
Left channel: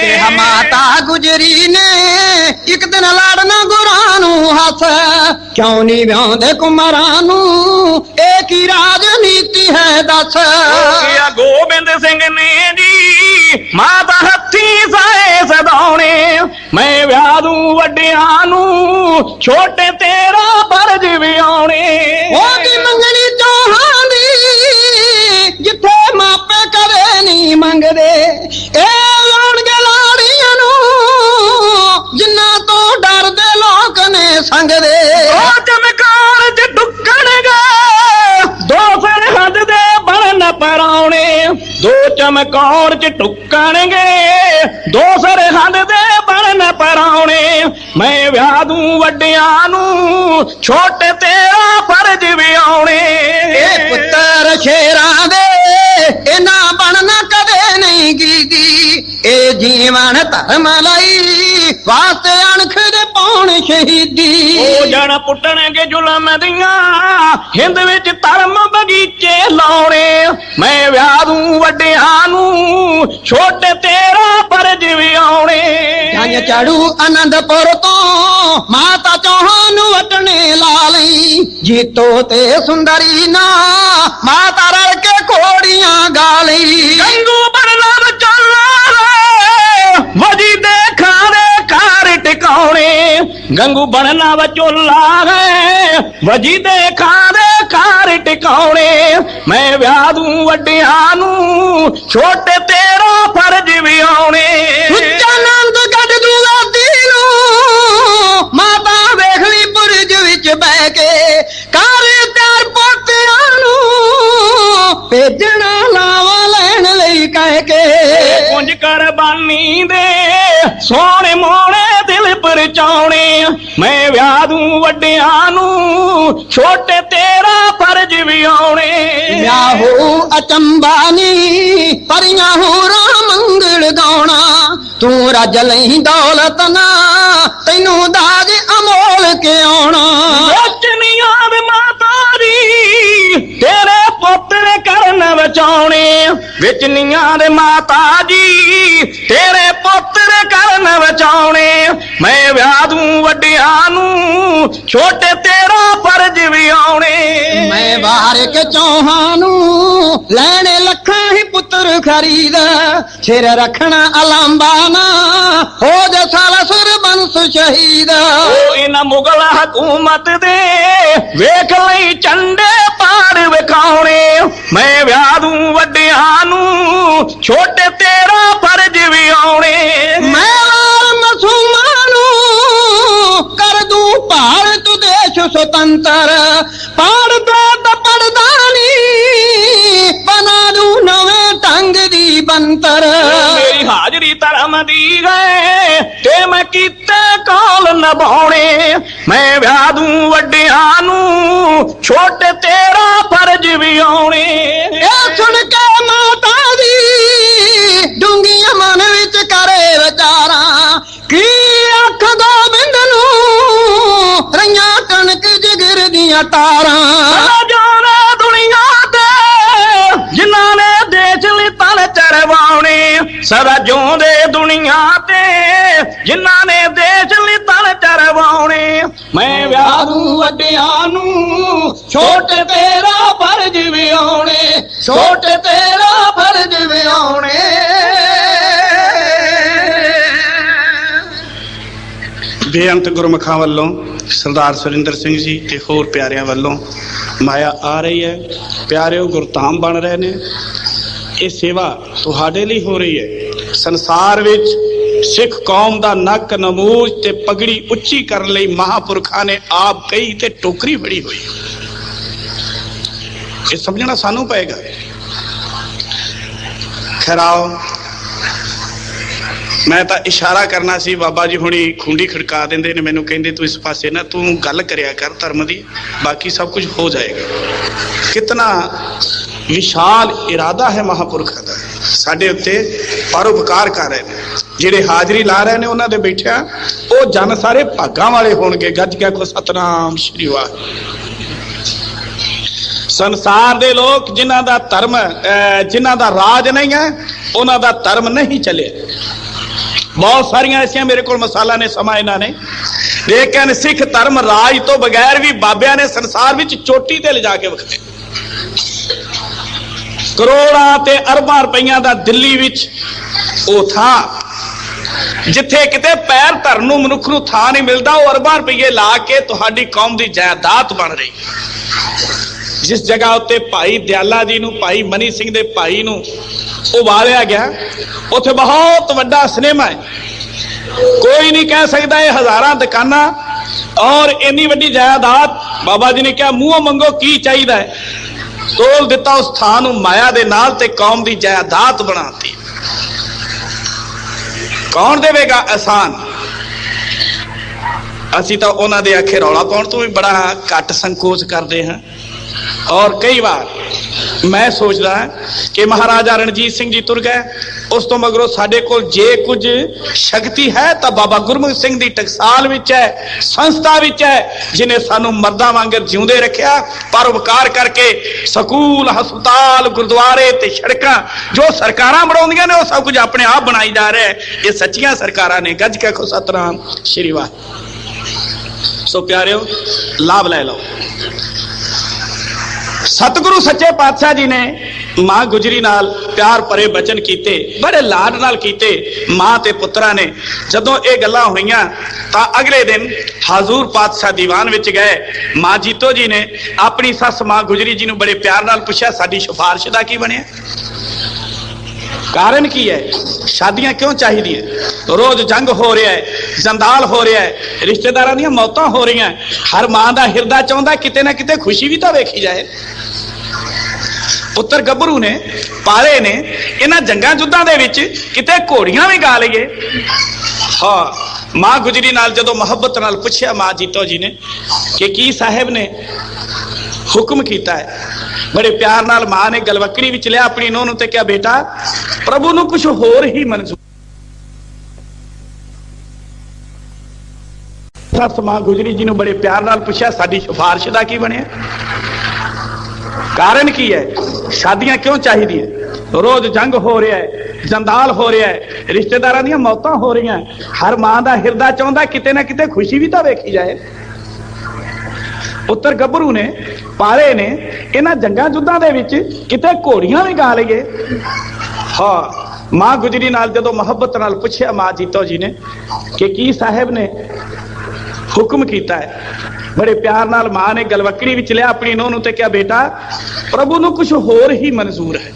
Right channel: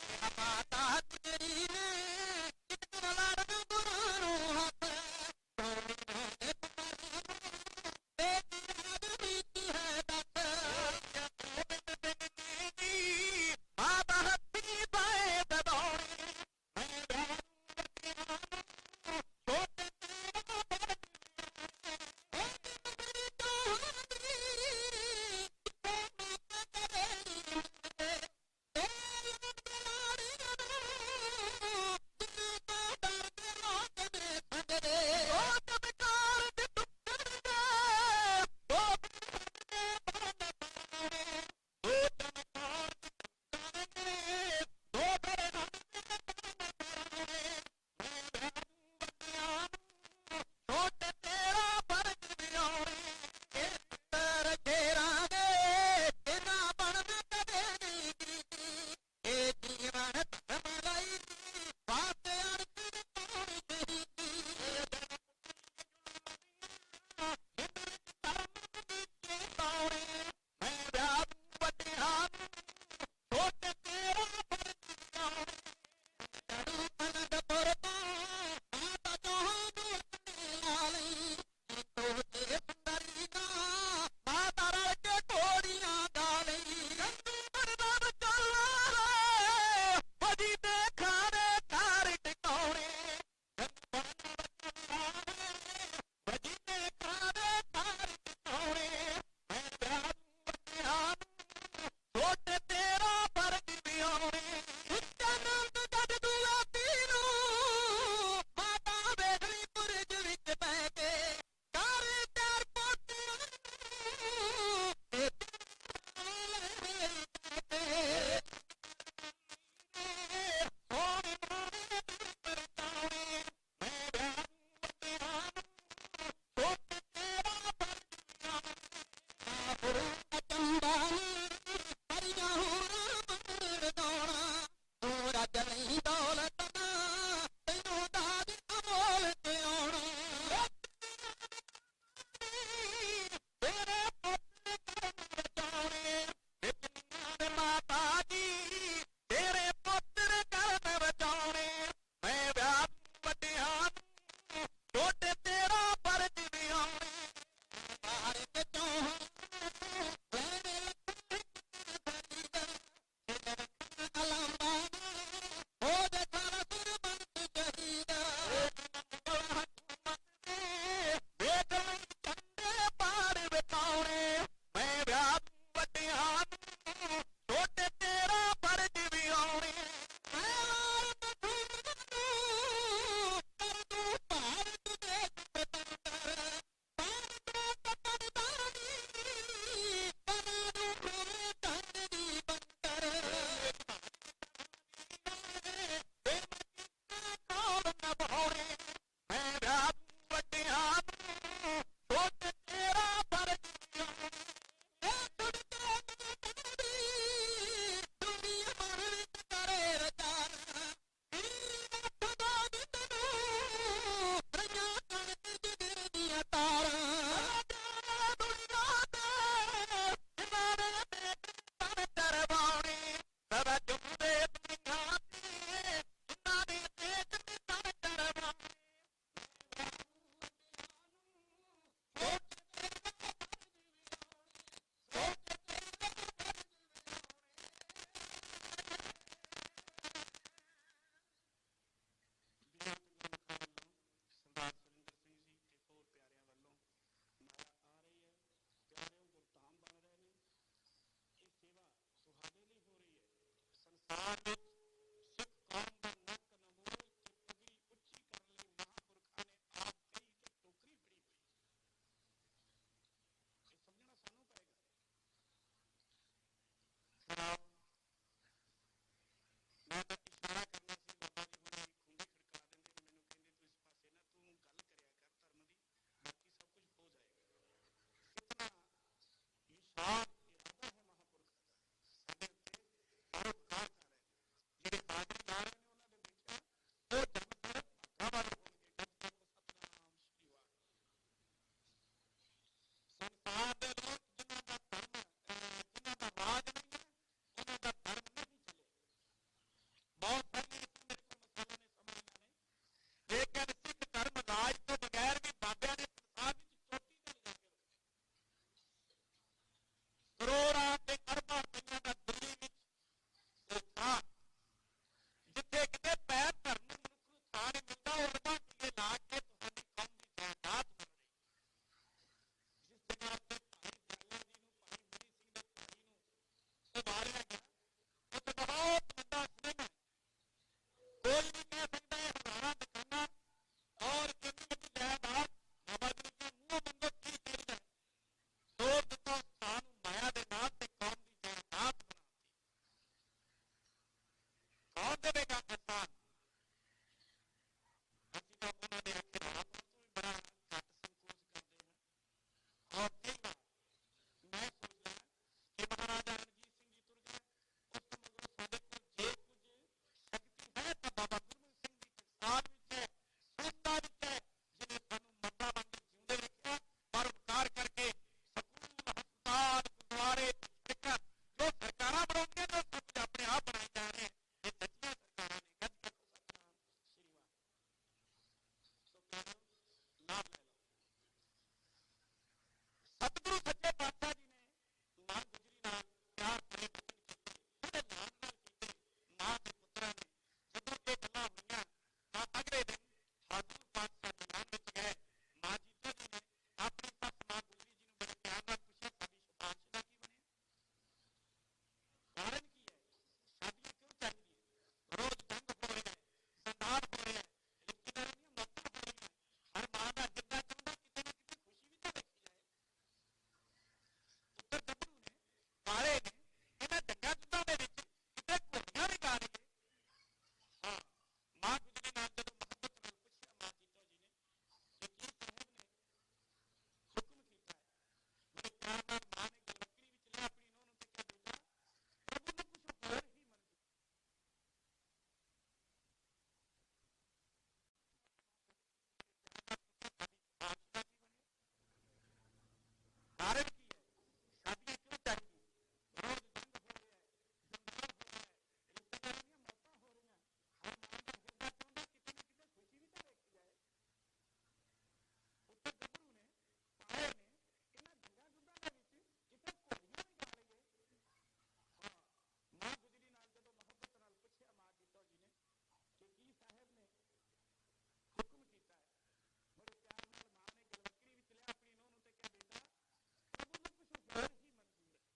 ਕਿਹਾ ਮਾਤਾ ਗੁਜਰੀ ਨੇ ਇੱਕ ਦਿਨ ਲਾੜਨਾ ਗੁਰਾਂ ਨੂੰ ਹੱਥ, ਕਿਉਂ ਨਹੀਂ ਵਿਆਉਂਦੇ ਕੁਮਾਰਾਂ ਨੂੰ, ਇਹ ਕੀ ਰਾਜਨੀਤੀ ਹੈ ਦੱਸ। ਕਿਹਾ ਗੋਬਿੰਦ ਸਿੰਘ ਨੇ ਜੀ ਮਾਤਾ ਹੱਥੀ ਸਾਏ ਸਦਾਉਣੇ, ਮੈਂ ਵਿਆਹ ਦੂੰ ਵੱਡਿਆਂ ਨੂੰ, ਛੋਟੇ ਤੇਰਾ ਫਰਜ਼ ਵਿਆਉਣੇ। ਉਹਦੀ ਮੰਗਣੀ ਚੋਹਾਂ ਦੀ ਜਿੱਥੇ ਮਾਪੇ ਕਦੇ ਨਹੀਂ ਮੰਗਦੇ, ਇਹ ਲਾਉਣਗੇ ਲਾੜੀਆਂ ਨੂੰ ਜਿਨ੍ਹਾਂ ਤੋਂ ਡਰਦੇ ਲੋਕ ਨੇ ਸੰਗਦੇ। ਉਹ ਚਮਕਾਰ ਚ ਡੁੱਕਣਗੇ 2 ਸਰਹੰਦ ਦੇ ਬਣ ਪਰਾਉਣੇ, 2 ਚਮਕੌਰ ਚ ਟੁੱਕਣਗੇ 2 ਸਰਹੰਦ ਦੇ ਬਣ ਪਰਾਉਣੇ, ਮੈਂ ਵਿਆਹ ਦੂੰ ਵੱਡਿਆਂ ਨੂੰ, ਛੋਟੇ ਤੇਰਾ ਫਰਜ਼ ਵਿਆਉਣੇ। ਇਹ ਪੁੱਤਰ ਸ਼ੇਰਾਂ ਦੇ ਇਹਨਾਂ ਬਣਨਾ ਕਦੇ ਨਹੀਂ ਗੀਦੀ, ਇਹ ਜੀਵਨ ਧਰਮ ਲਈ ਵਾਸਤੇ ਅਣਖ ਦੇ ਪਾਉਣ ਸ਼ਹੀਦੀ। ਉਹ ਜਣ ਪੁੱਟਣਗੇ ਜ਼ੁਲਮ ਦੀਆਂ ਹਿੰਦ ਵਿੱਚ ਧਰਮ ਬਗੀਚੇ ਲਾਉਣੇ, ਮੈਂ ਵਿਆਹ ਦੂੰ ਵੱਡਿਆਂ ਨੂੰ, ਛੋਟੇ ਤੇਰਾ ਫਰਜ਼ ਵਿਆਉਣੇ। ਜੰਜ ਚੜੂ ਆਨੰਦਪੁਰ ਤੋਂ ਮਾਤਾ ਚੌਹਾਨ ਨੂੰ ਵਟਣੇ ਲਾ ਲਈ, ਜੀਤੋ ਤੇ ਸੁੰਦਰੀ ਨਾ ਮਾਤਾ ਰਲ ਕੇ ਘੋੜੀਆਂ ਗਾ ਲਈ। ਗੰਗੂ ਬਣਨਾ ਵਿਚੋਲਾ ਵਜੀ ਦੇ ਖਾਰੇ ਘਰ ਟਿਕਾਉਣੇ, ਗੰਗੂ ਬਣਨਾ ਵਿਚੋਲਾ ਹੈ ਵਜੀ ਦੇ ਖਾਰੇ ਘਰ ਟਿਕਾਉਣੇ, ਮੈਂ ਵਿਆਹ ਦੂੰ ਵੱਡਿਆਂ ਨੂੰ, ਛੋਟੇ ਤੇਰਾ ਫਰਜ਼ ਵਿਆਉਣੇ। ਉੱਚਾ ਨੰਦ ਗੱਡ ਦੂ ਭੇਜਣਾ ਲਾਵਾਂ ਲੈਣ ਲਈ ਕਹਿ ਕੇ ਕੁੰਜ ਕੁਰਬਾਨੀ ਦੇ ਸੋਹਣੇ ਮੋਹਣੇ ਦਿਲ ਪਰਚਾਉਣੇ ਮੈਂ ਵਿਆਹ ਦੂੰ ਵੱਡਿਆਂ ਨੂੰ ਛੋਟੇ ਤੇਰਾ ਫਰਜ਼ ਵੀ ਆਉਣੇ ਵਿਆਹੋ ਅਚੰਬਾ ਨੀ ਪਰੀਆਂ ਹੋਰਾਂ ਮੰਗਲ ਗਾਉਣਾ ਤੂੰ ਰੱਜ ਲਈ ਦੌਲਤ ਨਾ ਤੈਨੂੰ ਦਾਜ ਅਮੋਲ ਕੇ ਆਉਣਾ ਵੇਚਨੀਆਂ ਦੇ ਮਾਤਾ ਦੀ ਤੇਰੇ ਪੁੱਤਰ ਕਰਨ ਬਚਾਉਣੇ ਵੇਚਨੀਆਂ ਦੇ ਮਾਤਾ ਜੀ ਤੇਰੇ ਪੁੱਤਰ ਕਰਨ ਬਚਾਉਣੇ ਮੈਂ ਵਿਆਹ ਦੂੰ ਵੱਡਿਆਂ ਨੂੰ ਛੋਟੇ ਤੇਰਾ ਫਰਜ਼ ਵੀ ਆਉਣੇ ਮੈਂ ਬਾਹਰ ਕੇ ਚੌਹਾਂ ਨੂੰ ਲੈਣੇ ਲੱਖਾਂ ਹੀ ਪੁੱਤਰ ਖਰੀਦ ਸਿਰ ਰੱਖਣਾ ਅਲਾਂਬਾ ਨਾ ਹੋ ਜਾ ਸਾਲਾ ਸੁਰਬੰਸ ਸ਼ਹੀਦ ਉਹ ਇਹਨਾਂ ਮੁਗਲ ਹਕੂਮਤ ਦੇ ਵੇਖ ਲਈ ਝੰਡੇ ਪਾੜ ਵਿਖਾਉਣੇ ਮੈਂ ਵਿਆਹ ਦੂੰ ਵੱਡਿਆਂ ਨੂੰ ਛੋਟੇ ਤੇਰਾ ਫਰਜ਼ ਵੀ ਆਉਣੇ ਮੈਂ ਮਸੂਮਾਂ ਨੂੰ ਕਰ ਦੂੰ ਭਾਰਤ ਦੇਸ਼ ਸੁਤੰਤਰ ਪੜਦਾ ਤਾਂ ਪੜਦਾ ਨੀ ਬਣਾ ਦੂੰ ਨਵੇਂ ਢੰਗ ਦੀ ਬੰਤਰ ਮੇਰੀ ਹਾਜ਼ਰੀ ਧਰਮ ਦੀ ਗਏ ਤੇ ਮੈਂ ਕੀਤੇ ਕਾਲ ਨਿਭਾਉਣੇ ਮੈਂ ਵਿਆਹ ਦੂੰ ਵੱਡਿਆਂ ਨੂੰ ਛੋਟੇ ਤੇਰਾ ਫਰਜ਼ ਵੀ ਆਉਣੇ ਇਹ ਸੁਣ ਕੇ ਮਾਤਾ ਦੀ ਡੂੰਘੀਆਂ ਮਨ ਵਿੱਚ ਕਰੇ ਵਿਚਾਰਾਂ ਕੀ ਅੱਖ ਗੋਬਿੰਦ ਨੂੰ ਰਈਆਂ ਕਣਕ ਜਿਗਰ ਦੀਆਂ ਤਾਰਾਂ ਜਾਣਾ ਦੁਨੀਆ ਤੇ ਜਿਨ੍ਹਾਂ ਨੇ ਦੇਸ਼ ਲਈ ਤਲ ਚਰਵਾਉਣੇ ਸਦਾ ਜਿਉਂਦੇ ਦੁਨੀਆ ਤੇ ਜਿਨ੍ਹਾਂ ਨੇ ਦੇਸ਼ ਲਈ ਤਲ ਚਰਵਾਉਣੇ ਮੈਂ ਵਿਆਹ ਦੂੰ ਵੱਡਿਆਂ ਨੂੰ ਛੋਟੇ ਤੇਰਾ ਫਰਜ਼ ਵੀ ਆਉਣੇ ਛੋਟੇ ਤੇਰਾ ਫਰਜ਼ ਵੀ ਆਉਣੇ ਬੇਅੰਤ ਗੁਰਮੁਖਾਂ ਵੱਲੋਂ ਸਰਦਾਰ ਸੁਰਿੰਦਰ ਸਿੰਘ ਜੀ ਤੇ ਹੋਰ ਪਿਆਰਿਆਂ ਵੱਲੋਂ ਮਾਇਆ ਆ ਰਹੀ ਹੈ। ਪਿਆਰਿਓ ਗੁਰਧਾਮ ਬਣ ਰਹੇ ਨੇ। ਇਹ ਸੇਵਾ ਤੁਹਾਡੇ ਲਈ ਹੋ ਰਹੀ ਹੈ। ਸੰਸਾਰ ਵਿੱਚ ਸਿੱਖ ਕੌਮ ਦਾ ਨੱਕ ਨਮੂਜ ਤੇ ਪਗੜੀ ਉੱਚੀ ਕਰਨ ਲਈ ਮਹਾਂਪੁਰਖਾਂ ਨੇ ਆਪ ਕਹੀ ਤੇ ਟੋਕਰੀ ਫੜੀ ਹੋਈ। ਇਹ ਸਮਝਣਾ ਸਾਨੂੰ ਪਏਗਾ। ਖੈਰਾਓ ਮੈਂ ਤਾਂ ਇਸ਼ਾਰਾ ਕਰਨਾ ਸੀ, ਬਾਬਾ ਜੀ ਹੁਣੀ ਖੁੰਡੀ ਖੜਕਾ ਦਿੰਦੇ ਨੇ ਮੈਨੂੰ, ਕਹਿੰਦੇ ਤੂੰ ਇਸ ਪਾਸੇ ਨਾ ਤੂੰ ਗੱਲ ਕਰਿਆ ਕਰ ਧਰਮ ਦੀ, ਬਾਕੀ ਸਭ ਕੁਝ ਹੋ ਜਾਏਗਾ। ਕਿਤਨਾ ਵਿਸ਼ਾਲ ਇਰਾਦਾ ਹੈ ਮਹਾਂਪੁਰਖਾਂ ਦਾ ਸਾਡੇ ਉੱਤੇ, ਪਰਉਪਕਾਰ ਕਰ ਰਹੇ ਨੇ। ਜਿਹੜੇ ਹਾਜ਼ਰੀ ਲਾ ਰਹੇ ਨੇ ਉਹਨਾਂ ਦੇ ਬੈਠਿਆ ਉਹ ਜਨ ਸਾਰੇ ਭਾਗਾਂ ਵਾਲੇ ਹੋਣਗੇ। ਗੱਜ ਕੇ ਆਖੋ ਸਤਨਾਮ ਸ਼੍ਰੀ ਵਾਹਿਗੁਰੂ। ਸੰਸਾਰ ਦੇ ਲੋਕ ਜਿਨ੍ਹਾਂ ਦਾ ਧਰਮ ਜਿਨ੍ਹਾਂ ਦਾ ਰਾਜ ਨਹੀਂ ਹੈ ਉਹਨਾਂ ਦਾ ਧਰਮ ਨਹੀਂ ਚੱਲਿਆ। ਬਹੁਤ ਸਾਰੀਆਂ ਐਸੀਆਂ ਮੇਰੇ ਕੋਲ ਮਸਾਲਾ ਨੇ, ਸਮਾਂ ਇਹਨਾਂ ਨੇ, ਲੇਕਿਨ ਸਿੱਖ ਧਰਮ ਰਾਜ ਤੋਂ ਬਗੈਰ ਵੀ ਬਾਬਿਆਂ ਨੇ ਸੰਸਾਰ ਵਿੱਚ ਚੋਟੀ ਤੇ ਲਿਜਾ ਕੇ ਵਿਖਾਏ। ਕਰੋੜਾਂ ਤੇ ਅਰਬਾਂ ਰੁਪਈਆਂ ਦਾ ਦਿੱਲੀ ਵਿੱਚ ਉਹ ਥਾਂ ਜਿੱਥੇ ਕਿਤੇ ਪੈਰ ਧਰਨ ਨੂੰ ਮਨੁੱਖ ਨੂੰ ਥਾਂ ਨਹੀਂ ਮਿਲਦਾ, ਉਹ ਅਰਬਾਂ ਰੁਪਈਏ ਲਾ ਕੇ ਤੁਹਾਡੀ ਕੌਮ ਦੀ ਜਾਇਦਾਦ ਬਣ ਰਹੀ। ਜਿਸ ਜਗ੍ਹਾ ਉੱਤੇ ਭਾਈ ਦਿਆਲਾ ਜੀ ਨੂੰ, ਭਾਈ ਮਨੀ ਸਿੰਘ ਦੇ ਭਾਈ ਨੂੰ ਉਬਾਲਿਆ ਗਿਆ, ਉੱਥੇ ਬਹੁਤ ਵੱਡਾ ਸਿਨੇਮਾ ਹੈ। ਕੋਈ ਨਹੀਂ ਕਹਿ ਸਕਦਾ ਇਹ ਹਜ਼ਾਰਾਂ ਦੁਕਾਨਾਂ ਔਰ ਇੰਨੀ ਵੱਡੀ ਜਾਇਦਾਦ। ਬਾਬਾ ਜੀ ਨੇ ਕਿਹਾ ਮੂੰਹੋਂ ਮੰਗੋ ਕੀ ਚਾਹੀਦਾ ਹੈ, ਤੋਲ ਦਿੱਤਾ ਉਸ ਥਾਂ ਨੂੰ ਮਾਇਆ ਦੇ ਨਾਲ ਤੇ ਕੌਮ ਦੀ ਜਾਇਦਾਦ ਬਣਾਤੀ। ਕੌਣ ਦੇਵੇਗਾ ਆਸਾਨ? ਅਸੀਂ ਤਾਂ ਉਹਨਾਂ ਦੇ ਆਖੇ ਰੌਲਾ ਪਾਉਣ ਤੋਂ ਵੀ ਬੜਾ ਘੱਟ ਸੰਕੋਚ ਕਰਦੇ ਹਾਂ। ਔਰ ਕਈ ਵਾਰ ਮੈਂ ਸੋਚਦਾ ਕਿ ਮਹਾਰਾਜਾ ਰਣਜੀਤ ਸਿੰਘ ਜੀ ਤੁਰ ਗਏ, ਉਸ ਤੋਂ ਮਗਰੋਂ ਸਾਡੇ ਕੋਲ ਜੇ ਕੁਝ ਸ਼ਕਤੀ ਹੈ ਤਾਂ ਬਾਬਾ ਗੁਰਮੁਖ ਸਿੰਘ ਦੀ ਟਕਸਾਲ ਵਿੱਚ ਹੈ, ਸੰਸਥਾ ਵਿੱਚ ਹੈ, ਜਿਨੇ ਸਾਨੂੰ ਮਰਦਾਂ ਵਾਂਗਰ ਜਿਉਂਦੇ ਰੱਖਿਆ। ਪਰਉਪਕਾਰ ਕਰਕੇ ਸਕੂਲ, ਹਸਪਤਾਲ, ਗੁਰਦੁਆਰੇ ਤੇ ਸੜਕਾਂ ਜੋ ਸਰਕਾਰਾਂ ਬਣਾਉਂਦੀਆਂ ਨੇ ਉਹ ਸਭ ਕੁਝ ਆਪਣੇ ਆਪ ਬਣਾਈ ਜਾ ਰਿਹਾ ਹੈ। ਇਹ ਸੱਚੀਆਂ ਸਰਕਾਰਾਂ ਨੇ। ਗੱਜ ਕੇ ਆਖੋ ਸਤਨਾਮ ਸ਼੍ਰੀ ਵਾਹਿਗੁਰੂ। ਸੋ ਪਿਆਰਿਓ, ਲਾਭ ਲੈ ਲਓ। ਸਤਿਗੁਰੂ ਸੱਚੇ ਪਾਤਸ਼ਾਹ ਜੀ ਨੇ ਮਾਂ ਗੁਜਰੀ ਨਾਲ ਪਿਆਰ ਭਰੇ ਬਚਨ ਕੀਤੇ, ਬੜੇ ਲਾਡ ਨਾਲ ਕੀਤੇ। ਮਾਂ ਤੇ ਪੁੱਤਰਾਂ ਨੇ ਜਦੋਂ ਇਹ ਗੱਲਾਂ ਹੋਈਆਂ ਤਾਂ ਅਗਲੇ ਦਿਨ ਹਜ਼ੂਰ ਪਾਤਸ਼ਾਹ ਦੀਵਾਨ ਵਿੱਚ ਗਏ। ਮਾਂ ਜੀਤੋ ਜੀ ਨੇ ਆਪਣੀ ਸੱਸ ਮਾਂ ਗੁਜਰੀ ਜੀ ਨੂੰ ਬੜੇ ਪਿਆਰ ਨਾਲ ਪੁੱਛਿਆ, ਸਾਡੀ ਸਿਫਾਰਿਸ਼ ਦਾ ਕੀ ਬਣਿਆ? ਕਾਰਨ ਕੀ ਹੈ? ਸ਼ਾਦੀਆਂ ਕਿਉਂ ਚਾਹੀਦੀਆਂ? ਰੋਜ਼ ਜੰਗ ਹੋ ਰਿਹਾ ਹੈ, ਜੰਦਾਲ ਹੋ ਰਿਹਾ ਹੈ, ਰਿਸ਼ਤੇਦਾਰਾਂ ਦੀਆਂ ਮੌਤਾਂ ਹੋ ਰਹੀਆਂ। ਹਰ ਮਾਂ ਦਾ ਹਿਰਦਾ ਚਾਹੁੰਦਾ ਕਿਤੇ ਨਾ ਕਿਤੇ ਖੁਸ਼ੀ ਵੀ ਤਾਂ ਵੇਖੀ ਜਾਏ। ਪੁੱਤਰ ਗੱਭਰੂ ਨੇ ਪਾਲੇ ਨੇ ਇਹਨਾਂ ਜੰਗਾਂ ਜੁੱਧਾਂ ਦੇ ਵਿੱਚ ਕਿਤੇ ਘੋੜੀਆਂ ਵੀ ਗਾ ਲਈਏ। ਹਾਂ, ਮਾਂ ਗੁਜਰੀ ਨਾਲ ਜਦੋਂ ਮੁਹੱਬਤ ਨਾਲ ਪੁੱਛਿਆ ਮਾਂ ਜੀਤੋ ਜੀ ਨੇ ਕਿ ਕੀ ਸਾਹਿਬ ਨੇ ਹੁਕਮ ਕੀਤਾ ਹੈ, ਬੜੇ ਪਿਆਰ ਨਾਲ ਮਾਂ ਨੇ ਗਲਵੱਕੜੀ ਵਿੱਚ ਲਿਆ ਆਪਣੀ ਨੂੰਹ ਨੂੰ ਤੇ ਕਿਹਾ, ਬੇਟਾ ਪ੍ਰਭੂ ਨੂੰ ਕੁਝ ਹੋਰ ਹੀ ਮਨਜ਼ੂਰ। ਸੱਸ ਮਾਂ ਗੁਜਰੀ ਜੀ ਨੂੰ ਬੜੇ ਪਿਆਰ ਨਾਲ ਪੁੱਛਿਆ, ਸਾਡੀ ਸਿਫਾਰਿਸ਼ ਦਾ ਕੀ ਬਣਿਆ, ਕਾਰਨ ਕੀ ਹੈ, ਸ਼ਾਦੀਆਂ ਕਿਉਂ ਚਾਹੀਦੀਆਂ, ਰੋਜ਼ ਜੰਗ ਹੋ ਰਿਹਾ ਹੈ, ਜੰਦਾਲ ਹੋ ਰਿਹਾ ਹੈ, ਰਿਸ਼ਤੇਦਾਰਾਂ ਦੀਆਂ ਮੌਤਾਂ ਹੋ ਰਹੀਆਂ, ਹਰ ਮਾਂ ਦਾ ਹਿਰਦਾ ਚਾਹੁੰਦਾ ਕਿਤੇ ਨਾ ਕਿਤੇ ਖੁਸ਼ੀ ਵੀ ਤਾਂ ਵੇਖੀ ਜਾਏ। ਪੁੱਤਰ ਗੱਭਰੂ ਨੇ ਪਾਲੇ ਨੇ ਇਹਨਾਂ ਜੰਗਾਂ ਜੁੱਧਾਂ ਦੇ ਵਿੱਚ ਕਿਤੇ ਘੋੜੀਆਂ ਵੀ ਗਾ ਲਈਏ। ਹਾਂ, ਮਾਂ ਗੁਜਰੀ ਨਾਲ ਜਦੋਂ ਮੁਹੱਬਤ ਨਾਲ ਪੁੱਛਿਆ ਮਾਂ ਜੀਤੋ ਜੀ ਨੇ ਕਿ ਕੀ ਸਾਹਿਬ ਨੇ ਹੁਕਮ ਕੀਤਾ ਹੈ, ਬੜੇ ਪਿਆਰ ਨਾਲ ਮਾਂ ਨੇ ਗਲਵੱਕੜੀ ਵਿੱਚ ਲਿਆ ਆਪਣੀ ਨੂੰਹ ਨੂੰ ਤੇ ਕਿਹਾ, ਬੇਟਾ ਪ੍ਰਭੂ ਨੂੰ ਕੁਝ ਹੋਰ ਹੀ ਮਨਜ਼ੂਰ ਹੈ,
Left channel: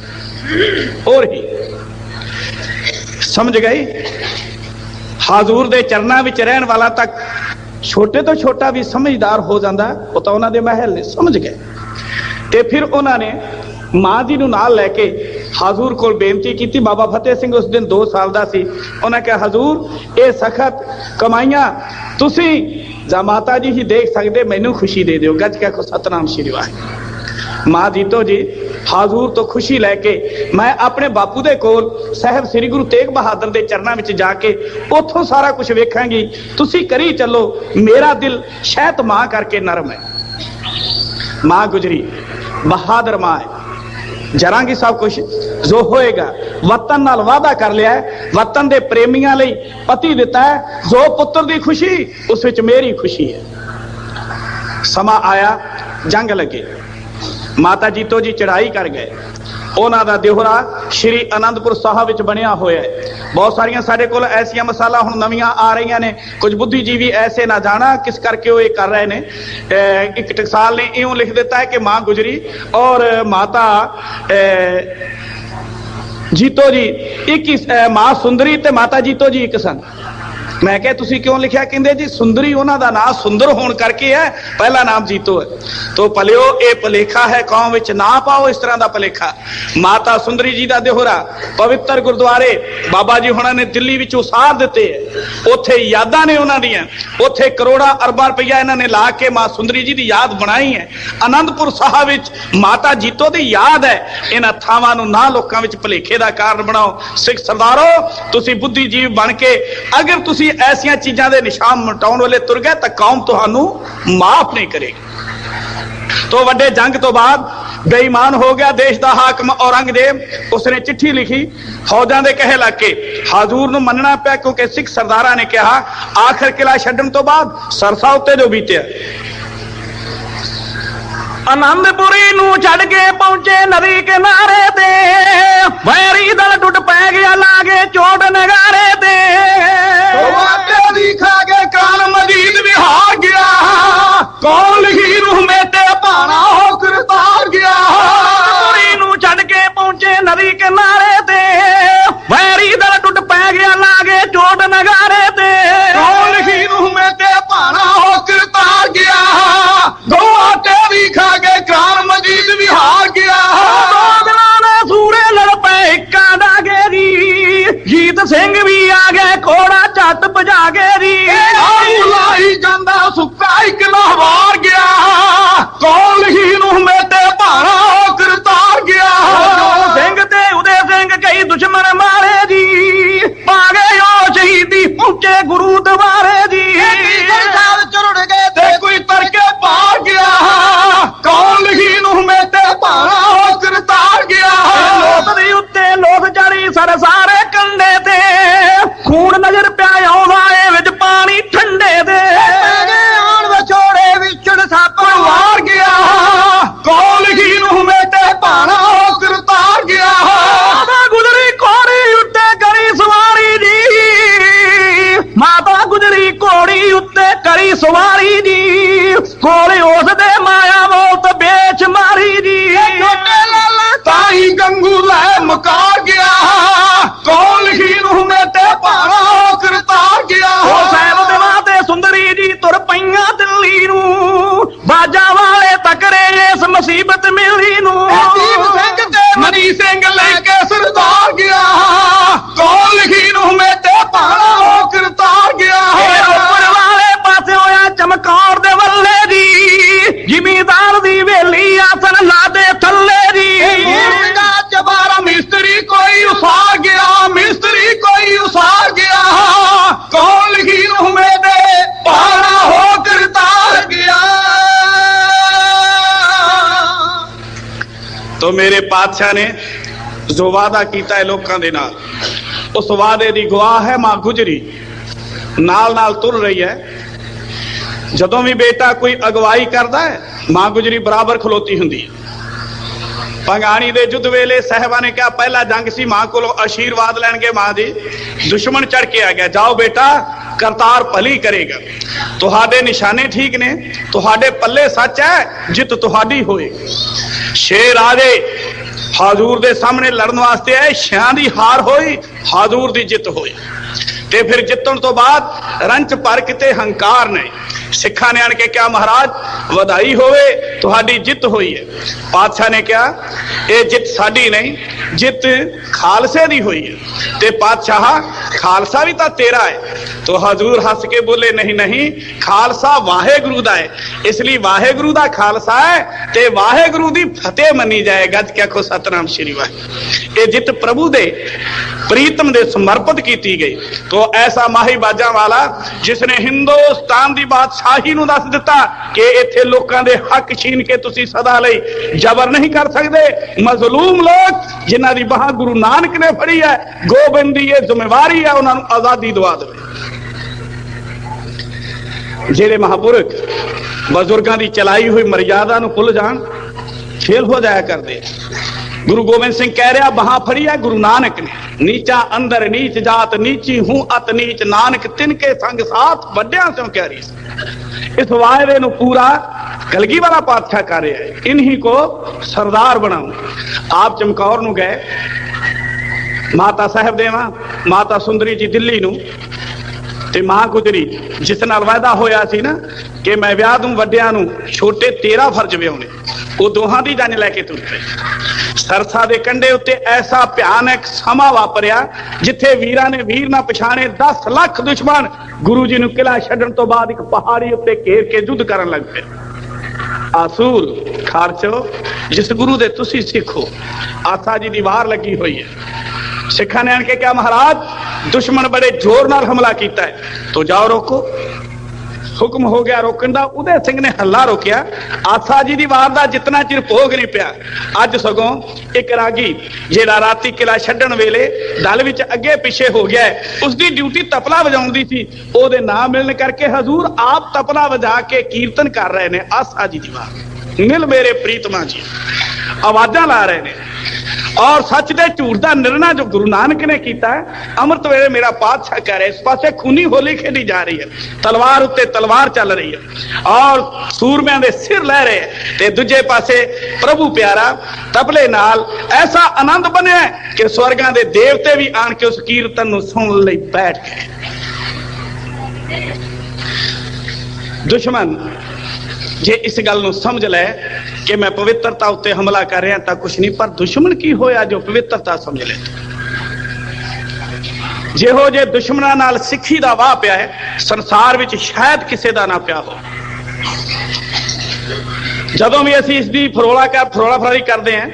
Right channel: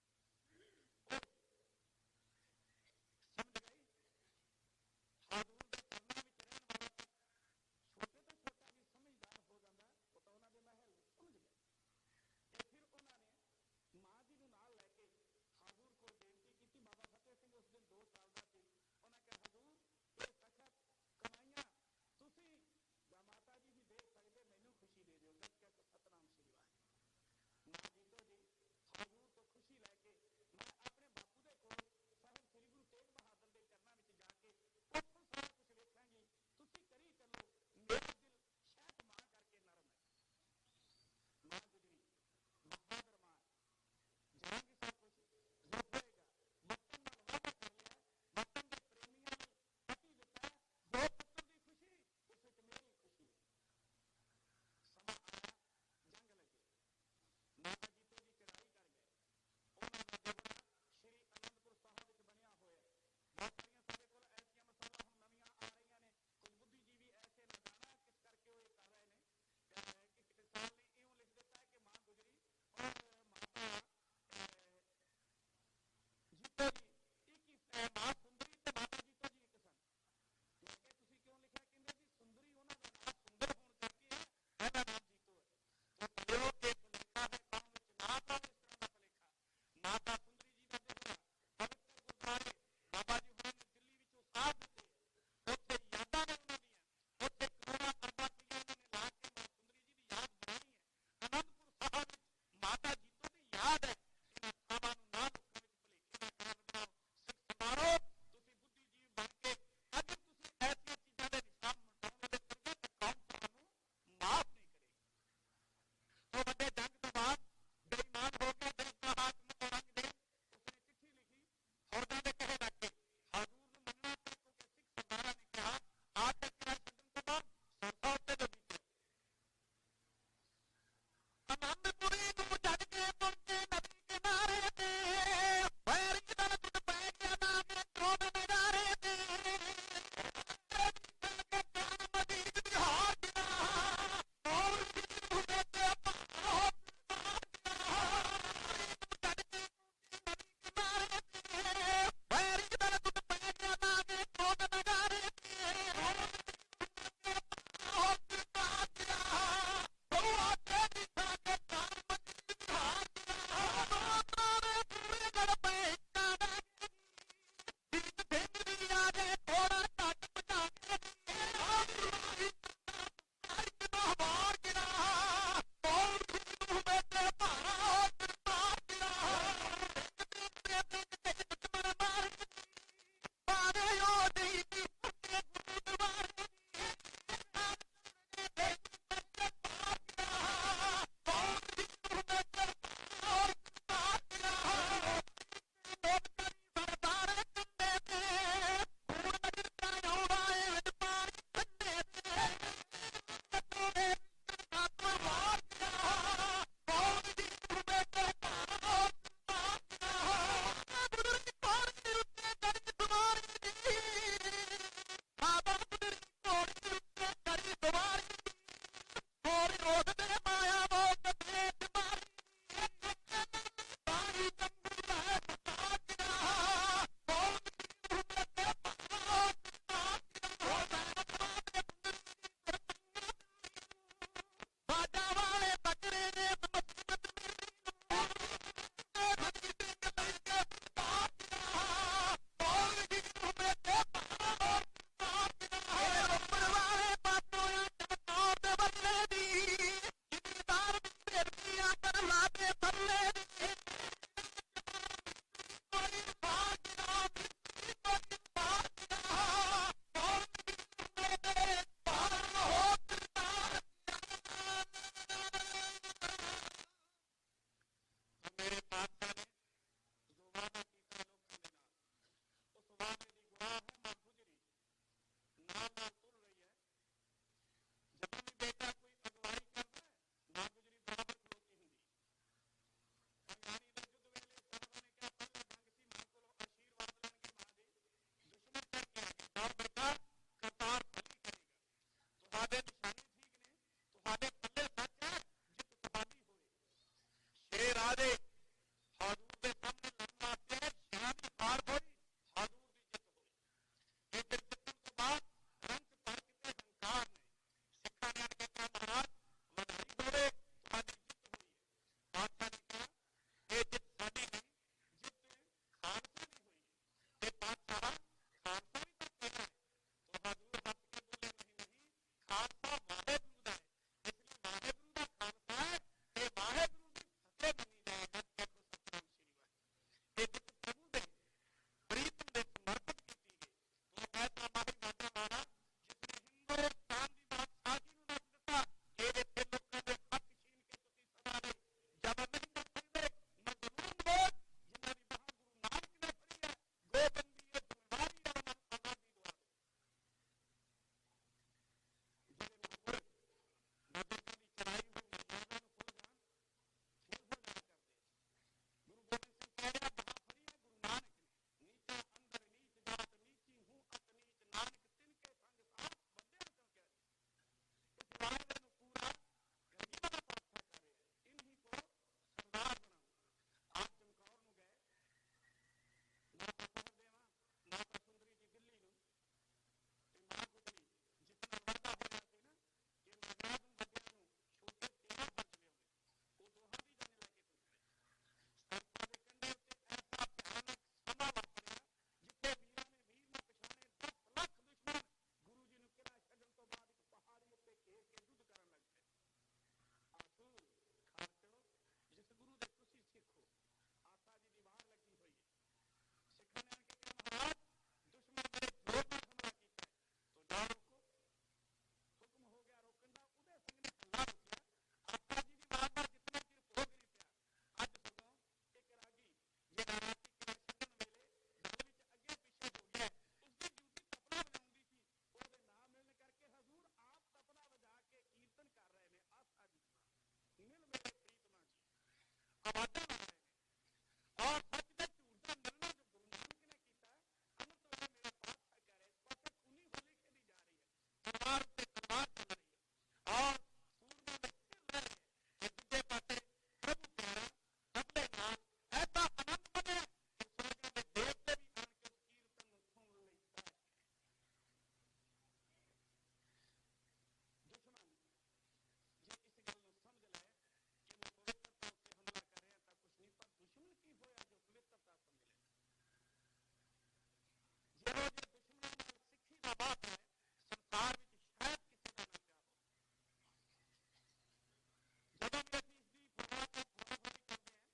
ਹੋਰ ਹੀ। ਸਮਝ ਗਈ? ਹਾਜ਼ੂਰ ਦੇ ਚਰਨਾਂ ਵਿੱਚ ਰਹਿਣ ਵਾਲਾ ਤੱਕ ਛੋਟੇ ਤੋਂ ਛੋਟਾ ਵੀ ਸਮਝਦਾਰ ਹੋ ਜਾਂਦਾ, ਉਹ ਤਾਂ ਉਹਨਾਂ ਦੇ ਮਹਿਲ ਨੇ। ਸਮਝ ਗਏ? ਤੇ ਫਿਰ ਉਹਨਾਂ ਨੇ ਮਾਂ ਜੀ ਨੂੰ ਨਾਲ ਲੈ ਕੇ ਹਾਜ਼ੂਰ ਕੋਲ ਬੇਨਤੀ ਕੀਤੀ। ਬਾਬਾ ਫਤਿਹ ਸਿੰਘ ਉਸ ਦਿਨ 2 ਸਾਲ ਦਾ ਸੀ। ਉਹਨਾਂ ਕਿਹਾ, ਹਜ਼ੂਰ ਇਹ ਸਖਤ ਕਮਾਈਆਂ ਤੁਸੀਂ ਜਾਂ ਮਾਤਾ ਜੀ ਹੀ ਦੇਖ ਸਕਦੇ, ਮੈਨੂੰ ਖੁਸ਼ੀ ਦੇ ਦਿਓ। ਗੱਜ ਕੇ ਆਖੋ ਸਤਨਾਮ ਸ਼੍ਰੀ ਵਾਹਿਗੁਰੂ। ਮਾਂ ਜੀਤੋ ਜੀ ਹਾਜ਼ੂਰ ਤੋਂ ਖੁਸ਼ੀ ਲੈ ਕੇ ਮੈਂ ਆਪਣੇ ਬਾਪੂ ਦੇ ਕੋਲ ਸਾਹਿਬ ਸ੍ਰੀ ਗੁਰੂ ਤੇਗ ਬਹਾਦਰ ਦੇ ਚਰਨਾਂ ਵਿੱਚ ਜਾ ਕੇ ਉੱਥੋਂ ਸਾਰਾ ਕੁਝ ਵੇਖਾਂਗੀ, ਤੁਸੀਂ ਕਰੀ ਚੱਲੋ, ਮੇਰਾ ਦਿਲ ਸ਼ਹਿਤ ਮਾਂ ਕਰਕੇ ਨਰਮ ਹੈ। ਮਾਂ ਗੁਜਰੀ ਬਹਾਦਰ ਮਾਂ ਹੈ, ਜਰਾਂਗੀ ਸਭ ਕੁਝ ਜੋ ਹੋਏਗਾ। ਵਤਨ ਨਾਲ ਵਾਅਦਾ ਕਰ ਲਿਆ ਹੈ, ਵਤਨ ਦੇ ਪ੍ਰੇਮੀਆਂ ਲਈ ਪਤੀ ਦਿੱਤਾ ਹੈ, ਜੋ ਪੁੱਤਰ ਦੀ ਖੁਸ਼ੀ ਉਸ ਵਿੱਚ ਮੇਰੀ ਖੁਸ਼ੀ ਹੈ। ਸਮਾਂ ਆਇਆ, ਜੰਗ ਲੱਗੇ, ਮਾਤਾ ਜੀਤੋ ਜੀ ਚੜਾਈ ਕਰ ਗਏ। ਉਹਨਾਂ ਦਾ ਦਿਹੁਰਾ ਸ਼੍ਰੀ ਅਨੰਦਪੁਰ ਸਾਹਿਬ ਵਿੱਚ ਬਣਿਆ ਹੋਇਆ ਹੈ। ਬਹੁਤ ਸਾਰੀਆਂ ਸਾਡੇ ਕੋਲ ਐਸੀਆਂ ਮਸਾਲਾ ਹੁਣ ਨਵੀਆਂ ਆ ਰਹੀਆਂ ਨੇ, ਕੁਝ ਬੁੱਧੀਜੀਵੀ ਐਸੇ ਨਾ ਜਾਣਾ ਕਿਸ ਕਰਕੇ ਉਹ ਇਹ ਕਰ ਰਹੇ ਨੇ। ਇੱਕ ਟਕਸਾਲ ਨੇ ਇਉਂ ਲਿਖ ਦਿੱਤਾ ਹੈ ਕਿ ਮਾਂ ਗੁਜਰੀ ਔਰ ਮਾਤਾ ਜੀਤੋ ਜੀ ਇੱਕ, ਮਾਂ ਸੁੰਦਰੀ ਤੇ ਮਾਤਾ ਜੀਤੋ ਜੀ ਇੱਕ ਸਨ। ਮੈਂ ਕਿਹਾ ਤੁਸੀਂ ਕਿਉਂ ਲਿਖਿਆ? ਕਹਿੰਦੇ ਜੀ ਸੁੰਦਰੀ ਉਹਨਾਂ ਦਾ ਨਾਮ ਸੁੰਦਰ ਹੋਣ ਕਰਕੇ ਹੈ, ਪਹਿਲਾ ਨਾਮ ਜੀਤੋ ਹੈ। ਤੋ ਭਲਿਓ ਇਹ ਭਲੇਖਾ ਹੈ, ਕੌਮ ਵਿੱਚ ਨਾ ਪਾਓ ਇਸ ਤਰ੍ਹਾਂ ਦਾ ਭਲੇਖਾ। ਮਾਤਾ ਸੁੰਦਰੀ ਜੀ ਦਾ ਦਿਹੁਰਾ ਪਵਿੱਤਰ ਗੁਰਦੁਆਰੇ ਬਾਬਾ ਜੀ ਹੁਣਾਂ ਨੇ ਦਿੱਲੀ ਵਿੱਚ ਉਸਾਰ ਦਿੱਤੇ ਹੈ। ਉੱਥੇ ਯਾਦਾਂ ਨੇ ਉਹਨਾਂ ਦੀਆਂ, ਉੱਥੇ ਕਰੋੜਾਂ ਅਰਬਾਂ ਰੁਪਈਆ ਇਹਨਾਂ ਨੇ ਲਾ ਕੇ ਮਾਂ ਸੁੰਦਰੀ ਜੀ ਦੀ ਯਾਦ ਬਣਾਈ ਹੈ। ਅਨੰਦਪੁਰ ਸਾਹਿਬ ਵਿੱਚ ਮਾਤਾ ਜੀਤੋ ਦੀ ਯਾਦ ਹੈ। ਇਹਨਾਂ ਥਾਵਾਂ ਨੂੰ ਨਾ ਲੋਕਾਂ ਵਿੱਚ ਭਲੇਖੇ ਦਾ ਕਾਰਨ ਬਣਾਓ। ਸਿੱਖ ਸਰਦਾਰੋ, ਤੁਸੀਂ ਬੁੱਧੀਜੀਵ ਬਣ ਕੇ ਅਗਰ ਤੁਸੀਂ ਐਸੀਆਂ ਚੀਜ਼ਾਂ ਦੇ ਨਿਸ਼ਾਨ ਮਿਟਾਉਣ ਵਾਲੇ ਤੁਰ ਗਏ ਤਾਂ ਕੌਮ ਤੁਹਾਨੂੰ ਮਾਫ ਨਹੀਂ ਕਰੇਗੀ। ਤੋਂ ਵੱਡੇ ਜੰਗ ਤੋਂ ਬਾਅਦ ਬੇਈਮਾਨ ਹੋ ਗਿਆ ਦੇਸ਼ ਦਾ ਹਾਕਮ ਔਰੰਗਜ਼ੇਬ। ਉਸਨੇ ਚਿੱਠੀ ਲਿਖੀ, ਫੌਜਾਂ ਦੇ ਕਹੇ ਲੱਗ ਕੇ ਹਾਜ਼ੂਰ ਨੂੰ ਮੰਨਣਾ ਪਿਆ, ਕਿਉਂਕਿ ਸਿੱਖ ਸਰਦਾਰਾਂ ਨੇ ਕਿਹਾ ਆਖਰ ਕਿਲਾ ਛੱਡਣ ਤੋਂ ਬਾਅਦ ਸਰਸਾ ਉੱਤੇ ਜੋ ਬੀਤਿਆ। ਆਨੰਦਪੁਰੀ ਨੂੰ ਛੱਡ ਕੇ ਪਹੁੰਚੇ ਨਦੀ ਕਿਨਾਰੇ ਤੇ, ਵੈਰੀ ਦਲ ਟੁੱਟ ਪੈ ਗਿਆ ਲਾਗੇ ਚੋਟ ਨਗਾਰੇ ਤੇ। ਦੀ ਖਾ ਕੇ ਕਾਲ ਮਜੀਦ ਵੀ ਹਾਰ ਗਿਆ, ਕੌਣ ਲਿਖੀ ਰੂਹ ਮੇਤੇ ਭਾਣਾ ਹੋ ਕਰਤਾਰ ਗਿਆ। ਆਨੰਦਪੁਰੀ ਨੂੰ ਛੱਡ ਕੇ ਪਹੁੰਚੇ ਨਦੀ ਕਿਨਾਰੇ ਤੇ, ਵੈਰੀ ਦਲ ਟੁੱਟ ਪੈ ਗਿਆ ਲਾਗੇ ਚੋਟ ਨਗਾਰੇ ਤੇ। ਕੌਣ ਲਿਖੀ ਰੂਹ ਮੇਤੇ ਭਾਣਾ ਹੋ ਕਰਤਾਰ ਗਿਆ, ਗੋਆ ਤੇਰੀ ਖਾ ਕੇ ਕਾਲ ਮਜੀਦ ਵੀ ਹਾਰ ਗਿਆ। ਦੋ ਦਿਨਾਂ ਦੇ ਸੂਰੇ ਲੜ ਪਏ ਇੱਕਾਂ ਦਾ ਗੇਰੀ, ਜੀਤ ਸਿੰਘ ਵੀ ਆ ਗਏ ਕੋੜਾ ਝੱਟ ਭਜਾ ਗੇਰੀ। ਲਾਈ ਜਾਂਦਾ ਸੁੱਕਾ ਇੱਕ ਲਹਵਾਰ ਗਿਆ, ਕੌਣ ਲਿਖੀ ਰੂਹ ਮੇਤੇ ਭਾਣਾ ਹੋ ਕਰਤਾਰ ਗਿਆ। ਜੋ ਸਿੰਘ ਤੇ ਉਦੇ ਸਿੰਘ ਕਈ ਦੁਸ਼ਮਣ ਮਾਰੇ ਜੀ, ਪਾ ਗਏ ਉਹ ਸ਼ਹੀਦੀ ਪਹੁੰਚੇ ਗੁਰੂ ਦਵਾਰੇ ਜੀ। ਚੁਰੜ ਗਏ ਤੇ ਕੋਈ ਤਰਕੇ ਪਾਰ ਗਿਆ, ਕੌਣ ਲਿਖੀ ਰੂਹ ਮੇਤੇ ਭਾਣਾ ਹੋ ਕਰਤਾਰ ਗਿਆ। ਲੋਕ ਦੇ ਉੱਤੇ ਲੋਕ ਚੜੀ ਸਰ ਸਾਰੇ ਕੰਡੇ ਤੇ, ਖੂਨ ਨਜ਼ਰ ਪਿਆ ਆਉਂਦਾ ਏ ਵਿੱਚ ਪਾਣੀ ਠੰਡੇ ਦੇ। ਆਣ ਵਿਛੋੜੇ ਵਿਛੜ ਸੱਪ ਵਾਰ ਗਿਆ, ਕੌਣ ਲਿਖੀ ਰੂਹ ਮੇਤੇ ਭਾਣਾ ਹੋ ਕਰਤਾਰ ਗਿਆ। ਮਾਤਾ ਗੁਜਰੀ ਘੋੜੀ ਉੱਤੇ ਕਰੀ ਸਵਾਰੀ ਜੀ, ਮਾਤਾ ਗੁਜਰੀ ਘੋੜੀ ਉੱਤੇ ਕਰੀ ਸਵਾਰੀ ਜੀ, ਕੋਲੇ ਉਸ ਦੇ ਮਾਇਆ ਮੌਤ ਵੇਚ ਮਾਰੀ ਜੀ। ਛੋਟੇ ਲਾਲਾ ਤਾਈ ਗੰਗੂ ਲੈ ਮੁਕਾਰ ਗਿਆ, ਕੌਣ ਲਿਖੀ ਰੂਹ ਮੇਤੇ ਭਾਣਾ ਹੋ ਕਰਤਾਰ ਗਿਆ। ਉਹ ਸਾਹਿਬ ਦੇਵਾ ਤੇ ਸੁੰਦਰੀ ਜੀ ਤੁਰ ਪਈਆਂ ਦਿੱਲੀ ਨੂੰ, ਬਾਜਾਂ ਵਾਲੇ ਤਕਰੇ ਇਸ ਮੁਸੀਬਤ ਮਿਲੀ ਨੂੰ। ਦੀਪ ਸਿੰਘ ਤੇ ਮਨੀ ਸਿੰਘ ਲੈ ਕੇ ਸਰਦਾਰ ਗਿਆ ਕੋਲ ਲਿਖੀ ਨੂੰ ਮੇਤੇ ਪਾਣਾ ਹੋ ਕਰਤਾ ਗਿਆ ਉੱਪਰ ਵਾਲੇ ਪਾਸੇ ਹੋਇਆ ਚਮਕੌਰ ਦੇ ਵੱਲੇ ਦੀ ਜ਼ਿਮੀਦਾਰ ਦੀ ਵੇਲੀ ਆਸਨ ਲਾਦੇ ਥੱਲੇ ਦੀ ਚਬਾਰਾ ਮਿਸਤਰੀ ਕੋਈ ਉਸਾਰ ਗਿਆ ਮਿਸਤਰੀ ਕੋਈ ਉਸਾਰ ਗਿਆ ਕੋਲ ਲਿਖੀ ਨੂੰ ਮੇਤੇ ਪਾਣਾ ਹੋ ਕਰਤਾ ਗਿਆ। तो मेरे पातशाह ने जो वादा किया है लोगों के नाल, उस वादे की गवाह है मां गुजरी, नाल नाल तुर रही है। जदों भी बेटा कोई अगवाई करता है मां गुजरी बराबर खलोती हुंदी है। पंगाणी दे युद्ध वेले साहिबा ने कहा पहला जंग सी, मां को आशीर्वाद लैणगे मां जी, दुश्मन चढ़ के आ गया, जाओ बेटा करतार भली करेगा, तुहाडे निशाने ठीक ने, तुहाडे पल्ले सच है, जित तुहाडी होएगी। शेर आजे हाजूर दे सामने लड़न वास्ते आए, शियां दी हार होई, हाजूर दी जित होई। ते फिर जितन तो बाद रंच पर किते हंकार ने सिखा ने आन के क्या महाराज वधाई होवे तुहाडी जित हुई है। पातशाह ने कहा ये जित साडी नहीं, जित खालसे दी हुई है। ते पातशाह खालसा भी तो तेरा है। तो हजूर हस के बोले नहीं नहीं, खालसा वाहेगुरु दा है, इसलिए वाहेगुरु दा खालसा है ते वाहेगुरु दी फतेह मनी जाए। गज क्या को सतनाम श्री वाहे। ये जित प्रभु दे प्रीतम दे समर्पित की गई। तो ऐसा माही बाजा वाला जिसने हिंदुस्तान की बादशाही नूं दस दिता कि इत्थे लोकां दे हक छीन के तुसी सदा लई जबर नहीं कर सकते। मजलूम लोग जिन्हां दी बाह गुरु नानक ने फड़ी है, गोबिंद दी ये जिम्मेवारी है उन्हां नूं आजादी दवा दे। जेड़े महापुरख बजुर्गों की चलाई हुई मर्यादा नूं भुल जाण, फेल हो जाया करते। गुरु गोबिंद सिंह कह रहा बहां फड़ी है गुरु नानक ने, नीचा अंदर नीच जात नीची हूं अत नीच, नानक तिनके संग साथ वड्डियां स्यों क्यारी। इस वायदे नूं पूरा कलगी वाला पातशाह कर रहा है, इन्हीं को सरदार बनाऊं। आप चमकौर नूं गए, माता साहब देवा माता सुंदरी जी दिल्ली नूं ते मां गुजरी जिस नाल वायदा होया सी ना कि मैं विआह दूं वड्डियां नूं, छोटे 13 फर्ज विआउणे, वो दोहां दी जान लैके तुर पए। सरसा दे कंढे उत्ते ऐसा भयानक समा वापरिया जिथे वीरां ने वीर ना पछाणे 10 लाख दुश्मन गुरु जी नूं किला छड्डण तो बाद एक पहाड़ी उत्ते घेर के युद्ध करन लग पे। आसूर खारचो जिस गुरु दे तुसी सिखो, आसा जी दी वार लगी हुई है। सिखा ने आन के क्या महाराज दुश्मन बड़े जोर नाल हमला कीता है, तो जाओ रोको। हुक्म हो गया रोकण दा, उदय सिंह ने हल्ला रोकिया। आसा जी दी वार दा जितना चिर भोग नहीं पिया, अज सगों एक रागी जेड़ा राती किला छड्डण वेले दल विच अगे पिछे हो गया है, उसकी ड्यूटी तपला वजाउण दी सी, ओदे ना मिलण करके हजूर आप तपला वजा के कीर्तन कर रहे ने। आसा जी दी वार मिल मेरे प्रीतमा जी आवाजां ला रहे ने। और सच दे झूठ दा निर्णय जो गुरु नानक ने किया है, अमृत वेले मेरा पातशाह कह रहे, इस पासे खूनी होली खेली जा रही है, तलवार उत्ते तलवार चल रही है और सूरमियां दे सिर लह रहे हैं, ते दूजे पासे प्रभु प्यारा तबले नाल ऐसा आनंद बने कि स्वर्गां दे देवते भी आन के उस कीर्तन नूं सुन लई बैठ गए। दुश्मन जे इस गल नूं समझ ले कि मैं पवित्रता उत्ते हमला कर रहा तो कुछ नहीं, पर दुश्मन की होया जो पवित्रता समझ ले। जेहो जे दुश्मनां नाल सिੱਖੀ ਦਾ वाह पिया है, संसार विच शायद किसी का ना पिया हो। जदों भी असीं इसकी फरोला फरारी करते हैं,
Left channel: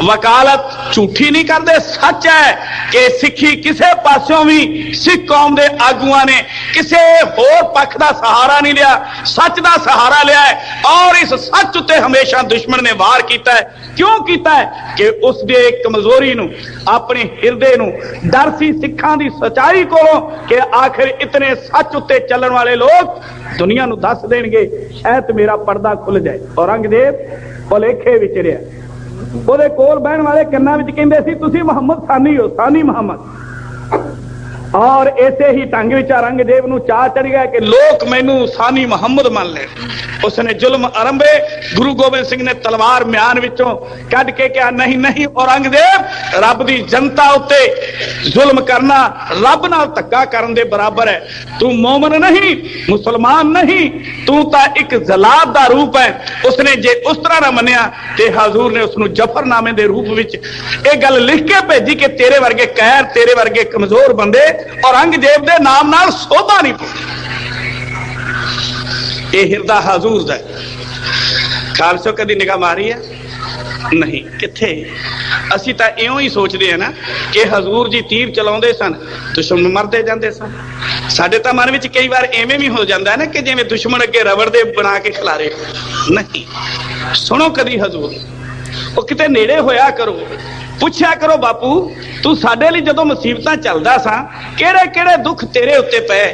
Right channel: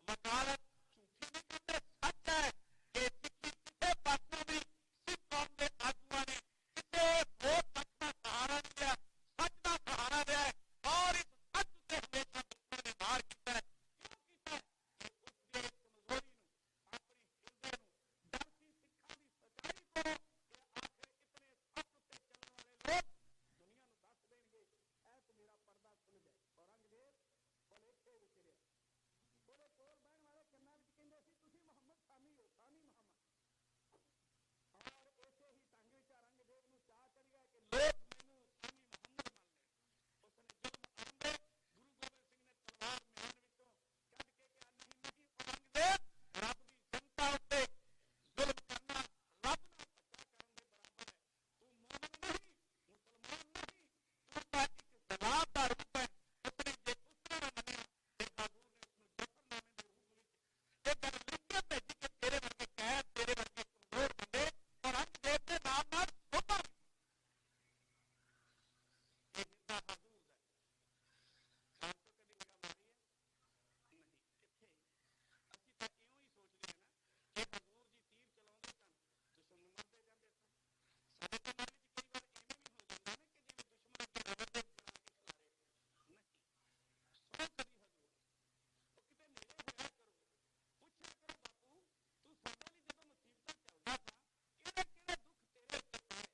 वकालत झूठी नहीं करते, सच है कि सिੱਖੀ किसी पासों भी सिख कौम के आगुआं ने किसी होर पक्ष का सहारा नहीं लिया, सच का सहारा लिया है। और इस सच उत्ते हमेशा दुश्मन ने वार किया है। क्यों किया है कि उसके कमजोरी नूं, अपने हिरदे नूं डर सी सिखां दी सच्चाई कोलों कि आखिर इतने सच उत्ते चलण वाले लोग दुनिया नूं दस देणगे, शायद मेरा पर्दा खुल जाए। औरंगजेब भुलेखे विच रिहा, ਉਹਦੇ ਕੋਲ ਬਹਿਣ ਵਾਲੇ ਕੰਨਾਂ ਵਿੱਚ ਕਹਿੰਦੇ ਸੀ ਤੁਸੀਂ ਮੁਹੰਮਦ ਸਾਨੀ ਹੋ, ਸਾਨੀ ਮੁਹੰਮਦ। ਔਰ ਇਸੇ ਹੀ ਢੰਗ ਵਿੱਚ ਔਰੰਗਜ਼ੇਬ ਨੂੰ ਚਾਹ ਚੜ ਗਿਆ ਕਿ ਲੋਕ ਮੈਨੂੰ ਸਾਨੀ ਮੁਹੰਮਦ ਮੰਨ ਲੈਣ। उसने जुल्म आरंभे। गुरु गोबिंद सिंह ने तलवार म्यान विचों कढ़ के कहा, नहीं नहीं औरंगजेब, रब दी जनता उत्ते जुल्म करना रब नाल धक्का करन दे बराबर है। तू मोमन नहीं, मुसलमान नहीं, तू तां एक जलाद दा रूप है। उसने जे उस तरह ना मन्निया ते हजूर ने उसनू जफरनामे दे रूप विच ये गल लिख के भेजी कि तेरे वर्गे कहर, तेरे वर्गे कमजोर बंदे औरंगजेब दे नाम नाल शोभा नहीं पाउंदे। ये हिरदा हजूर दा खालसो कदी निगाह मारी है नहीं, किथे। असी तां इउं ही सोचते हैं ना कि हजूर जी तीर चलाउंदे सन, दुश्मन मरदे जांदे सन। साडे तां मन विच कई बार एवें भी हो जांदा है ना कि जिवें दुश्मन अगे रबड़ दे बना के खिलारे। नहीं, सुनो कदी हजूर, वो किते नेड़े होया करो, पुछया करो, बापू तू साडे लई जदों मुसीबतां चलदा सा किहड़े किहड़े दुख तेरे उत्ते पए,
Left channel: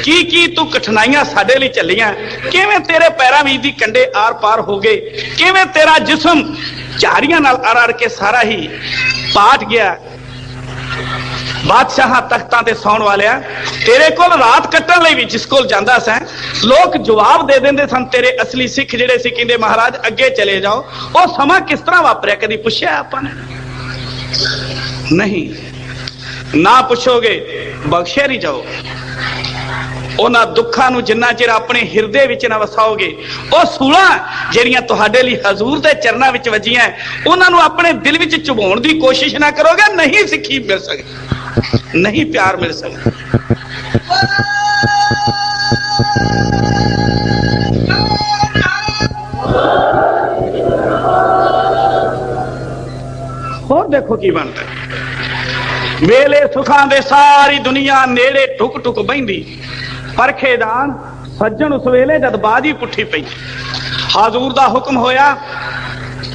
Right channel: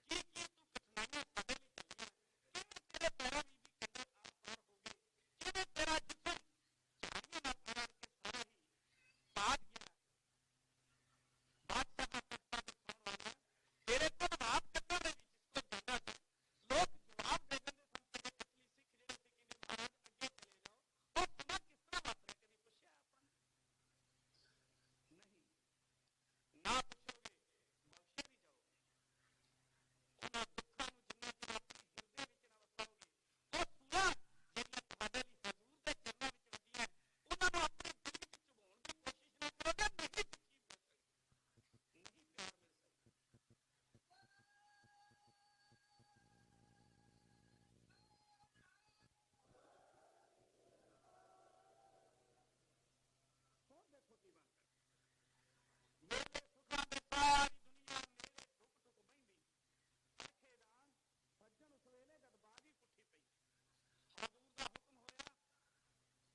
की तू कठिनाइयां साडे लई चलियां, किवें तेरे पैरां वीच दी कंडे आर पार हो गए, किवें तेरा जिस्म झाड़ियां नाल अड़ अड़ के सारा ही पाट गया। बादशाह तख्तां ते सौण वालिया, तेरे कोल रात कट्टण लई भी जिस कोल जांदा सा लोग जवाब दे देंदे सन, तेरे असली सिख जिहड़े सी कहंदे महाराज अगे चले जाओ। वो समा किस तरह वापरिया कदी पुछया आपां ने? नहीं, ना पुछोगे बख्शे नहीं जाओ। उन्हां दुखां नूं जिन्ना चिर अपने हिरदे विच ना वसाओगे, वो सूलां ਜਿਹੜੀਆਂ ਤੁਹਾਡੇ ਲਈ हजूर दे चरनां विच वजियां उन्हां नूं अपने दिल विच चुभाउण दी कोशिश ना करोगे, नहीं सिੱਖੀ मिल सकदी, नहीं प्यार मिल सकदा। और देखो की बनता वेले सुखां दे सारी दुनिया नेड़े टुक टुक बहिंदी, परखेदान सज्जन उस वेले जद बाजी पुठी पई। हजूर दा हुक्म होया,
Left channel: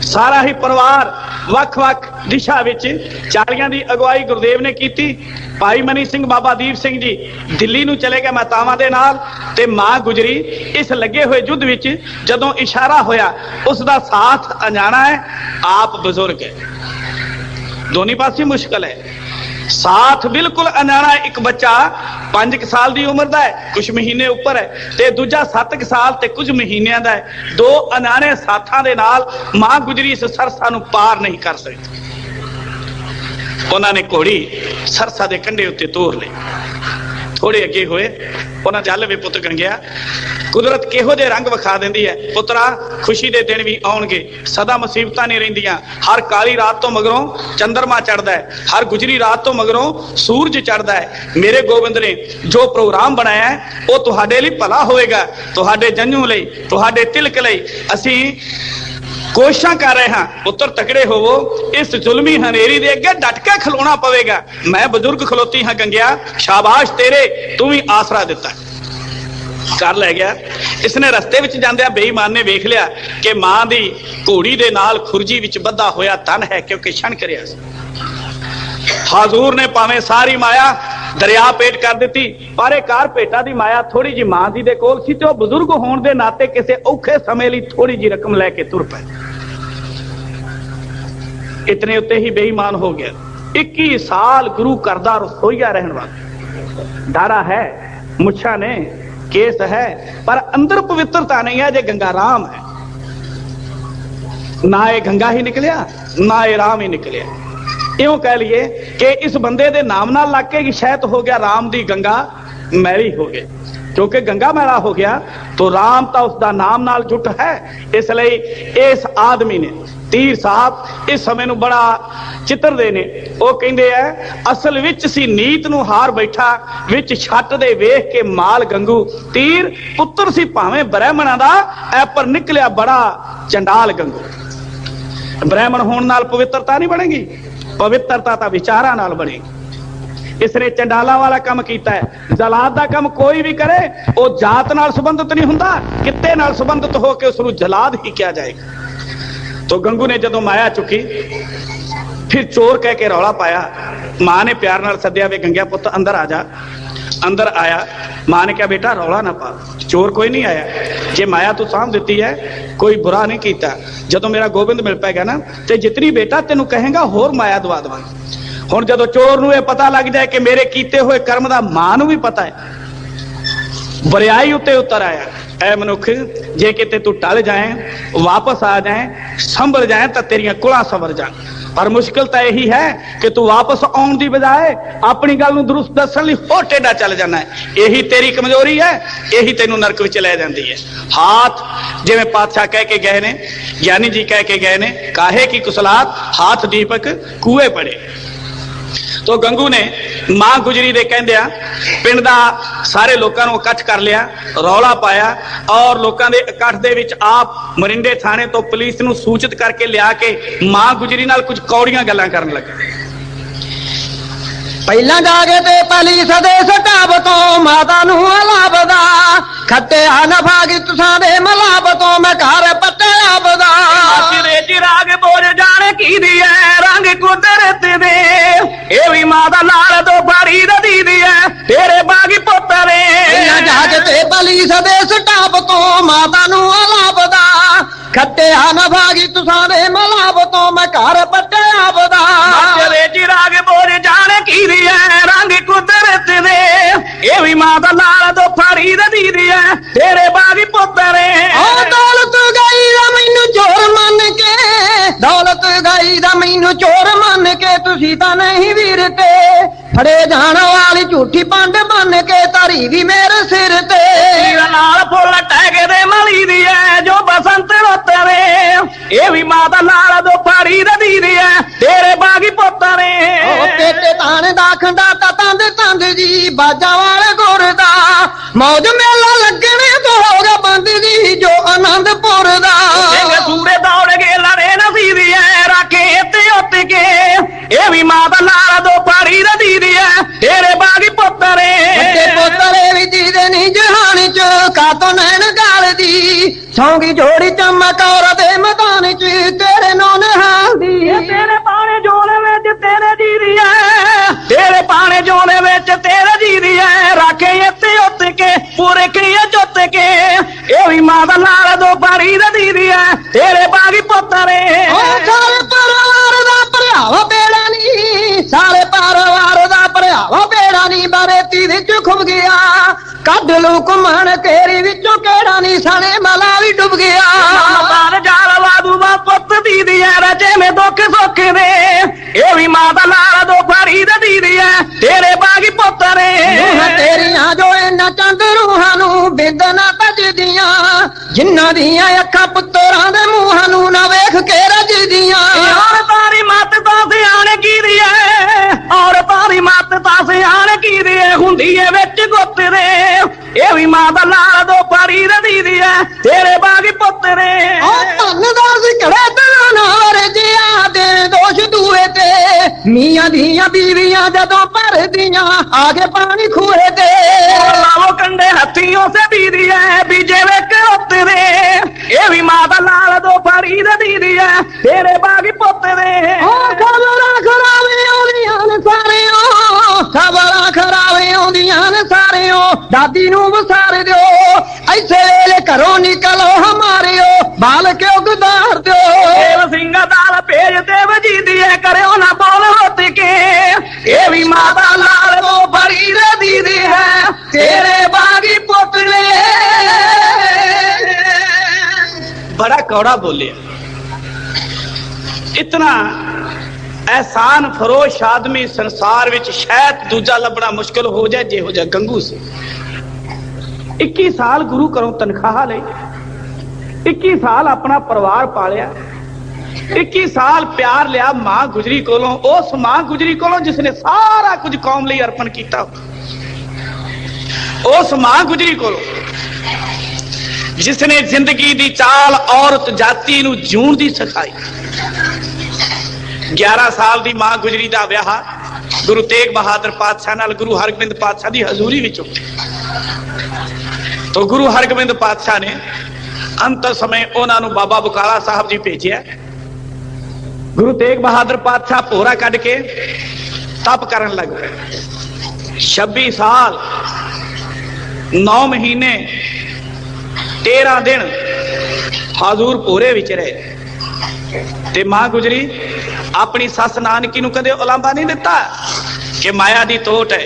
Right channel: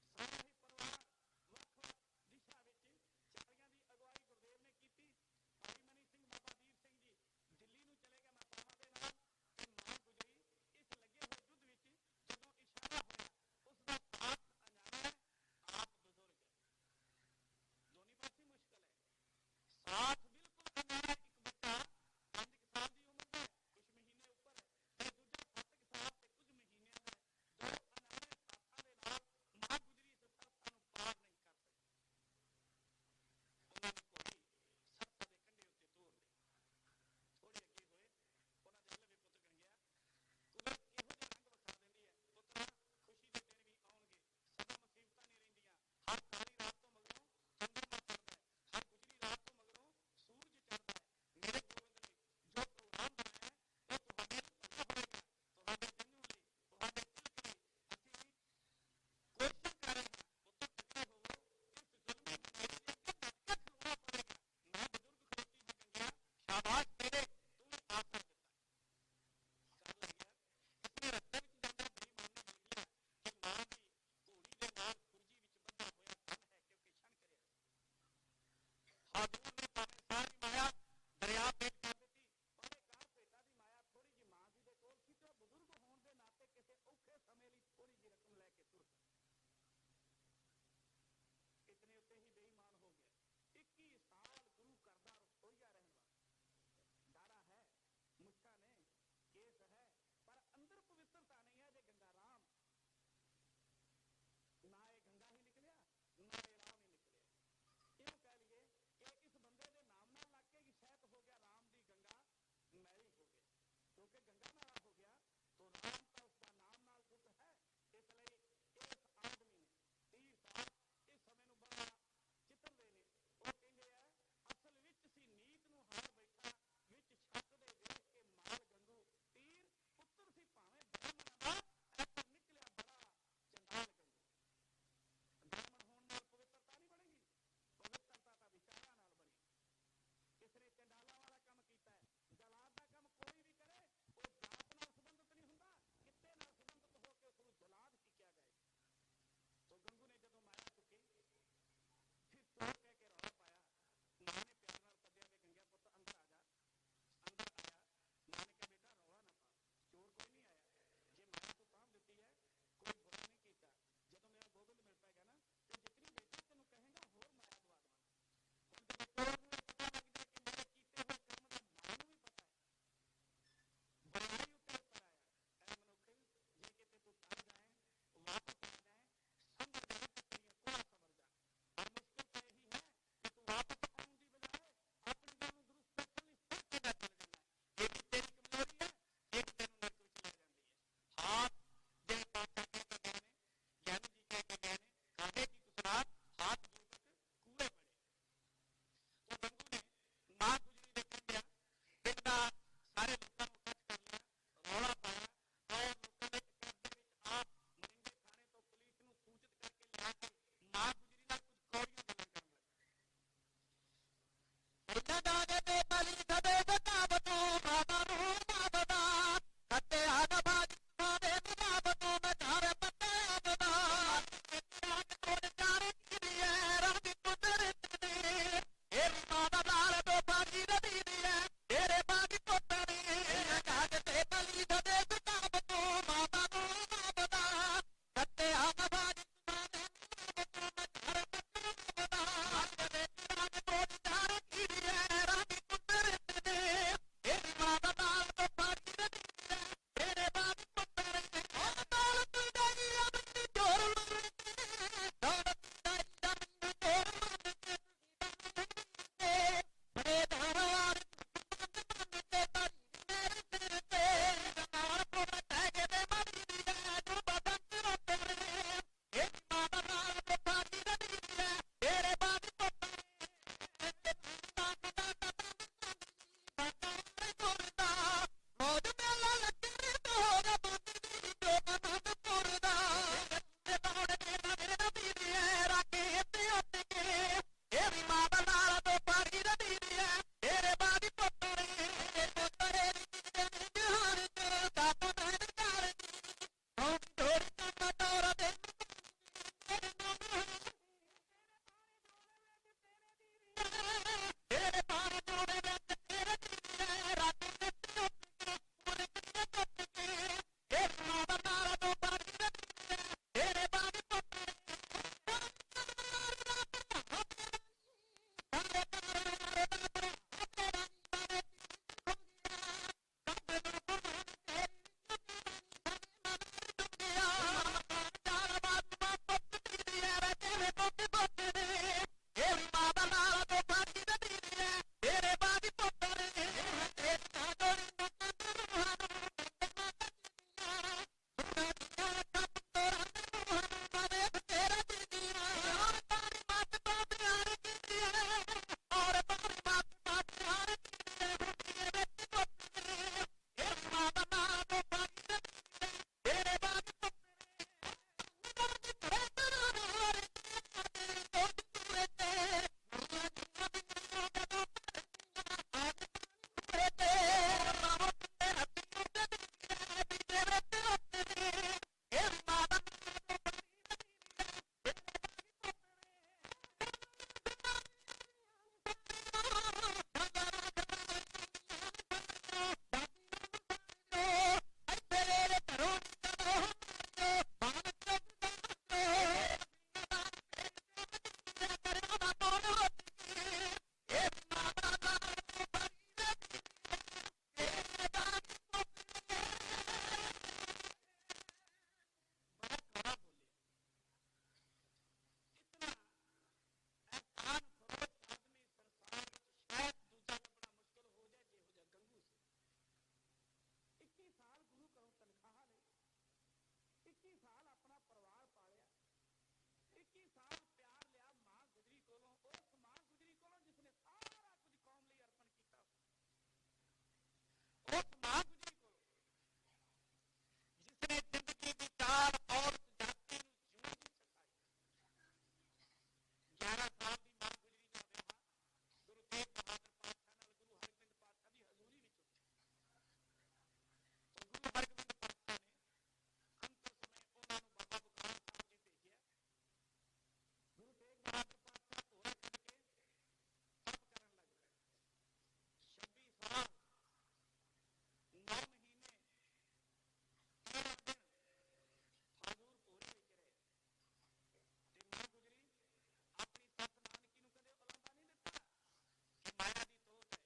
सारा ही परिवार वख वख दिशा विच चालियां दी अगवाई गुरुदेव ने कीती। भाई मनी सिंह बाबा दीप सिंह जी दिल्ली नूं चले गए मातावां दे नाल, ते मां गुजरी इस लगे हुए युद्ध विच जदों इशारा होया उसका साथ अजाना है। आप बुजुर्ग है, दोनों पासे मुश्किल है, साथ बिल्कुल अनाना। एक बच्चा 5 साल की उम्र का है, कुछ महीने उपर है, ते दूजा 7 साल ते कुछ महीनों का है। दो अनाने साथां दे नाल मां गुजरी इस सरसा नूं पार नहीं कर सकती। उन्होंने घोड़ी सरसा के कंढे उत्ते तोर ली। थोड़े अगे होए उन्हें जल वे पुत गंगिया, कुदरत किहो जे रंग विखा देंदी है। पुत्रा खुशी दे दिन भी आउणगे, सदा मुसीबतां नहीं रहिंदियां। हर काली रात तो मगरों चंद्रमा चढ़दा है, हर गुजरी रात तो मगरों सूरज चढ़दा है। मेरे गोबिंद ने जो प्रोग्राम बनाया है वो तुहाडे लई भला होएगा, तुहाडे जंजू लई, तुहाडे तिलक लई। असीं कोशिशां कर रहे हैं, पुत्र तकड़े होवो, इस जुल्मी हनेरी दे अगे डट के खलोना पवेगा। मैं बुजुर्ग खलोती हाँ गंगिया, शाबाश तेरे, तू भी आसरा दिता कर लै गया। इसने रस्ते विच जांदिया बेईमान ने वेख लिया कि मां दी घोड़ी दे नाल खुरजी विच बद्धा होया तन है, क्योंकि छण करिया। हजूर ने भावें सारी माया दरिया पेट कर दी, पर एक कार पेटा दी माया थोड़ी जी मां दी दे कोल सी, ते बुजुर्ग होने दे नाते किसी औखे समय लई थोड़ी जी रकम लैके तुर पे। इतने उत्ते ही बेईमान हो गया। 21 साल गुरु करदा रसोईया रहने वाला, डारा है, मुछा ने, केस है, पर अंदर पवित्रता नहीं है। जे गंगा राम है, ना ये गंगा ही निकलिया ना ये राम ही निकलिया। इउं कह लिए कि इस बंदे दे नाम नाल लग के शायद हो गया राम दी गंगा मैली हो गई, क्योंकि गंगा मैला हो गया तो राम तो उसका नाम नाल जुट है। इसलिए इस आदमी ने तीर साहब इस समय नूं बड़ा चित्र दे ने, वो कहंदे है असल विच सी नीत नूं हार बैठा, विच छट दे वेख के माल गंगू। तीर पुत्र सी भावें ब्राह्मणां दा, ऐ पर निकलिया बड़ा चंडाल गंगू। ब्राह्मण होने नाल पवित्रता नहीं बनेगी, पवित्रता तो विचारां नाल बनेगी। इसने चंडाला वाला काम किया है। जलाद का काम कोई भी करे वो जात नाल संबंधित नहीं हुंदा, कित्ते नाल संबंधित होकर उसनूं जलाद ही किया जाएगा। तो गंगू ने जदों माया चुकी, फिर चोर कह के रौला पाया। मां ने प्यार नाल सद्या, वे गंगिया पुत अंदर आ जा। अंदर आया, मां ने कहा बेटा रौला ना पा, चोर कोई नहीं आया, जे माया तू साम दी है कोई बुरा नहीं किया। जदों मेरा गोबिंद मिल पाएगा ना तो जितनी बेटा तेनों कहेगा होर माया दवा देवांगे। हुण जदों चोर नूं पता लग जाए कि मेरे कीते हुए कर्म का मां नूं भी पता है, बरियाई उत्ते उतर आया। ऐ मनुख जे किते तू टल जाए वापस आ जाए संभल जाए तो तेरिया कुला संवर जाए पर मुश्किल तो यही है कि तू वापस आने की बजाय अपनी गल दुरुस्त दसन हो टेढ़ा चल जाना है। यही तेरी कमजोरी है, यही तेनू नरक विच ले जाती है। हाथ जिवें पातशाह कह के गए ने, ज्ञानी जी कह के गए ने, काहे की कुसलात हाथ दीपक कुएं पड़े। तो गंगू ने मां गुजरी दे कहंदिया पिंड दा सारे लोगों को इकट्ठ कर लिया, रौला पाया और लोगों के इकट्ठ दे विच आप मरिंडे थाने तो पुलिस नूं सूचित करके लिया के मां गुजरी नाल कुछ कौड़ियां गल्लां करन लगे। ਪਹਿਲਾਂ ਜਾਗੇ ਤੇ ਪੁਲਿਸ ਦੇ ਸਟਾਫ ਤੋਂ ਮਾਤਾ ਨੂੰ ਅਲਾਬਦਾ ਖੱਟਿਆ ਨਫਾਗੀ ਤੁਸਾਂ ਦੇ ਮਲਾਬ ਤੋਂ ਮੈਂ ਘਰ ਪੱਟਿਆ ਬਦਾ ਸਿਰੇ ਚਿਰਾਗ ਬੋਝ ਜਾਣੇ ਕੀ ਦੀ ਐ ਰੰਗ ਕੁਦਰਤ ਦੇ ਇਹ ਵੀ ਮਾਂ ਦਾ ਲਾਲ ਤੋਂ ਫੜੀ ਰਦੀ ਦੀ ਐ ਤੇਰੇ ਬਾਗੀ ਪੁੱਤਰੇ। ਪਹਿਲਾਂ ਜਾਗੇ ਤੇ ਪੁਲਿਸ ਦੇ ਸਟਾਫ ਤੋਂ ਮਾਤਾ ਨੂੰ ਅਲਾਬਦਾ ਖੱਟਿਆ ਨਫਾਗੀ ਤੁਸਾਂ ਦੇ ਮਲਾਬ ਤੋਂ ਮੈਂ ਘਰ ਪੱਟਿਆ ਬਦਾ ਸਿਰੇ ਚਿਰਾਗ ਬੋਝ ਜਾਣੇ ਕੀ ਦੀ ਐ ਰੰਗ ਕੁਦਰਤ ਦੇ ਇਹ ਵੀ ਮਾਂ ਦਾ ਲਾਲ ਤੋਂ ਫੜੀ ਰਦੀ ਦੀ ਐ ਤੇਰੇ ਬਾਗੀ ਪੁੱਤਰੇ। ਉਹ ਦੌਲਤ ਗਈ ਦਾ ਮੈਨੂੰ ਚੋਰ ਮੰਨ ਕੇ, ਦੌਲਤ ਗਈ ਦਾ ਮੈਨੂੰ ਚੋਰ ਮੰਨ ਕੇ ਤੁਸੀਂ ਤਾਂ ਨਹੀਂ ਵੀਰ ਤੇ ਫੜੇ ਜਾਣ ਵਾਲੀ ਝੂਠੀ ਪੰਡ ਬਣ ਕੇ ਧਰੀ ਵੀ ਮੇਰੇ ਸਿਰ ਤੇ ਨਾਲ ਫੁੱਲ ਟੈਗੇ ਦੇ ਮਲੀ ਦੀ ਐ ਜੋ ਬਸੰਤ ਰੋਤਰੇ ਇਹ ਵੀ ਮਾਂ ਦਾ ਲਾਲ ਤੋਂ ਫੜੀ ਰਦੀ ਦੀ ਐ ਤੇਰੇ ਬਾਗੀ ਪੁੱਤਰੇ। ਉਹ ਪੇਟੇ ਤਾਣ ਦਾ ਖੰਡਾ ਤਾਂ ਤੰਦ ਤੰਦ ਜੀ ਬਾਜਾਂ ਵਾਲੇ ਗੁਰ ਦਾ ਮੌਜ ਮੇਲਾ ਲੱਗਣੇ ਤੋਂ ਹੋ ਗਿਆ ਬੰਦ ਜੀ ਜੋ ਆਨੰਦਪੁਰ ਦਾ ਸਿੰਘ ਸੂਰੇ ਦੌੜ ਗਏ ਲੜੇ ਨਸੀ ਦੀ ਐ ਰਾਖੇ ਤੇ ਉੱਤ ਕੇ ਇਹ ਵੀ ਮਾਂ ਦਾ ਲਾਲ ਤੋਂ ਫੜੀ ਰਦੀ ਦੀ ਐ ਤੇਰੇ ਬਾਗੀ ਪੁੱਤਰੇ। ਵੱਡੇ ਪੋਤਰੇ ਵੀ ਜੀਦੇ ਨਹੀਂ ਜਹਾਨ ਚ ਕਾਤੋਂ ਨੈਣ ਗਾਲ ਦੀ ਸੌਂਗੀ ਜੋੜੀ ਚਮਕ ਔਰ ਦੇ ਮੈਦਾਨ ਚ ਤੇਰੇ ਨੌ ਨਿਹਾਲ ਦੀ ਤੇਰੇ ਪਾਣੇ ਜੋਨੇ ਵਿੱਚ ਤੇਰੇ ਜੀ ਦੀ ਐ ਤੇਰੇ ਪਾਣੇ ਜੋਨੇ ਵਿੱਚ ਤੇਰੇ ਜੀ ਦੀ ਐ ਰਾਖੇ ਇੱਥੇ ਉੱਤ ਕੇ ਪੂਰੇ ਕਰੀਏ ਜੁੱਤ ਕੇ ਇਹ ਵੀ ਮਾਂ ਦਾ ਲਾਲ ਤੋਂ ਫੜੀ ਰਦੀ ਦੀ ਐ ਤੇਰੇ ਬਾਗੀ ਪੁੱਤਰੇ। ਉਹ ਸਾਰੇ ਪਰਿਵਾਰ ਦਾ ਭਰਾਵਾ ਬੇੜਾ ਨਹੀਂ, ਸਾਰੇ ਪਰਿਵਾਰ ਦਾ ਭਰਾਵਾ ਬੇੜਾ ਨਹੀਂ ਬਰੇਤੀ ਵਿੱਚ ਖੁੱਭ ਗਿਆ ਕੱਢ ਲੂ ਘੁੰਮਣ ਕੇਰੀ ਵਿੱਚੋਂ ਕਿਹੜਾ ਨਹੀਂ ਸਾਲੇ ਮਲਾ ਵੀ ਡੁੱਬ ਗਿਆ ਮਾਂ ਜਾਲ ਵਾਦੂ ਦਾ ਪੁੱਤ ਦੀ ਦੀ ਐ ਰਜੇ ਮੇ ਦੁੱਖ ਸੁੱਖ ਦੇ ਇਹ ਵੀ ਮਾਂ ਦਾ ਲਾਲ ਤੋਂ ਫੜੀ ਰਦੀ ਦੀ ਐ ਤੇਰੇ ਬਾਗੀ ਪੁੱਤਰੇ। ਰੂਹਾਂ ਤੇਰੀਆਂ ਜੋ ਇਹਨਾਂ ਚੰਦ ਰੂਹਾਂ ਨੂੰ ਬਿੰਦਨਾ ਤਜਦੀਆਂ ਜਿਨ੍ਹਾਂ ਦੀਆਂ ਅੱਖਾਂ ਪੁੱਤਰਾਂ ਦੇ ਮੂੰਹਾਂ ਨੂੰ ਨਾ ਵੇਖ ਕੇ ਰਜਦੀਆਂ ਔਰ ਤਾਰੀ ਮੱਤ ਤਾਂ ਸਿਆਣ ਕੀ ਦੀ ਐ ਔਰ ਤਾਰੀ ਮੱਤ ਤਾਂ ਸਿਆਣ ਕੀ ਦੀ ਐ ਹੁੰਦੀ ਐ ਵਿੱਚ ਗੁੱਤ ਦੇ ਇਹ ਵੀ ਮਾਂ ਦਾ ਲਾਲ ਤੋਂ ਫੜੀ ਰਦੀ ਦੀ ਐ ਤੇਰੇ ਬਾਗੀ ਪੁੱਤਰੇ। ਉਹ ਧੰਨ ਦਾ ਸਿਕੜੇ ਤੇ ਨਾ ਵਰਜਿਆ ਦੇ ਦੋਸ਼ ਦੂਏ ਤੇ ਮੀਆਂ ਦੀਆਂ ਬੀਵੀਆਂ ਜਦੋਂ ਭਰਦੀਆਂ ਆਗੇ ਪਾਣੀ ਖੂਹੇ ਤੇ ਲਾਵੋ ਕੰਡੇ ਹੱਥੀ ਉਸੇ ਬੀਦੀ ਐ ਬੀਜੇ ਵੇਖ ਉੱਤਰੇ ਇਹ ਵੀ ਮਾਂ ਦਾ ਲਾਲ ਤੋਂ ਫੜੀ ਰਦੀ ਦੀ ਐ ਤੇਰੇ ਬਾਗੀ ਪੁੱਤਰੇ। ਉਹ ਖਬਰਾਂ ਖਰਾਵੇ ਆਉਂਦੀਆਂ ਨੇ ਸਾਰਿਓ, ਖਬਰਾਂ ਖਰਾਵੇ ਆਉਂਦੀਆਂ ਨੇ ਸਾਰਿਓ ਦਾਦੀ ਨੂੰ ਵਸਾਰ ਦਿਓ ਐਸੇ ਵੇਲੇ ਘਰੋਂ ਨਿਕਲੋ ਹਮਾਰਿਓ ਬਾਲ ਕਿਉਂ ਗੁਦਾਰ ਦਿਓ ਦੇਵ ਸਿੰਘ ਦਾਲ ਭੇਜ ਤੇ ਵਜੀਦੀ ਐ ਕਰਿਓ ਨਾ ਬੋਲ ਹੁੱਤ ਕੇ ਇਹ ਵੀ ਮਾਂ ਦਾ ਲਾਲ ਤੋਂ ਫੜੀ ਰਦੀ ਦੀ ਹੈ ਤੇਰੇ ਬਾਗੀ ਪੁੱਤਰੇ। बड़ा कौड़ा बोले। इतना एहसान फरोश आदमी संसार विच शायद दूजा लभना मुश्किल हो जाए जे हो जाए गंगू से। 21 साल गुरु घरों तनख्वाह ले, 21 साल अपना परिवार पालिया, 21 साल प्यार लिया मां गुजरी कोलों, उस मां गुजरी कोलों जिसने सारा कुछ कौम लई अर्पण किया, उस मां गुजरी कोलों जिसने जिंदगी दी चाल औरत जाति नूं जीउण दी सिखाई। 11 साल दी मां गुजरी दा विआह गुरु तेग बहादुर पातशाह नाल गुरु हरगोबिंद पातशाह दी हजूरी विच तो गुरु हरगोबिंद पातशाह ने अंत समय उन्हां नूं बाबा बकाला साहब जी भेजिया। गुरु तेग बहादुर पातशाह भोरा कढ के तप करन लग पे। 26 साल 9 महीने 13 दिन हजूर भोरे विच रहे ते मां गुजरी अपनी सस नानकी नूं कदे उलांभा नहीं दिता कि माया दी तोट है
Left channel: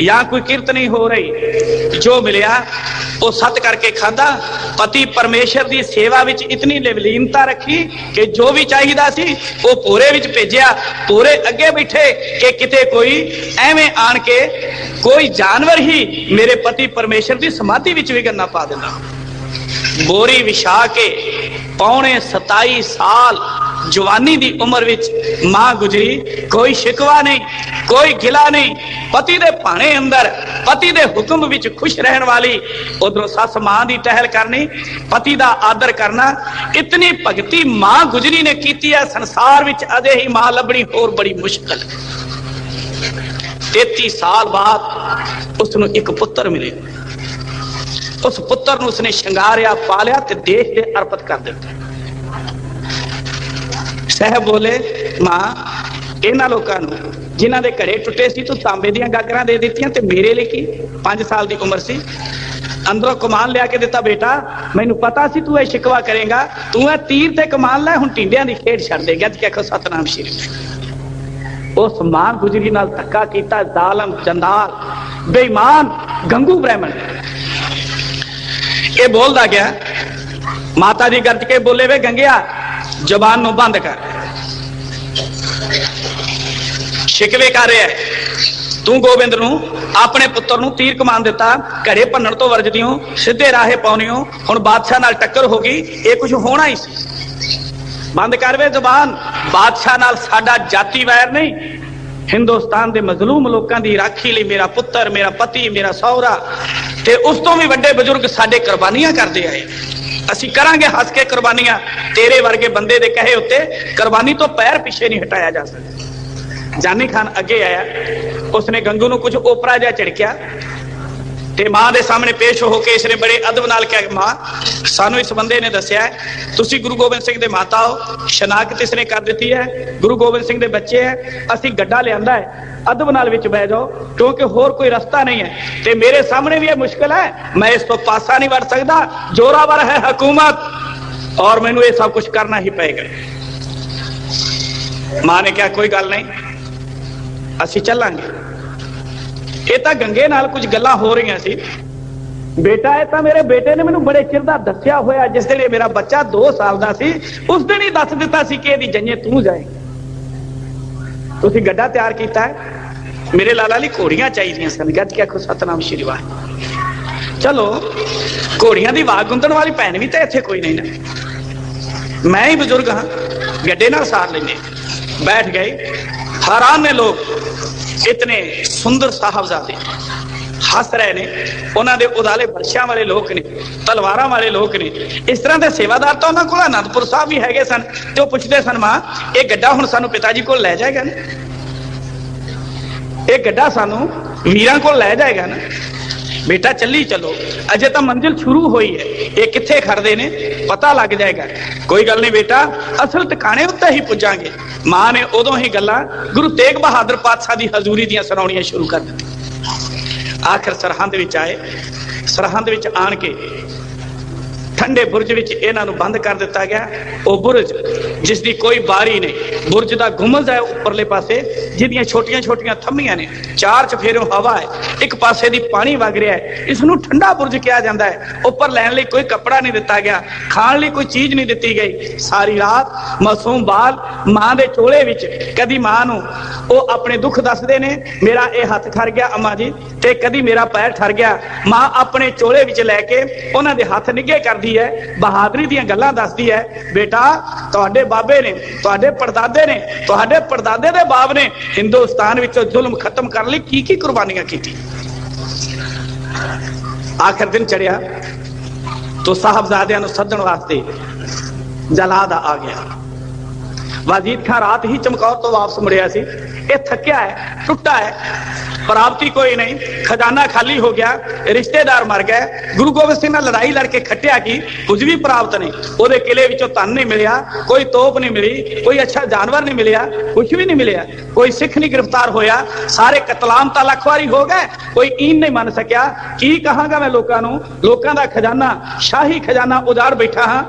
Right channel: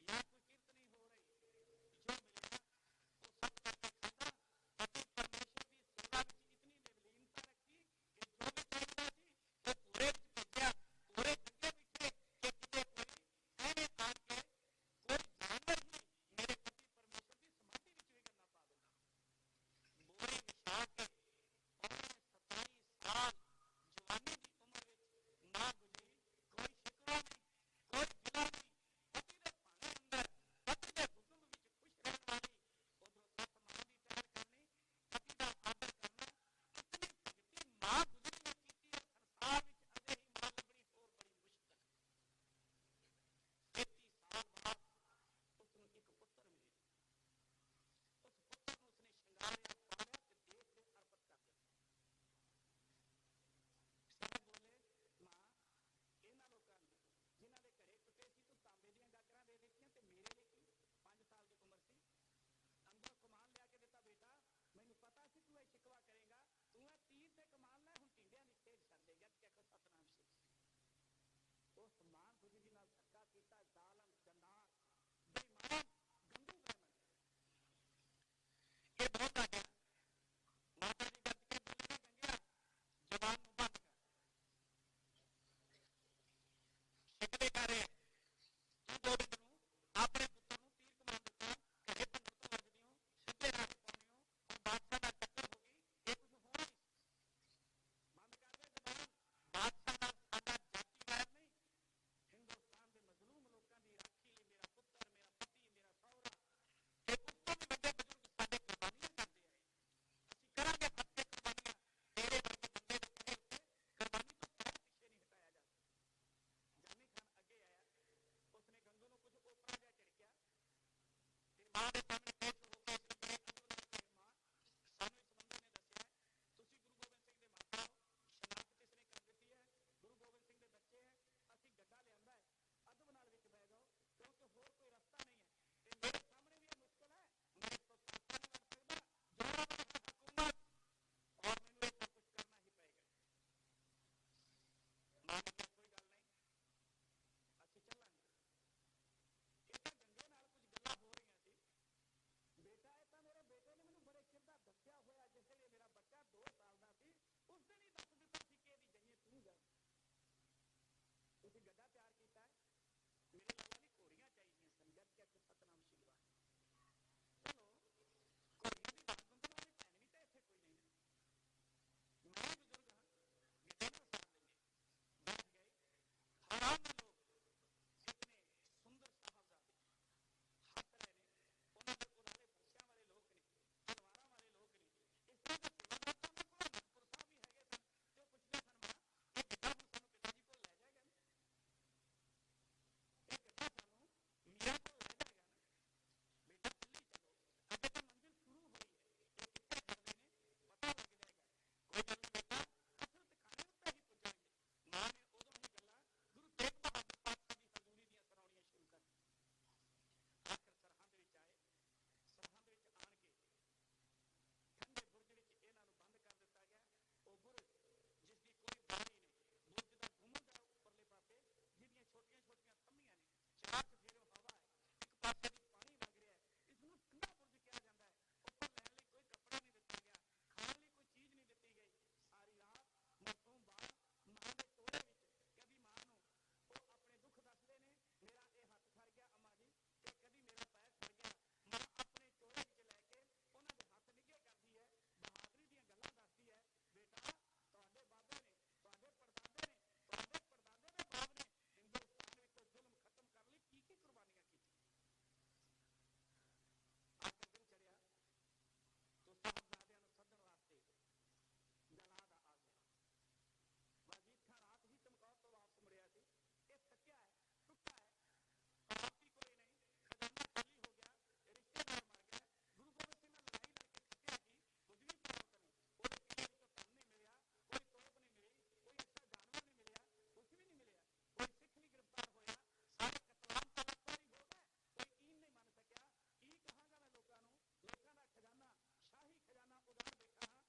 या कोई किरत नहीं हो रही। जो मिलिया ਉਹ ਸੱਤ ਕਰਕੇ ਖਾਦਾ। ਪਤੀ ਪਰਮੇਸ਼ਰ ਦੀ ਸੇਵਾ ਵਿੱਚ ਇਤਨੀ ਲਿਵਲੀਨਤਾ ਰੱਖੀ ਕਿ ਜੋ ਵੀ ਚਾਹੀਦਾ ਸੀ ਉਹ ਭੋਰੇ ਵਿੱਚ ਭੇਜਿਆ। ਭੋਰੇ ਅੱਗੇ ਬੈਠੇ ਕਿ ਕਿਤੇ ਕੋਈ ਐਵੇਂ ਆਣ ਕੇ ਕੋਈ ਜਾਨਵਰ ਹੀ ਮੇਰੇ ਪਤੀ ਪਰਮੇਸ਼ਰ ਦੀ ਸਮਾਧੀ ਵਿੱਚ ਵਿਘਨ ਨਾ ਪਾ ਦਿੰਦਾ। ਬੋਰੀ ਵਿਛਾ ਕੇ ਪੌਣੇ 27 ਸਾਲ ਜਵਾਨੀ ਦੀ ਉਮਰ ਵਿੱਚ ਮਾਂ ਗੁਜਰੀ। ਕੋਈ ਸ਼ਿਕਵਾ ਨਹੀਂ, ਕੋਈ ਗਿਲਾ ਨਹੀਂ। ਪਤੀ ਦੇ ਭਾਣੇ ਅੰਦਰ ਪਤੀ ਦੇ ਹੁਕਮ ਵਿੱਚ ਖੁਸ਼ ਰਹਿਣ ਵਾਲੀ, ਉਧਰੋਂ ਸੱਸ ਮਾਂ ਦੀ ਟਹਿਲ ਕਰਨੀ, ਪਤੀ ਦਾ ਆਦਰ ਕਰਨਾ। ਇਤਨੀ ਭਗਤੀ ਮਾਂ ਗੁਜਰੀ ਨੇ ਕੀਤੀ ਹੈ, ਸੰਸਾਰ ਵਿੱਚ ਅਜੇ ਹੀ ਮਾਂ ਲੱਭਣੀ ਹੋਰ ਬੜੀ ਮੁਸ਼ਕਲ। 33 ਸਾਲ ਬਾਅਦ ਉਸ ਨੂੰ ਇੱਕ ਪੁੱਤਰ ਮਿਲੇ। ਉਸ ਪੁੱਤਰ ਨੂੰ ਉਸਨੇ ਸ਼ਿੰਗਾਰਿਆ, ਪਾਲਿਆ ਤੇ ਦੇਸ਼ ਦੇ ਅਰਪਿਤ ਕਰ ਦਿੱਤਾ। ਸਾਹਿਬ ਬੋਲੇ, ਮਾਂ ਇਹਨਾਂ ਲੋਕਾਂ ਨੂੰ ਜਿਨ੍ਹਾਂ ਦੇ ਘਰੇ ਟੁੱਟੇ ਸੀ ਤੂੰ ਤਾਂਬੇ ਦੀਆਂ ਗਾਗਰਾਂ ਦੇ ਦਿੱਤੀਆਂ ਤੇ ਮੇਰੇ ਲਈ ਕੀ? 5 ਸਾਲ ਦੀ ਉਮਰ ਸੀ। ਅੰਦਰੋਂ ਕਮਾਨ ਲਿਆ ਕੇ ਦਿੱਤਾ। ਬੇਟਾ ਮੈਨੂੰ ਪਤਾ ਸੀ ਤੂੰ ਇਹ ਸ਼ਿਕਵਾ ਕਰੇਗਾ, ਤੂੰ ਇਹ ਤੀਰ ਤੇ ਕਮਾਨ ਲੈ, ਹੁਣ ਟਿੰਡਿਆਂ ਦੀ ਖੇਡ ਛੱਡ ਦੇ। ਗੱਜ ਕੇ ਆਖੋ ਸਤਨਾਮ ਸ਼੍ਰੀ। ਉਸ ਮਾਂ ਗੁਜਰੀ ਨਾਲ ਧੱਕਾ ਕੀਤਾ ਜ਼ਾਲਮ, ਜੰਦਾਲ, ਬੇਈਮਾਨ ਗੰਗੂ ਬ੍ਰਾਹਮਣ। ਇਹ ਬੋਲਦਾ ਗਿਆ। ਮਾਤਾ ਜੀ ਗੱਜ ਕੇ ਬੋਲੇ, ਵੇ ਗੰਗਿਆ ਜ਼ਬਾਨ ਨੂੰ ਬੰਦ ਕਰ। ਸ਼ਿਕਵੇ ਕਰ ਰਿਹਾ ਤੂੰ ਗੋਬਿੰਦ ਨੂੰ, ਆਪਣੇ ਪੁੱਤਰ ਨੂੰ ਤੀਰ ਕਮਾਨ ਦਿੱਤਾ, ਘੜੇ ਭੰਨਣ ਤੋਂ ਵਰਜਦੀਓ, ਸਿੱਧੇ ਰਾਹੇ ਪਾਉਣੀਓ। ਹੁਣ ਬਾਦਸ਼ਾਹ ਨਾਲ ਟੱਕਰ ਹੋ ਗਈ, ਇਹ ਕੁਝ ਹੋਣਾ ਹੀ ਸੀ। ਬੰਦ ਕਰ ਵੇ ਜ਼ਬਾਨ। ਬਾਦਸ਼ਾਹ ਨਾਲ ਸਾਡਾ ਜਾਤੀ ਵੈਰ ਨਹੀਂ। ਹਿੰਦੁਸਤਾਨ ਦੇ ਮਜ਼ਲੂਮ ਲੋਕਾਂ ਦੀ ਰਾਖੀ ਲਈ ਮੇਰਾ ਪੁੱਤਰ, ਮੇਰਾ ਪਤੀ, ਮੇਰਾ ਸਹੁਰਾ ਤੇ ਉਸ ਤੋਂ ਵੀ ਵੱਡੇ ਬਜ਼ੁਰਗ ਸਾਡੇ ਕੁਰਬਾਨੀਆਂ ਕਰਦੇ ਆਏ। ਅਸੀਂ ਕਰਾਂਗੇ ਹੱਸ ਕੇ ਕੁਰਬਾਨੀਆਂ। ਤੇਰੇ ਵਰਗੇ ਬੰਦੇ ਦੇ ਕਹੇ ਉੱਤੇ ਕੁਰਬਾਨੀ ਤੋਂ ਪੈਰ ਪਿੱਛੇ ਨਹੀਂ ਹਟਾਇਆ ਜਾ ਸਕਦਾ। ਜਾਨੀ ਖਾਨ ਅੱਗੇ ਆਇਆ। ਉਸਨੇ ਗੰਗੂ ਨੂੰ ਕੁਝ ਓਪਰਾ ਜਿਹਾ ਝਿੜਕਿਆ ਤੇ ਮਾਂ ਦੇ ਸਾਹਮਣੇ ਪੇਸ਼ ਹੋ ਕੇ ਇਸਨੇ ਬੜੇ ਅਦਬ ਨਾਲ ਕਿਹਾ, ਮਾਂ ਸਾਨੂੰ ਇਸ ਬੰਦੇ ਨੇ ਦੱਸਿਆ ਤੁਸੀਂ ਗੁਰੂ ਗੋਬਿੰਦ ਸਿੰਘ ਦੇ ਮਾਤਾ ਹੋ। ਸ਼ਨਾਖਤ ਇਸਨੇ ਕਰ ਦਿੱਤੀ ਹੈ, ਗੁਰੂ ਗੋਬਿੰਦ ਸਿੰਘ ਦੇ ਬੱਚੇ ਹੈ। ਅਸੀਂ ਗੱਡਾ ਲਿਆਂਦਾ ਹੈ, ਅਦਬ ਨਾਲ ਵਿੱਚ ਬਹਿ ਜਾਓ ਕਿਉਂਕਿ ਹੋਰ ਕੋਈ ਰਸਤਾ ਨਹੀਂ ਹੈ ਤੇ ਮੇਰੇ ਸਾਹਮਣੇ ਵੀ ਇਹ ਮੁਸ਼ਕਲ ਹੈ। ਮੈਂ ਇਸ ਤੋਂ ਪਾਸਾ ਨਹੀਂ ਵੜ ਸਕਦਾ। ਜ਼ੋਰਾਵਰ ਹੈ ਹਕੂਮਤ ਔਰ ਮੈਨੂੰ ਇਹ ਸਭ ਕੁਝ ਕਰਨਾ ਹੀ ਪਏਗਾ। ਮਾਂ ਨੇ ਕਿਹਾ ਕੋਈ ਗੱਲ ਨਹੀਂ, ਅਸੀਂ ਚੱਲਾਂਗੇ। ਇਹ ਤਾਂ ਗੰਗੇ ਨਾਲ ਕੁਝ ਗੱਲਾਂ ਹੋ ਰਹੀਆਂ ਸੀ। ਬੇਟਾ ਇਹ ਤਾਂ ਮੇਰੇ ਬੇਟੇ ਨੇ ਮੈਨੂੰ ਬੜੇ ਚਿਰ ਦਾ ਦੱਸਿਆ ਹੋਇਆ। ਜਿਸ ਦਿਨ ਮੇਰਾ ਬੱਚਾ 2 ਸਾਲ ਦਾ ਸੀ ਉਸ ਦਿਨ ਹੀ ਦੱਸ ਦਿੱਤਾ ਸੀ ਕਿ ਇਹਦੀ ਜੰਨੇ ਤੂੰ ਜਾਏਂਗਾ। ਤੁਸੀਂ ਗੱਡਾ ਤਿਆਰ ਕੀਤਾ ਹੈ। ਮੇਰੇ ਲਾਲਾ ਲਈ ਘੋੜੀਆਂ ਚਾਹੀਦੀਆਂ ਸਨ। ਗੱਜ ਕੇ ਆਖੋ ਸਤਨਾਮ ਸ਼੍ਰੀ ਵਾਹਿਗੁਰੂ। ਚਲੋ ਘੋੜੀਆਂ ਦੀ ਵਾਗ ਗੁੰਦਣ ਵਾਲੀ ਭੈਣ ਵੀ ਤਾਂ ਇੱਥੇ ਕੋਈ ਨਹੀਂ ਨਾ। ਮੈਂ ਹੀ ਬਜ਼ੁਰਗ ਹਾਂ, ਗੱਡੇ ਨਾਲ ਸਾਰ ਲੈਂਦੇ। बैठ गए। हैरान ने लोग, इतने सुंदर साहबजादे हस रहे ने। उन्होंने उदाले बरछियां वाले लोग ने, तलवारां वाले लोग ने। इस तरह के सेवादार तो उन्होंने को आनंदपुर साहब भी है सन। तो पूछते सन, मां ये गड्ढा हुण सानू पिता जी को लै जाएगा ना? ये गड्ढा सानू वीरां को लै जाएगा ना? बेटा चली चलो, अजे तो मंजिल शुरू हुई है। ये कित्थे खड़दे ने पता लग जाएगा। कोई गल नहीं बेटा, असल ठिकाने उत्ते ही पुजांगे। मां ने उदों ही गल्लां गुरु तेग बहादुर पातशाह दी हजूरी दियां सुणाउणियां शुरू कर दित्तियां। आखिर सरहंद विच आए। सरहंद विच आण के ठंडे बुरज विच इन्हां नूं बंद कर दिता गया। वो बुरज जिस दी कोई बारी नहीं, बुरज दा गुंबद है उपरले पासे, जिहदियां छोटियां छोटियां थम्मियां ने, चार चफेरों हवा है, एक पासे दी पानी वग रहा है। इस नूं ठंडा बुरज कहा जाता है। उपर लैण लई कोई कपड़ा नहीं दिता गया, खाण लई कोई चीज नहीं दिती गई। सारी रात मासूम बाल मां दे चोले विच, कदी मां नूं वो अपने दुख दसदे ने, मेरा ये हथ ठर गया अम्मा जी, ते कदी मेरा पैर ठर गया। मां अपने चोले विच लैके उन्हां दे हथ निगे करदी है, बहादुरी ਦੀਆਂ ਗੱਲਾਂ ਦੱਸਦੀ ਹੈ। बेटा ਤੁਹਾਡੇ ਬਾਬੇ ਨੇ, ਤੁਹਾਡੇ ਪੜਦਾਦੇ ਨੇ, ਤੁਹਾਡੇ ਪੜਦਾਦੇ ਦੇ ਬਾਪ ਨੇ ਹਿੰਦੁਸਤਾਨ ਵਿੱਚੋਂ ਜ਼ੁਲਮ ਖਤਮ ਕਰਨ ਲਈ ਕੀ ਕੀ ਕੁਰਬਾਨੀਆਂ ਕੀਤੀ। ਆਖਰ ਦਿਨ ਚੜਿਆ तो ਸਾਹਿਬਜ਼ਾਦਿਆਂ ਨੂੰ ਸੱਦਣ ਵਾਸਤੇ ਜਲਾਦ ਆ ਗਿਆ। वाजीद खान रात ही चमकौर तो वापस मुड़िया सी। ये थकिया है, टुटा है, प्राप्ति कोई नहीं, खजाना खाली हो गया, रिश्तेदार मर गए। गुरु गोबिंद सिंह ने लड़ाई लड़के खटिया की, कुछ भी प्राप्त नहीं। ओदे किले विचों धन नहीं मिलिया, कोई तोप नहीं मिली, कोई अच्छा जानवर नहीं मिलिया, कुछ भी नहीं मिलिया। कोई सिख नहीं गिरफ्तार होया, सारे कतलाम तां लखवारी हो गए। कोई ईन नहीं मन सकिया। की कहांगा मैं लोकां नूं, लोकां दा खजाना, शाही खजाना उजाड़ बैठा हां।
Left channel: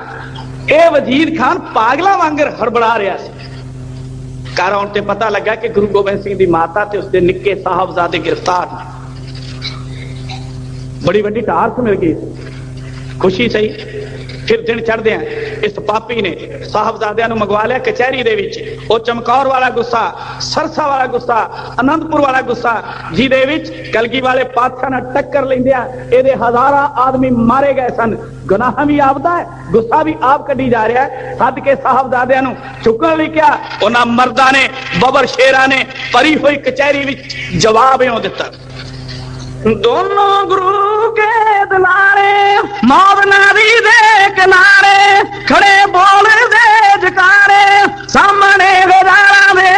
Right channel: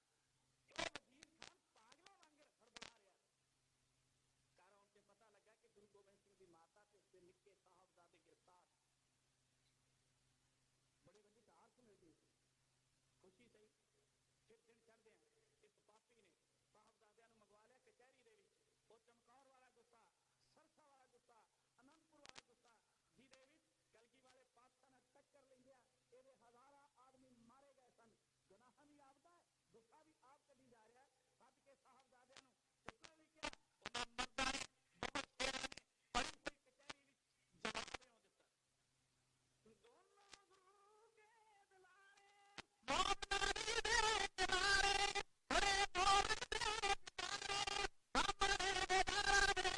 ਇਹ ਵਜ਼ੀਰ ਖਾਨ ਪਾਗਲਾਂ ਵਾਂਗਰ ਹੜਬੜਾ ਰਿਹਾ ਸੀ। ਘਰ ਆਉਣ ਤੇ ਪਤਾ ਲੱਗਾ ਕਿ ਗੁਰੂ ਗੋਬਿੰਦ ਸਿੰਘ ਦੀ ਮਾਤਾ ਤੇ ਉਸਦੇ ਨਿੱਕੇ ਸਾਹਿਬਜ਼ਾਦੇ ਗ੍ਰਿਫਤਾਰ ਨੇ। बड़ी वड्डी टारस मिल गई, खुशी सही। फिर दिन चढ़दे इस पापी ने साहबजादियां नूं मंगवा लिया कचहरी दे विच। ओ चमकौर वाला गुस्सा, सरसा वाला गुस्सा, आनंदपुर वाला गुस्सा, जिहदे विच कलगी वाले पातशाह नाल टक्कर लैंदियां इहदे हज़ारां आदमी मारे गए सन। गुनाह भी आपदा है, गुस्सा भी आप कड्डी जा रहा है। सद के साहबजादियां नूं चुकण लई क्या उन्हां मर्दां ने, बबर शेरां ने भरी हुई कचहरी विच जवाब इउं दित्ता। दोनों गुरु के दिलारे मौत नदी दे किनारे खड़े बोल दे जकारे सामने गजारा में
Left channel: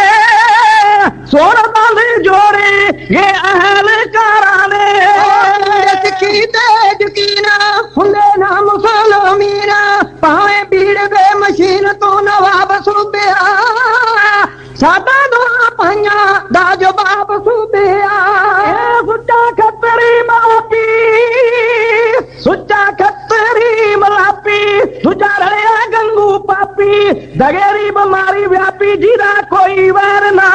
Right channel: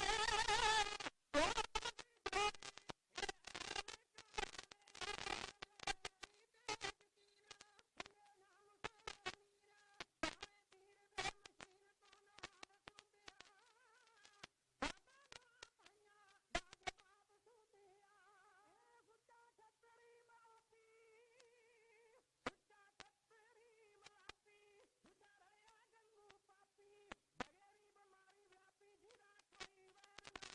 सोन बंद जोड़े ये अहल कराने सिक्खी ते यकीन हुंदे ना मुसलमीन भावें भीड़ दे मशीन तो नवाब सूबिया साडा दुआ पाइयां दा जवाब सूबिया सुच्चा खतरी मापी सुच्चा खतरी मलापी तुझा रलिया गंगू पापी दगेरी बीमारी व्यापी जिदा कोई वैर ना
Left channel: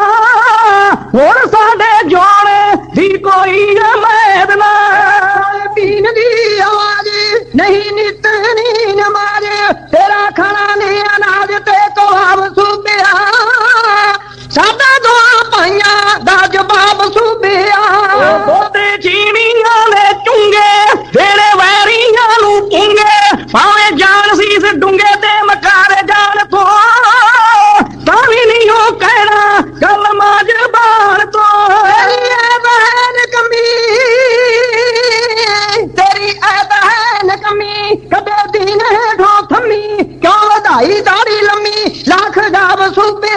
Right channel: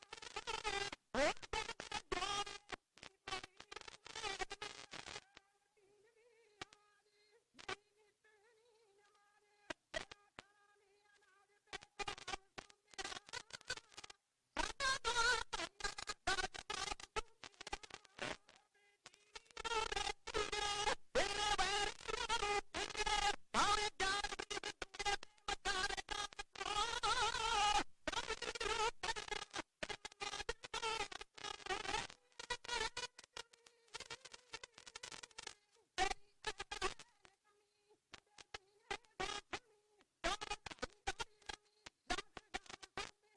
हुण साडे जोड़े दी कोई उम्मीद ना पीन दी आवाज नहीं नित नी नमाज तेरा खाना नहीं अनाज ते कबाब सूबिया साडा दुआ पाइयां दा जवाब सूबिया बोते चीनियां ने चुंगे तेरे वैरियां नू पुंगे भावे जान सीस डूंगे ते मकारे जान तो तावी नहीं हो कहना गल माज बाण तो बहन कमी तेरी ऐतहन कमी कदे दीन है ढो थमी क्यों वधाई दाढ़ी लम्मी लाख गाव सूबे